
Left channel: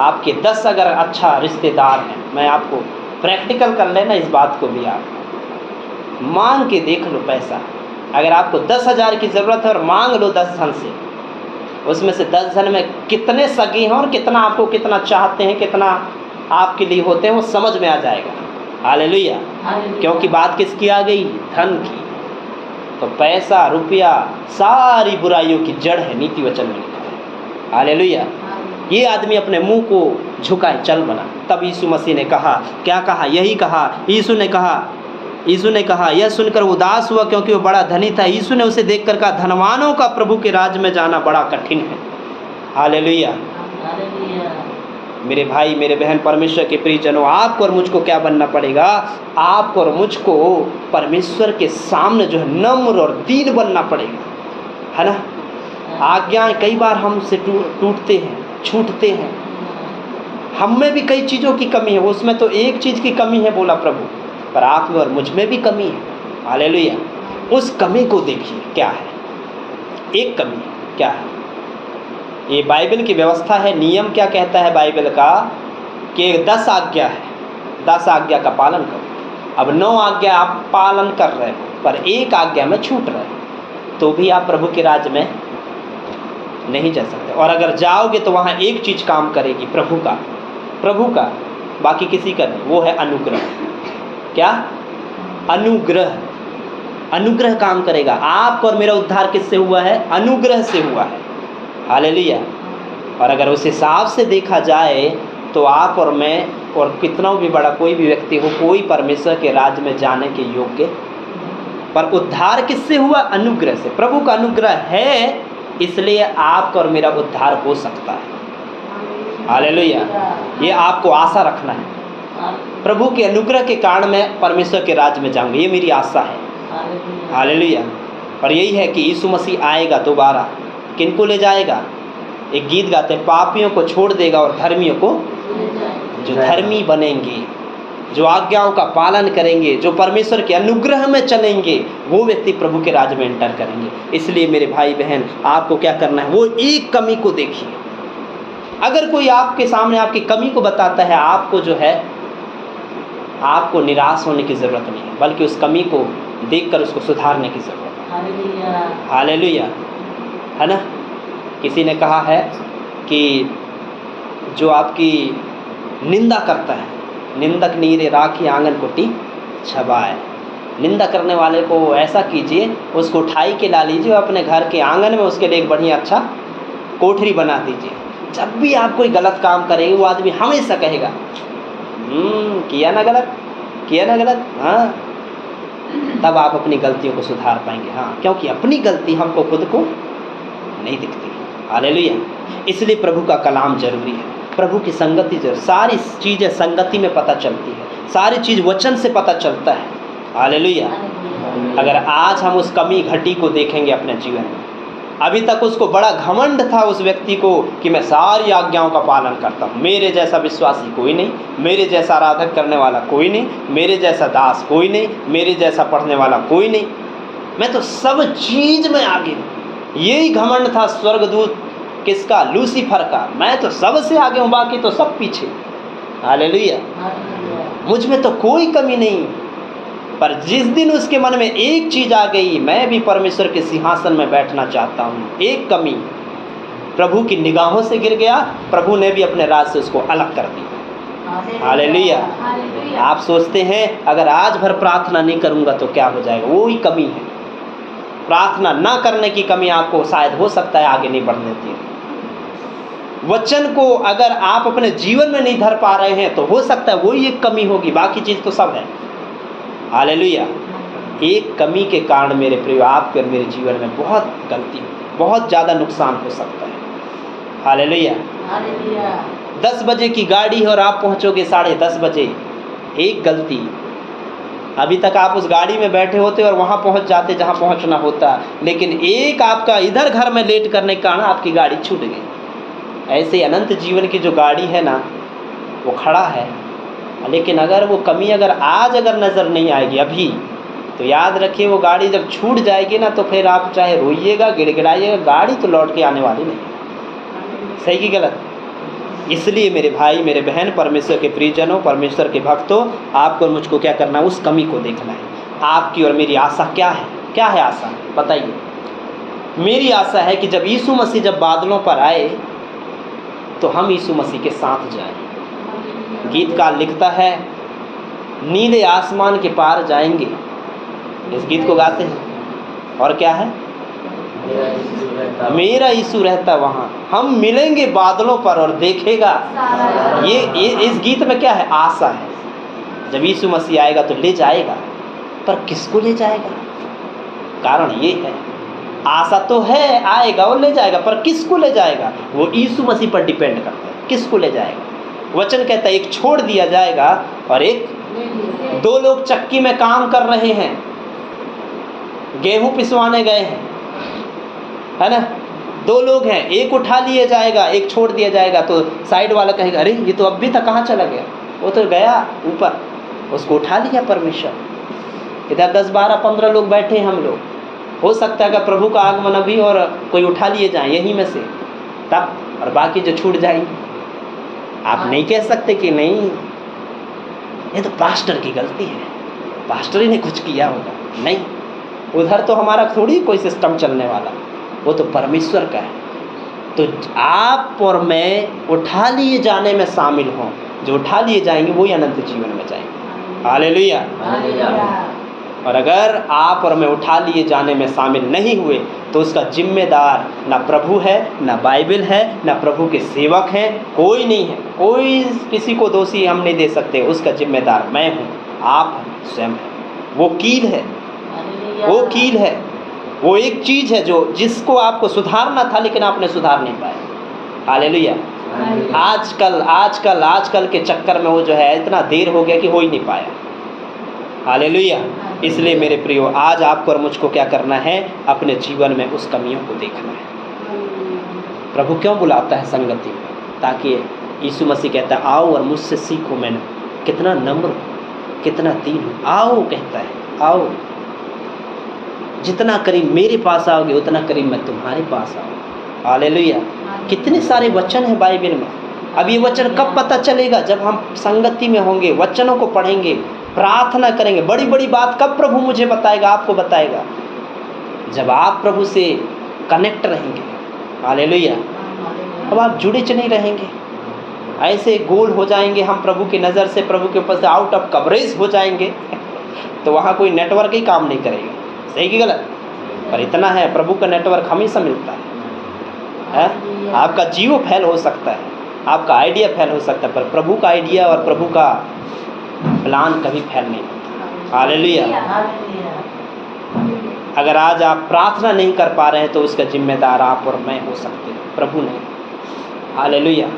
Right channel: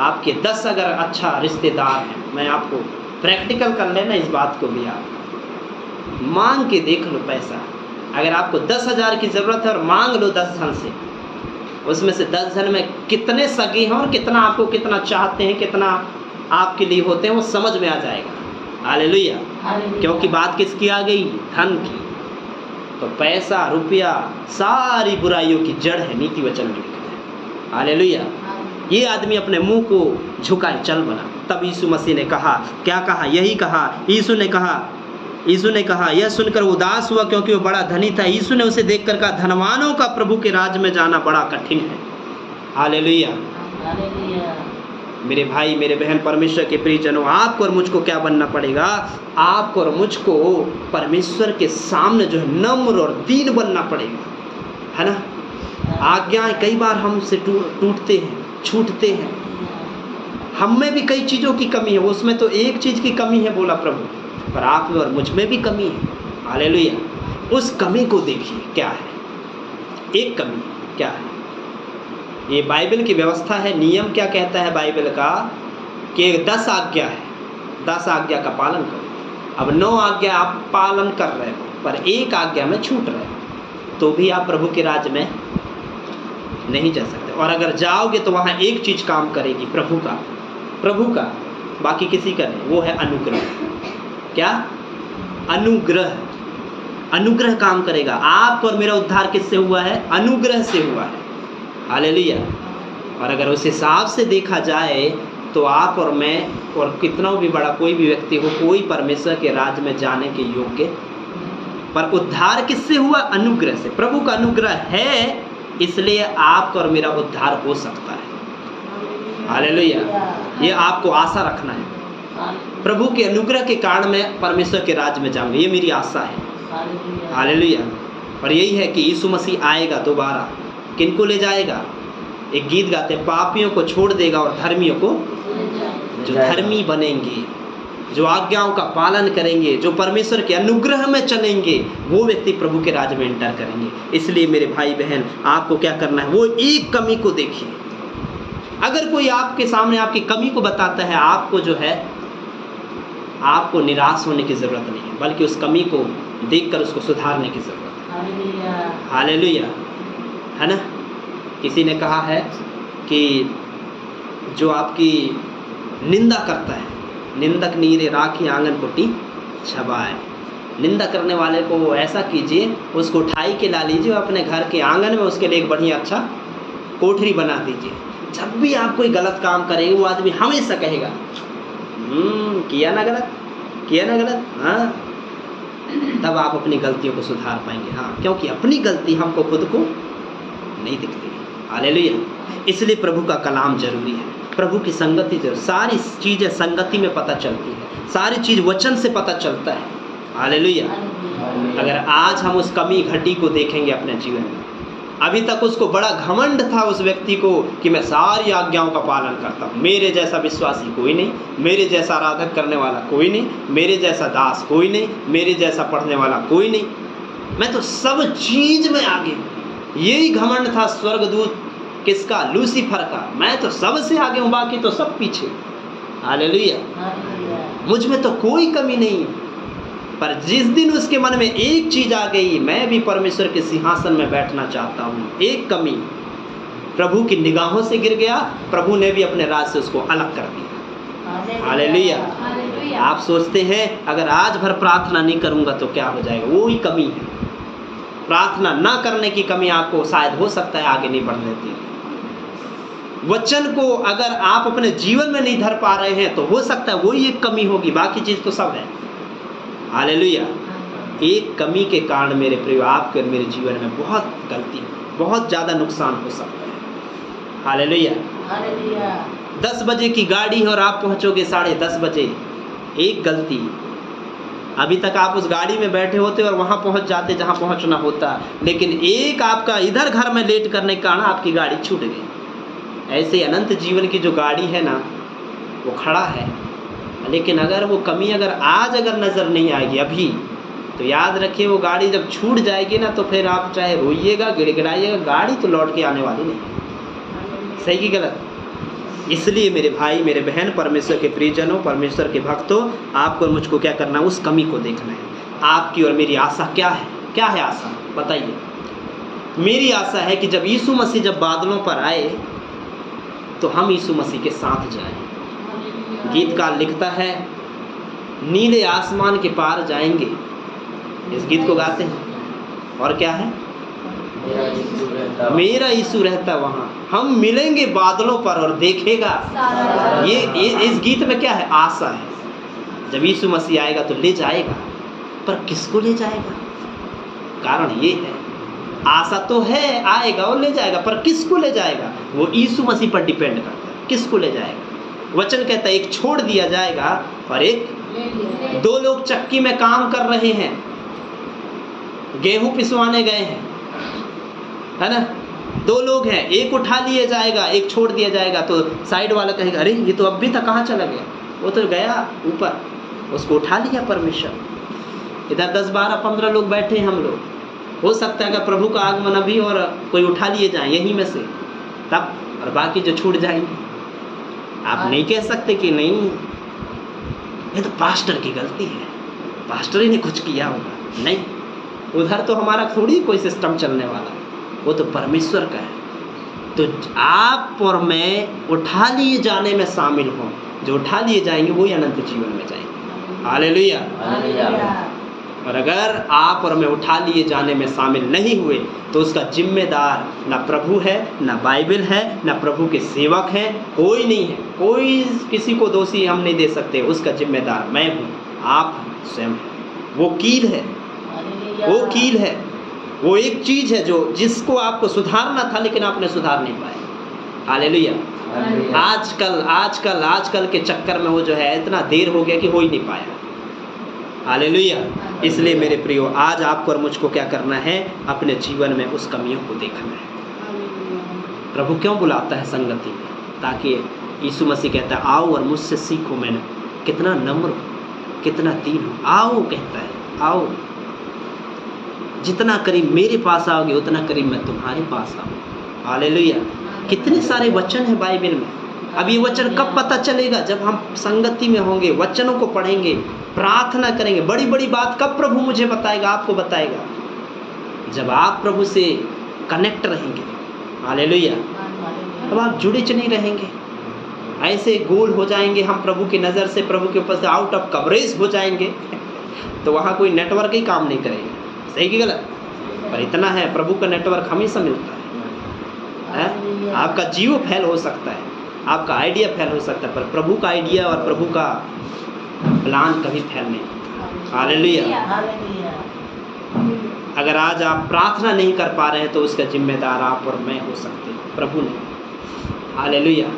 आपके 10 अगर अच्छा रिश्तेदार हैं, मैं आपको प्रैक्टिकल कर लेना इस बात को भी, आप मांग के देख लो पैसा। अगर आपको 10,000 की ज़रूरत है और मांग लो 10 जन से, उसमें से 10 जन में कितने सगे हैं और कितना आपको कितना चाहते हैं, कितना आपके लिए होते हैं, वो समझ में आ जाएगा। हालेलुया। क्योंकि बात किसकी आ गई, धन की। तो पैसा रुपया सारी बुराइयों की जड़ है, नीति वचन में लिखा है। हालेलुया। ये आदमी अपने मुंह को झुकाए चल बना। तब यीशु मसीह ने कहा, क्या कहा, यही कहा, यीशु ने कहा, यह सुनकर उदास हुआ क्योंकि वो बड़ा धनी था। यीशु ने उसे देखकर कहा, धनवानों का प्रभु के राज्य में जाना बड़ा कठिन है। हालेलुया। मेरे भाई मेरे बहन परमेश्वर के प्रियजनों, आपको और मुझको क्या बनना पड़ेगा, आपको और मुझको परमेश्वर के सामने जो है नम्र और दीन बनना पड़ेगा, है ना। आज्ञाएं कई बार हमसे टूटते हैं, छूटते हैं, हम में भी कई चीज़ों की कमी है, उसमें तो एक चीज़ की कमी है बोला प्रभु, पर आप में और मुझ में भी कमी है। हालेलुया। उस कमी को देखिए क्या है, एक कमी क्या है। ये बाइबल की व्यवस्था है, नियम क्या कहता है बाइबल का, कि 10 आज्ञा है, 10 आज्ञा का पालन करो। अब 9 आज्ञा आप पालन कर रहे हो पर एक आज्ञा में छूट रहे हो, तो भी आप प्रभु के राज्य में नहीं जा सकते। और अगर जाओगे तो वहाँ एक चीज़ काम करेगी, प्रभु का, बाकी किसी का नहीं, वो है अनुग्रह। क्या? अनुग्रह काम करेगा। आप और मेरा उद्धार किससे हुआ है? अनुग्रह से हुआ है। हालेलुया। और अगर उस हिसाब से देखा जाए तो आप और मैं और कितना भी बड़ा कोई भी व्यक्ति हो, कोई परमेश्वर के राज्य में जाने के योग्य, पर उद्धार किससे हुआ? अनुग्रह से। प्रभु का अनुग्रह है, इसलिए आपका और मेरा उद्धार हो सकता है। हालेलुया। ये आपको आशा रखना है, प्रभु के अनुग्रह के कारण मैं परमेश्वर के राज्य में जाऊंगा, ये मेरी आशा है। हालेलुया। और यही है कि यीशु मसीह आएगा दोबारा, किनको ले जाएगा? एक गीत गाते हैं, पापियों को छोड़ देगा और धर्मियों को, जो धर्मी बनेंगे, जो आज्ञाओं का पालन करेंगे, जो परमेश्वर के अनुग्रह में चलेंगे, वो व्यक्ति प्रभु के राज्य में एंटर करेंगे। इसलिए मेरे भाई बहन, आपको क्या करना है, वो एक कमी को देखिए। अगर कोई आपके सामने आपकी कमी को बताता है, आपको जो है, आपको निराश होने की ज़रूरत नहीं है, बल्कि उस कमी को देखकर उसको सुधारने की ज़रूरत है। हालेलुया, है ना। किसी ने कहा है कि जो आपकी निंदा करता है, निंदक नीरे राखी आंगन कुटी छबाए। निंदा करने वाले को ऐसा कीजिए, उसको उठाई के ला लीजिए, अपने घर के आंगन में उसके लिए एक बढ़िया अच्छा कोठरी बना दीजिए। जब भी आप कोई गलत काम करेंगे, वो आदमी हमेशा कहेगा, किया ना गलत, हाँ। तब आप अपनी गलतियों को सुधार पाएंगे। हाँ, क्योंकि अपनी गलती हमको खुद को नहीं दिखती। हालेलुया। इसलिए प्रभु का कलाम जरूरी है, प्रभु की संगति जरूरी। सारी चीज़ें संगति में पता चलती है, सारी चीज़ वचन से पता चलता है। हालेलुया। अगर आज हम उस कमी घटी को देखेंगे अपने जीवन में, अभी तक उसको बड़ा घमंड था उस व्यक्ति को कि मैं सारी आज्ञाओं का पालन करता हूँ, मेरे जैसा विश्वासी कोई नहीं, मेरे जैसा आराधक करने वाला कोई नहीं, मेरे जैसा दास कोई नहीं, मेरे जैसा पढ़ने वाला कोई नहीं, मैं तो सब चीज़ में आगे हूँ। यही घमंड था स्वर्गदूत किसका? लूसीफर का। मैं तो सबसे आगे हूँ, बाकी तो सब पीछे। हालेलुया। मुझ में तो कोई कमी नहीं। पर जिस दिन उसके मन में एक चीज आ गई, मैं भी परमेश्वर के सिंहासन में बैठना चाहता हूँ, एक कमी प्रभु की निगाहों से गिर गया, प्रभु ने भी अपने राज से उसको अलग कर दिया। हालेलुया। आप सोचते हैं अगर आज भर प्रार्थना नहीं करूंगा तो क्या हो जाएगा? वो ही कमी है। प्रार्थना ना करने की कमी आपको शायद हो सकता है आगे नहीं बढ़ लेती। वचन को अगर आप अपने जीवन में नहीं धर पा रहे हैं तो हो सकता है वही एक कमी होगी, बाकी चीज तो सब है। हालेलुया। एक कमी के कारण मेरे प्रिय आपके और मेरे जीवन में बहुत गलती, बहुत ज्यादा नुकसान हो सकता है। हालेलुया। 10 बजे की गाड़ी है और आप पहुंचोगे 10:30 बजे। एक गलती, अभी तक आप उस गाड़ी में बैठे होते और वहां पहुंच जाते जहां पहुंचना होता, लेकिन एक आपका इधर घर में लेट करने के कारण आपकी गाड़ी छूट गई। ऐसे अनंत जीवन की जो गाड़ी है ना, वो खड़ा है, लेकिन अगर वो कमी आज नजर नहीं आएगी अभी, तो याद रखिए वो गाड़ी जब छूट जाएगी ना, तो फिर आप चाहे रोइएगा, गिड़गिड़ाइएगा, गाड़ी तो लौट के आने वाली नहीं। सही की गलत? इसलिए मेरे भाई, मेरे बहन, परमेश्वर के प्रियजनों, परमेश्वर के भक्तों, आपको मुझको क्या करना है? उस कमी को देखना है। आपकी और मेरी आशा क्या है? क्या है आशा? बताइए। मेरी आशा है कि जब यीशु मसीह जब बादलों पर आए तो हम यीशु मसीह के साथ जाएं। गीतकार लिखता है, नीले आसमान के पार जाएंगे, इस गीत को गाते हैं। और क्या है? मेरा यीशु रहता वहाँ, हम मिलेंगे बादलों पर और देखेगा। ये इस गीत में क्या है? आशा है। जब यीशु मसीह आएगा तो ले जाएगा, पर किसको ले जाएगा? कारण ये है, आशा तो है आएगा और ले जाएगा, पर किसको ले जाएगा? वो यीशु मसीह पर डिपेंड करता है, किसको ले जाएगा। वचन कहता है एक छोड़ दिया जाएगा और एक, 2 लोग चक्की में काम कर रहे हैं, गेहूं पिसवाने गए हैं, है ना? 2 लोग हैं, एक उठा लिया जाएगा, एक छोड़ दिया जाएगा। तो साइड वाला कहेगा, अरे ये तो अभी तक कहाँ चला गया? वो तो गया ऊपर, उसको उठा लिया परमेश्वर। इधर 10, 12, 15 लोग बैठे हैं हम लोग। हो सकता है कि प्रभु का आगमन अभी और कोई उठा लिए जाए यहीं में से, तब, और बाकी जो छूट जाएंगे। आप नहीं कह सकते कि नहीं ये तो पास्टर की गलती है, पास्टर ही ने कुछ किया होगा। नहीं, उधर तो हमारा थोड़ी कोई सिस्टम चलने वाला, वो तो परमेश्वर का है। तो आप और मैं उठा लिए जाने में शामिल हों। जो उठा लिए जाएंगे वही अनंत जीवन में जाएंगे। हालेलुया। और अगर आप और मैं उठा लिए जाने में शामिल नहीं हुए तो उसका जिम्मेदार ना प्रभु है, ना बाइबल है, ना प्रभु के सेवक हैं, कोई नहीं है। कोई किसी को दोषी हम नहीं दे सकते। उसका जिम्मेदार मैं हूँ, आप स्वयं। वो कील है, वो कील है, वो एक चीज है जो जिसको आपको सुधारना था लेकिन आपने सुधार नहीं पाया। हालेलुया। आजकल के चक्कर में वो जो है इतना देर हो गया कि हो ही नहीं पाया। हालेलुया। इसलिए मेरे प्रियो, आज आपको और मुझको क्या करना है? अपने जीवन में उस कमियों को देखना है। प्रभु क्यों बुलाता है संगति में? ताकि यीशु मसीह कहता है, आओ और मुझसे सीखो, मैं कितना नम्र, कितना दीन हूँ। आओ कहता है, आओ, जितना करीब मेरे पास आओगे उतना करीब मैं तुम्हारे पास आऊँ। हालेलुया। कितने सारे वचन हैं बाइबल में। अब ये वचन कब पता चलेगा? जब हम संगति में होंगे, वचनों को पढ़ेंगे, प्रार्थना करेंगे। बड़ी बड़ी बात कब प्रभु मुझे बताएगा, आपको बताएगा? जब आप प्रभु से कनेक्ट रहेंगे। हालेलुया। अब आप जुड़े नहीं रहेंगे, ऐसे गोल हो जाएंगे हम प्रभु की नज़र से, प्रभु के ऊपर से आउट ऑफ कवरेज हो जाएंगे, तो वहाँ कोई नेटवर्क ही काम नहीं करेगा। सही कि गलत? पर इतना है, प्रभु का नेटवर्क हमेशा मिलता है। आपका जियो फेल हो सकता है, आपका आइडिया फेल हो सकता है, पर प्रभु का आइडिया और प्रभु का प्लान कभी फेल नहीं। हालेलुया। अगर आज आप प्रार्थना नहीं कर पा रहे हैं तो उसका जिम्मेदार आप और मैं हो सकते हैं, प्रभु नहीं। हालेलुया।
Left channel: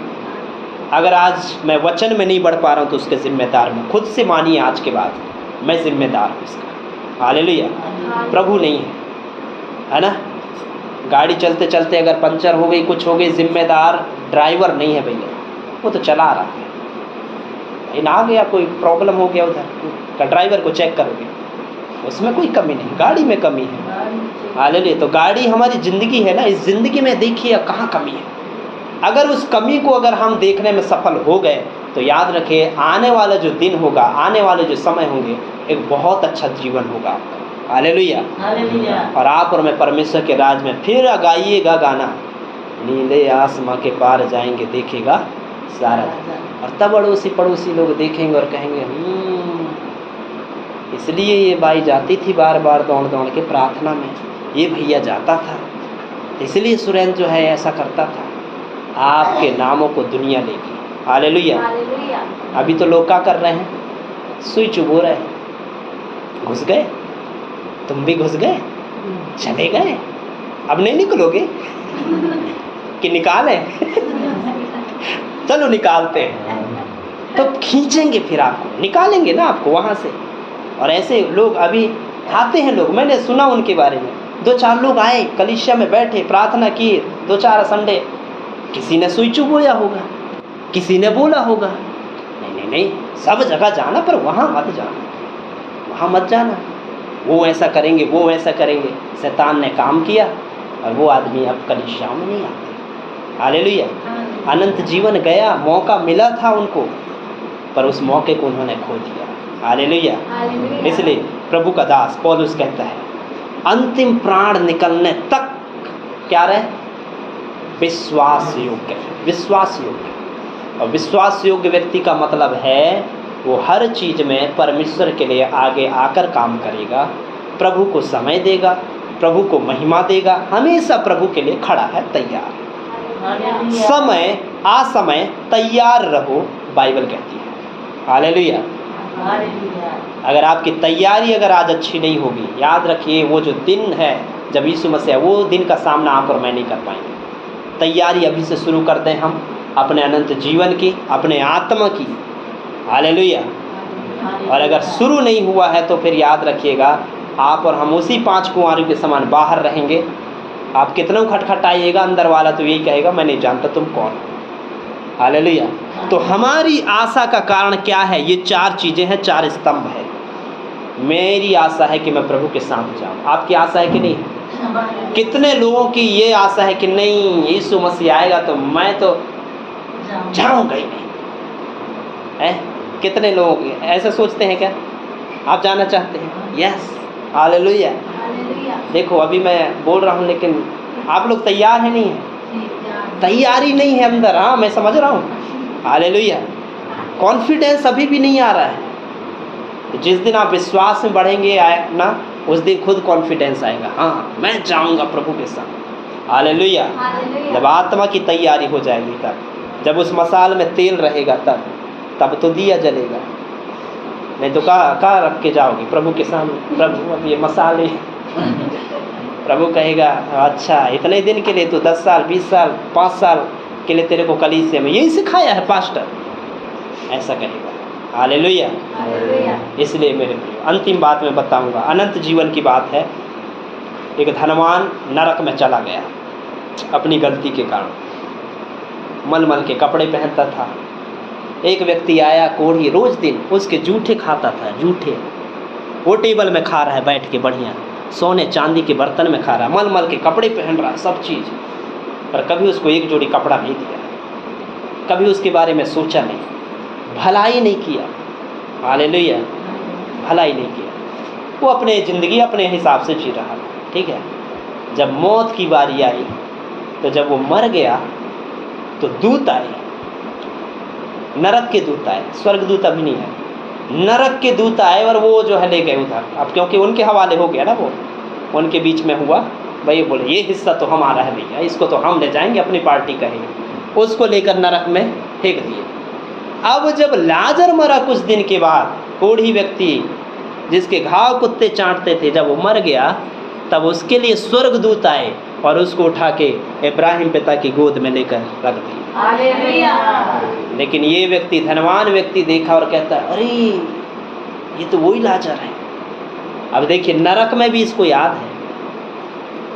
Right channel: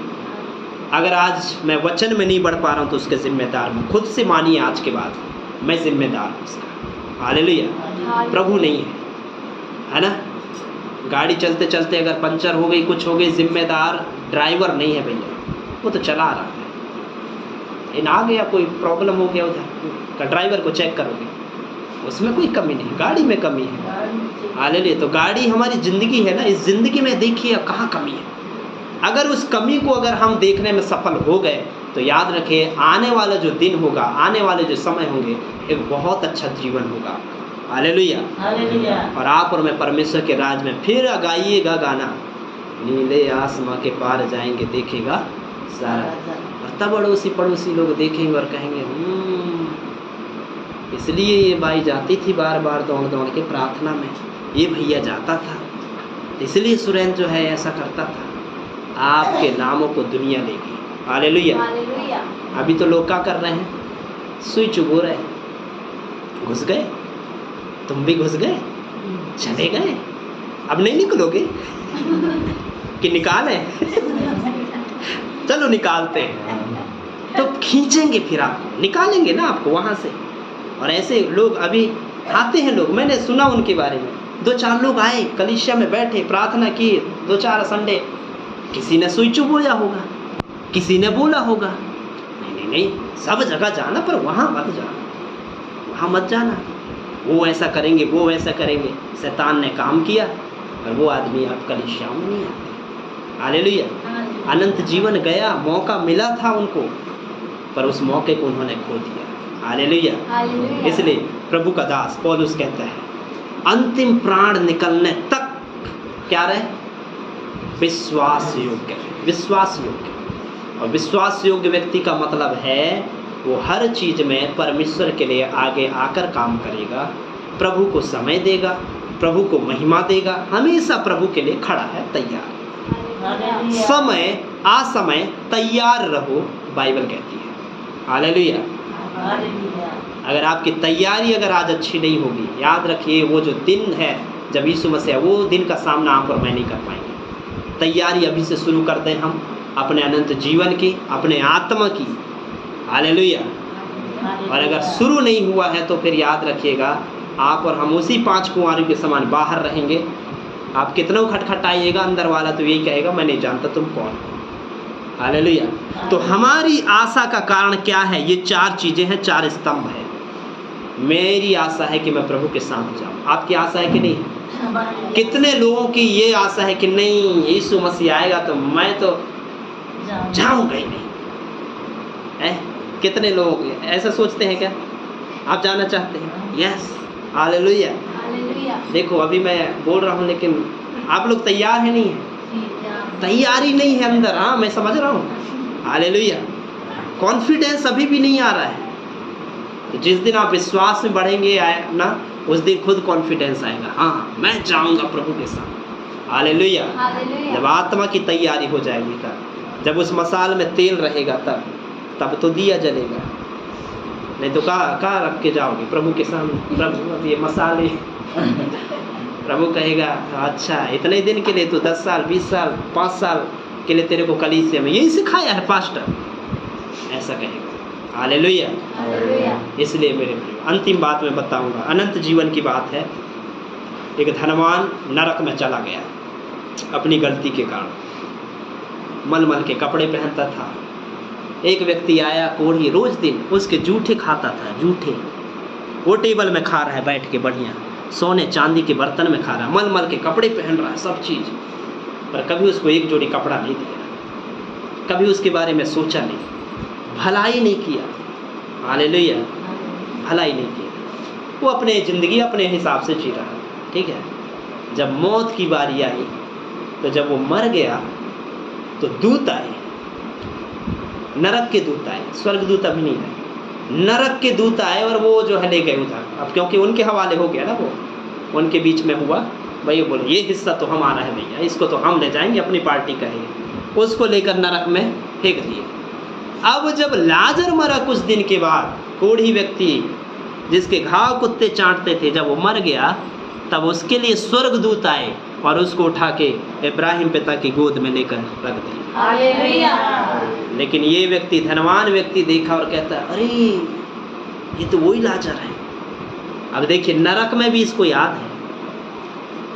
अगर आज मैं वचन में नहीं बढ़ पा रहा हूँ तो उसके जिम्मेदार मैं। खुद से मानिए आज के बाद, मैं जिम्मेदार हूँ इसका। हालेलुया। प्रभु नहीं है ना? गाड़ी चलते चलते अगर पंचर हो गई, कुछ हो गई, जिम्मेदार ड्राइवर नहीं है भैया, वो तो चला रहा है। इन आ गया कोई प्रॉब्लम हो गया उधर, का ड्राइवर को चेक करोगे, उसमें कोई कमी नहीं, गाड़ी में कमी है। हालेलुया। तो गाड़ी हमारी ज़िंदगी है ना, इस ज़िंदगी में देखिए कहाँ कमी है। अगर उस कमी को अगर हम देखने में सफल हो गए तो याद रखिए आने वाला जो दिन होगा, आने वाले जो समय होंगे, एक बहुत अच्छा जीवन होगा आपका। हालेलुया। और आप और मैं परमेश्वर के राज में फिर गाइएगा गाना, नीले आसमां के पार जाएंगे देखेगा सारा। और तब अड़ोसी पड़ोसी लोग देखेंगे और कहेंगे इसलिए ये बाई जाती थी बार बार दौड़ दौड़ के प्रार्थना में, ये भैया जाता था, इसलिए सुरेंद्र जो है ऐसा करता था। आपके नामों को दुनिया लेगी। हालेलुया। अभी तो लोग क्या कर रहे हैं, सुई चुभो रहे, घुस गए, तुम भी घुस गए, चले गए, अब नहीं निकलोगे कि निकाले चलो निकालते तो खींचेंगे, फिर आपको निकालेंगे ना आपको वहाँ से। और ऐसे लोग अभी आते हैं लोग, मैंने सुना उनके बारे में, 2-4 लोग आए कलीसिया में बैठे, प्रार्थना किए 2-4 संडे, किसी ने सुई चुभोया होगा, किसी ने बोला होगा नहीं सब जगह जाना, पर वहाँ मत जाना, वहाँ मत जाना, वो ऐसा करेंगे, वो ऐसा करेंगे। शैतान ने काम किया और वो आदमी अब कलीसिया में नहीं आता। हालेलुया। अनंत जीवन गया, मौका मिला था उनको, पर उस मौके को उन्होंने खो दिया। हालेलुया। इसलिए प्रभु का दास पौलुस कहता है अंतिम प्राण निकलने तक क्या रहे, विश्वास योग्य। विश्वास योग्य, और विश्वास योग्य व्यक्ति का मतलब है वो हर चीज में परमेश्वर के लिए आगे आकर काम करेगा, प्रभु को समय देगा, प्रभु को महिमा देगा, हमेशा प्रभु के लिए खड़ा है तैयार। समय असमय तैयार रहो, बाइबल कहती है। हालेलुया। अगर आपकी तैयारी अगर आज अच्छी नहीं होगी, याद रखिए वो जो दिन है जब यीशु मसीह, वो दिन का सामना आप और मैं नहीं कर पाएंगे। तैयारी अभी से शुरू करते हैं हम अपने अनंत जीवन की, अपने आत्मा की। हालेलुया। और अगर शुरू नहीं हुआ है तो फिर याद रखिएगा आप और हम उसी 5 कुंवारों के समान बाहर रहेंगे। आप कितना खटखटाइएगा, अंदर वाला तो यही कहेगा मैं नहीं जानता तुम कौन हो। हालेलुया। तो हमारी आशा का कारण क्या है, ये 4 चीज़ें हैं, 4 स्तंभ है। मेरी आशा है कि मैं प्रभु के साथ जाऊँ। आपकी आशा है कि नहीं? कितने लोगों की ये आशा है कि नहीं यीशु मसीह आएगा तो मैं तो जाऊँगा ही नहीं है? कितने लोग ऐसा सोचते हैं क्या? आप जाना चाहते हैं? यस। हालेलुया। देखो अभी मैं बोल रहा हूँ लेकिन आप लोग तैयार है नहीं है, तैयारी नहीं है अंदर। हाँ मैं समझ रहा हूँ। हालेलुया। कॉन्फिडेंस अभी भी नहीं आ रहा है। तो जिस दिन आप विश्वास में बढ़ेंगे आए ना, उस दिन खुद कॉन्फिडेंस आएगा, हाँ मैं जाऊँगा प्रभु के साथ। हालेलुया। जब आत्मा की तैयारी हो जाएगी तब, जब उस मसाल में तेल रहेगा तब तो दिया जलेगा। नहीं तो कहाँ रख के जाओगे प्रभु के सामने? प्रभु अब ये मसाले प्रभु कहेगा अच्छा इतने दिन के लिए तो 10 साल 20 साल 5 साल के लिए तेरे को कलीसिया में यही सिखाया है पास्टर, ऐसा कहेगा। हालेलुया। इसलिए मेरे अंतिम बात मैं बताऊंगा, अनंत जीवन की बात है। एक धनवान नरक में चला गया अपनी गलती के कारण, मलमल के कपड़े पहनता था। एक व्यक्ति आया कोढ़ी, रोज दिन उसके जूठे खाता था, जूठे। वो टेबल में खा रहा है बैठ के बढ़िया, सोने चांदी के बर्तन में खा रहा है, मलमल के कपड़े पहन रहा है, सब चीज़, पर कभी उसको एक जोड़ी कपड़ा नहीं दिया, कभी उसके बारे में सोचा नहीं, भलाई नहीं किया। हालेलुया। भलाई नहीं किया, वो अपने ज़िंदगी अपने हिसाब से जी रहा है, ठीक है। जब मौत की बारी आई तो जब वो मर गया तो दूत आए, नरक के दूत आए, स्वर्ग दूत अभी नहीं है, नरक के दूत आए और वो जो है ले गए उधर। अब क्योंकि उनके हवाले हो गया ना, वो उनके बीच में हुआ, भाई बोले ये हिस्सा तो हमारा है भैया, इसको तो हम ले जाएंगे, अपनी पार्टी करेंगे। उसको लेकर नरक में फेंक दिए। अब जब लाजर मरा कुछ दिन के बाद, कोढ़ी व्यक्ति जिसके घाव कुत्ते चाटते थे, जब वो मर गया तब उसके लिए स्वर्ग दूत आए और उसको उठा के इब्राहिम पिता की गोद में लेकर रख दिया। हालेलुया। लेकिन ये व्यक्ति, धनवान व्यक्ति, देखा और कहता अरे ये तो वही लाजर है। अब देखिए नरक में भी इसको याद है।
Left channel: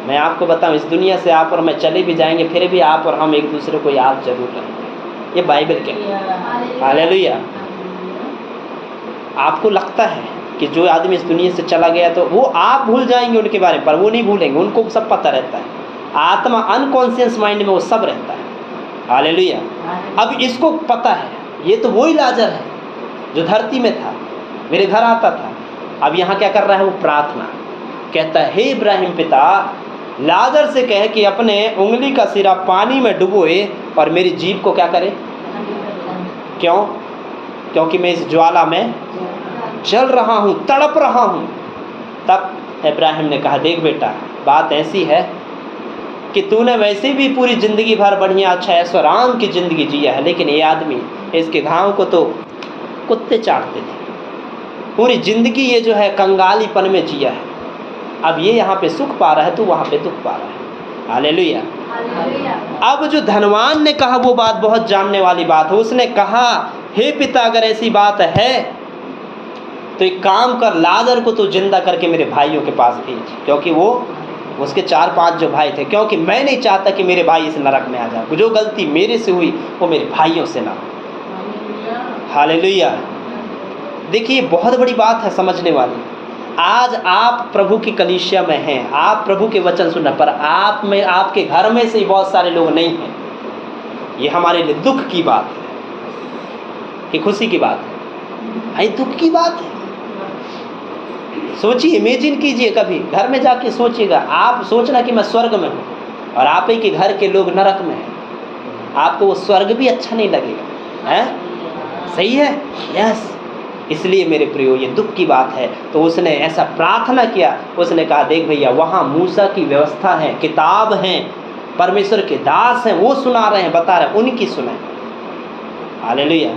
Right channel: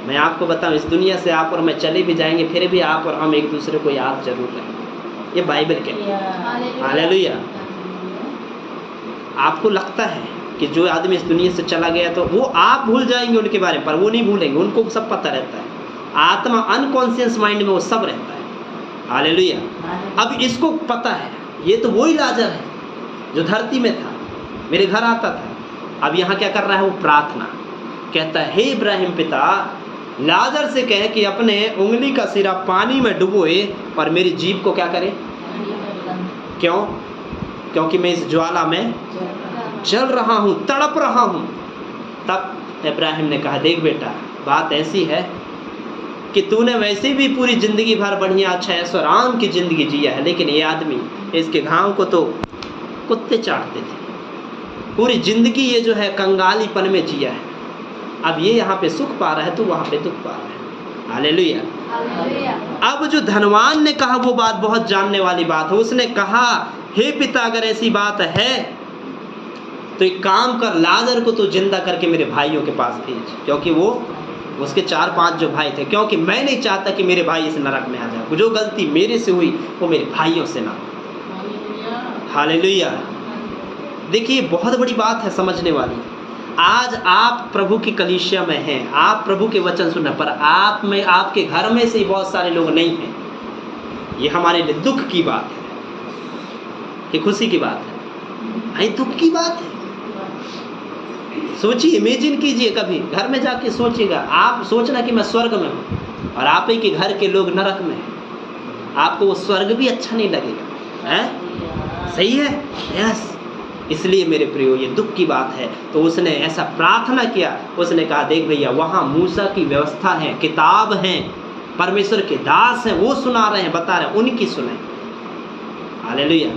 मैं आपको बताऊं, इस दुनिया से आप और मैं चले भी जाएंगे फिर भी आप और हम एक दूसरे को याद जरूर करेंगे, ये बाइबल कहती है। हालेलुया। आपको लगता है कि जो आदमी इस दुनिया से चला गया तो वो आप भूल जाएंगे उनके बारे में, पर वो नहीं भूलेंगे, उनको सब पता रहता है। आत्मा अनकॉन्शियस माइंड में वो सब रहता है। हालेलुया। अब इसको पता है, ये तो वही लाजर है जो धरती में था, मेरे घर आता था। अब यहाँ क्या कर रहा है वो? प्रार्थना कहता है, हे इब्राहिम पिता, लाजर से कहे कि अपने उंगली का सिरा पानी में डुबोए और मेरी जीभ को क्या करे? क्यों? क्योंकि मैं इस ज्वाला में जल रहा हूँ, तड़प रहा हूँ। तब इब्राहिम ने कहा, देख बेटा, बात ऐसी है कि तूने वैसे भी पूरी ज़िंदगी भर बढ़िया अच्छा ऐश्वर्याम की ज़िंदगी जिया है, लेकिन ये आदमी, इसके घाव को तो कुत्ते चाटते थे। पूरी ज़िंदगी ये जो है कंगालीपन में जिया है। अब ये यहाँ पे सुख पा रहा है, तो वहाँ पे दुख पा रहा है। हालेलुया। अब जो धनवान ने कहा वो बात बहुत जानने वाली बात है। उसने कहा, हे पिता, अगर ऐसी बात है तो एक काम कर, लाजर को तो जिंदा करके मेरे भाइयों के पास भेज, क्योंकि वो उसके 4-5 जो भाई थे, क्योंकि मैं नहीं चाहता कि मेरे भाई इस नरक में आ जाए। जो गलती मेरे से हुई वो मेरे भाइयों से ना। हालेलुया। देखिए, बहुत बड़ी बात है समझने वाली। आज आप प्रभु की कलीसिया में हैं, आप प्रभु के वचन सुन रहे, पर आप में, आपके घर में से ही बहुत सारे लोग नहीं हैं। ये हमारे लिए दुख की बात है कि खुशी की बात है? भाई दुख की बात है। सोचिए, इमेजिन कीजिए, कभी घर में जाके सोचिएगा। आप सोचना कि मैं स्वर्ग में हूँ और आप ही के घर के लोग नरक में हैं, आपको वो स्वर्ग भी अच्छा नहीं लगेगा, है? सही है? यस। इसलिए मेरे प्रियो, ये दुख की बात है। तो उसने ऐसा प्रार्थना किया, उसने कहा, देख भैया, वहाँ मूसा की व्यवस्था है, किताब है, परमेश्वर के दास हैं, वो सुना रहे हैं, बता रहे हैं, उनकी सुने। हालेलुया।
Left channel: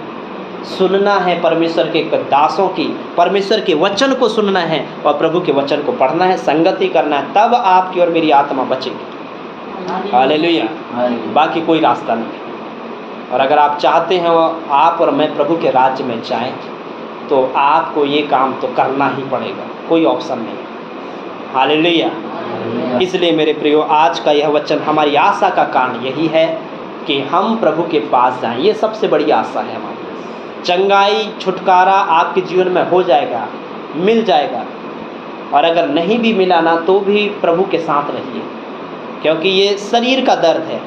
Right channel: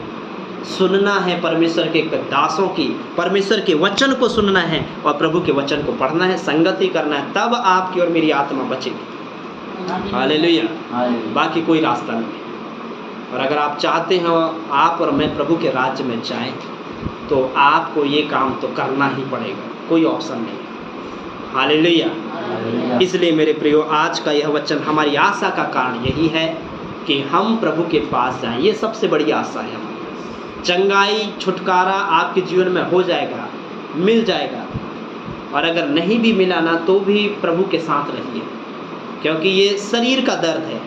सुनना है परमेश्वर के दासों की, परमेश्वर के वचन को सुनना है और प्रभु के वचन को पढ़ना है, संगति करना है, तब आपकी और मेरी आत्मा बचेगी। हालेलुया। बाकी कोई रास्ता नहीं। और अगर आप चाहते हैं आप और मैं प्रभु के राज्य में जाएं, तो आपको ये काम तो करना ही पड़ेगा, कोई ऑप्शन नहीं। हालेलुया। इसलिए मेरे प्रियो, आज का यह वचन हमारी आशा का कारण यही है कि हम प्रभु के पास जाएं। ये सबसे बड़ी आशा है हमारी। चंगाई, छुटकारा आपके जीवन में हो जाएगा, मिल जाएगा। और अगर नहीं भी मिला ना, तो भी प्रभु के साथ रहिए, क्योंकि ये शरीर का दर्द है।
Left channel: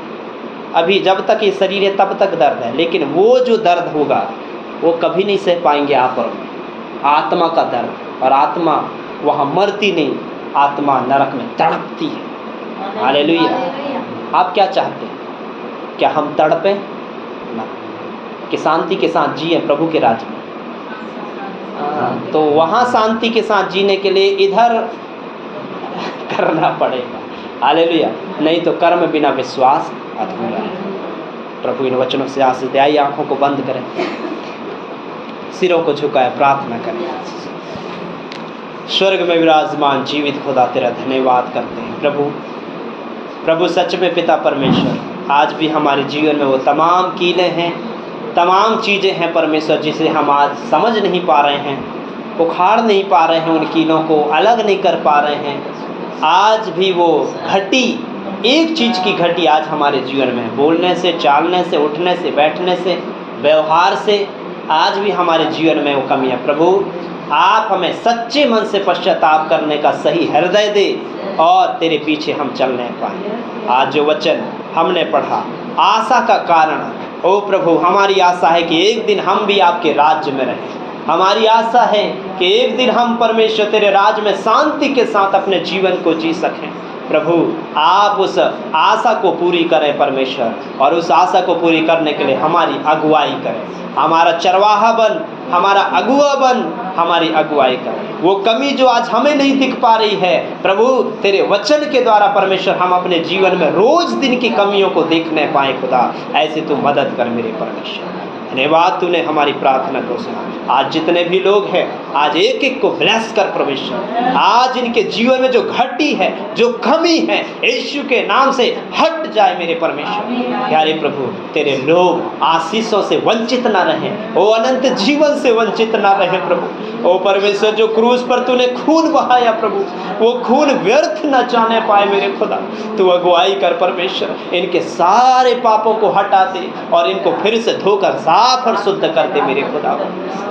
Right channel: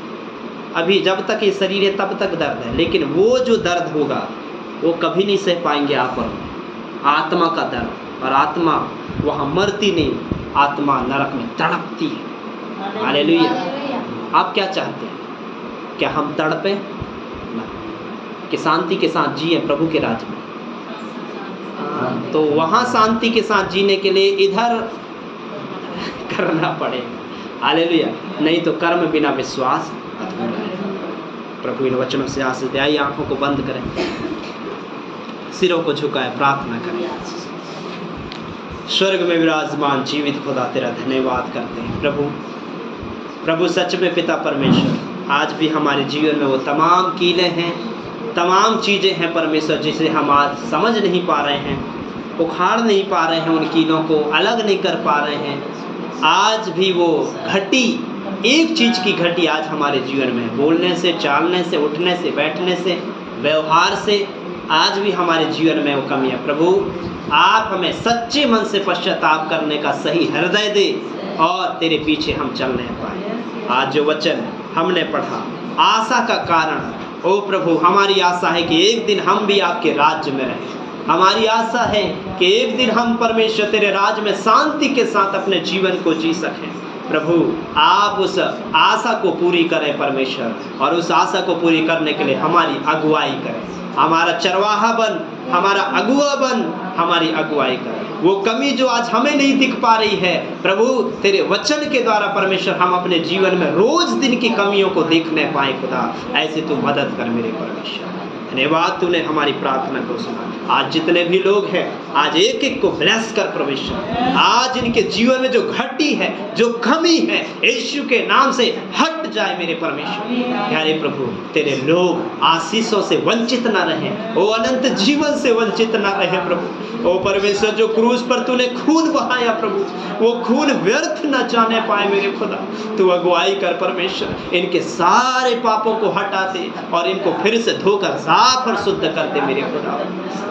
अभी जब तक ये शरीर है तब तक दर्द है, लेकिन वो जो दर्द होगा वो कभी नहीं सह पाएंगे आप और मैं। आत्मा का दर्द, और आत्मा वहाँ मरती नहीं, आत्मा नरक में तड़पती है। हालेलुया। आप क्या चाहते हैं? क्या हम तड़पें? ना, कि शांति के साथ जिए प्रभु के राज्य में। तो वहाँ शांति के साथ जीने के लिए इधर करना पड़ेगा। हालेलुया। नहीं तो कर्म बिना विश्वास अधूरा। प्रभु इन वचनों से आशीष दे। आइए आंखों को बंद करें, सिरों को झुकाए, प्रार्थना करें। स्वर्ग में विराजमान जीवित खुदा, तेरा धन्यवाद करते हैं प्रभु सच में पिता परमेश्वर, आज भी हमारे जीवन में वो तमाम कीले हैं, तमाम चीज़ें हैं परमेश्वर, जिसे हम आज समझ नहीं पा रहे हैं, उखाड़ नहीं पा रहे हैं, उन कीलों को अलग नहीं कर पा रहे हैं। आज भी वो घटी, एक चीज़ की घटी आज हमारे जीवन में, बोलने से, चालने से, उठने से, बैठने से, व्यवहार से, आज भी हमारे जीवन में वो कमी है। प्रभु आप हमें सच्चे मन से पश्चाताप करने का सही हृदय दे और तेरे पीछे हम चलने पाएँ। आज जो वचन हमने पढ़ा आशा का कारण, ओ प्रभु हमारी आशा है कि एक दिन हम भी आपके राज्य में रहें। हमारी आशा है कि एक दिन हम परमेश्वर तेरे राज्य में शांति के साथ अपने जीवन को जी सकें। प्रभु आप उस आशा को पूरी करें परमेश्वर, और उस आशा को पूरी करने के लिए हमारी अगुवाई करें। हमारा चरवाहा बन, हमारा अगुआ बन, हमारी अगुवाई करें। वो कमी जो आज हमें नहीं दिख पा रही है प्रभु, तेरे वचन के द्वारा परमेश्वर हम अपने जीवन में रोज दिन की कमियों को देखने पाए खुदा, ऐसे तू मदद कर मेरे परमेश्वर। धन्यवाद, तूने हमारी प्रार्थना को सुना। आज जितने भी लोग हैं, आज एक एक को ब्लेस कर परमेश्वर। आज इनके जीवन में जो घटी है, जो कमी है, यीशु के नाम से हट जाए मेरे परमेश्वर। प्यारे प्रभु, तेरे लोग आशीषों से वंचित ना रहें, वो अनंत जीवन से वंचित ना रहे प्रभु। ओ परमेश्वर, जो क्रूस पर तूने खून बहाया प्रभु, वो खून व्यर्थ न जाने पाए मेरे खुदा। तू अगुवाई कर परमेश्वर, इनके सारे पापों को हटा दे और इनको फिर से धोकर साफ और शुद्ध कर दे मेरे खुदा।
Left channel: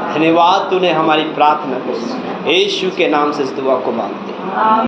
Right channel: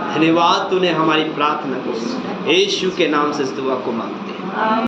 धन्यवाद, तूने हमारी प्रार्थना को यीशु के नाम से इस दुआ को मांगते हैं।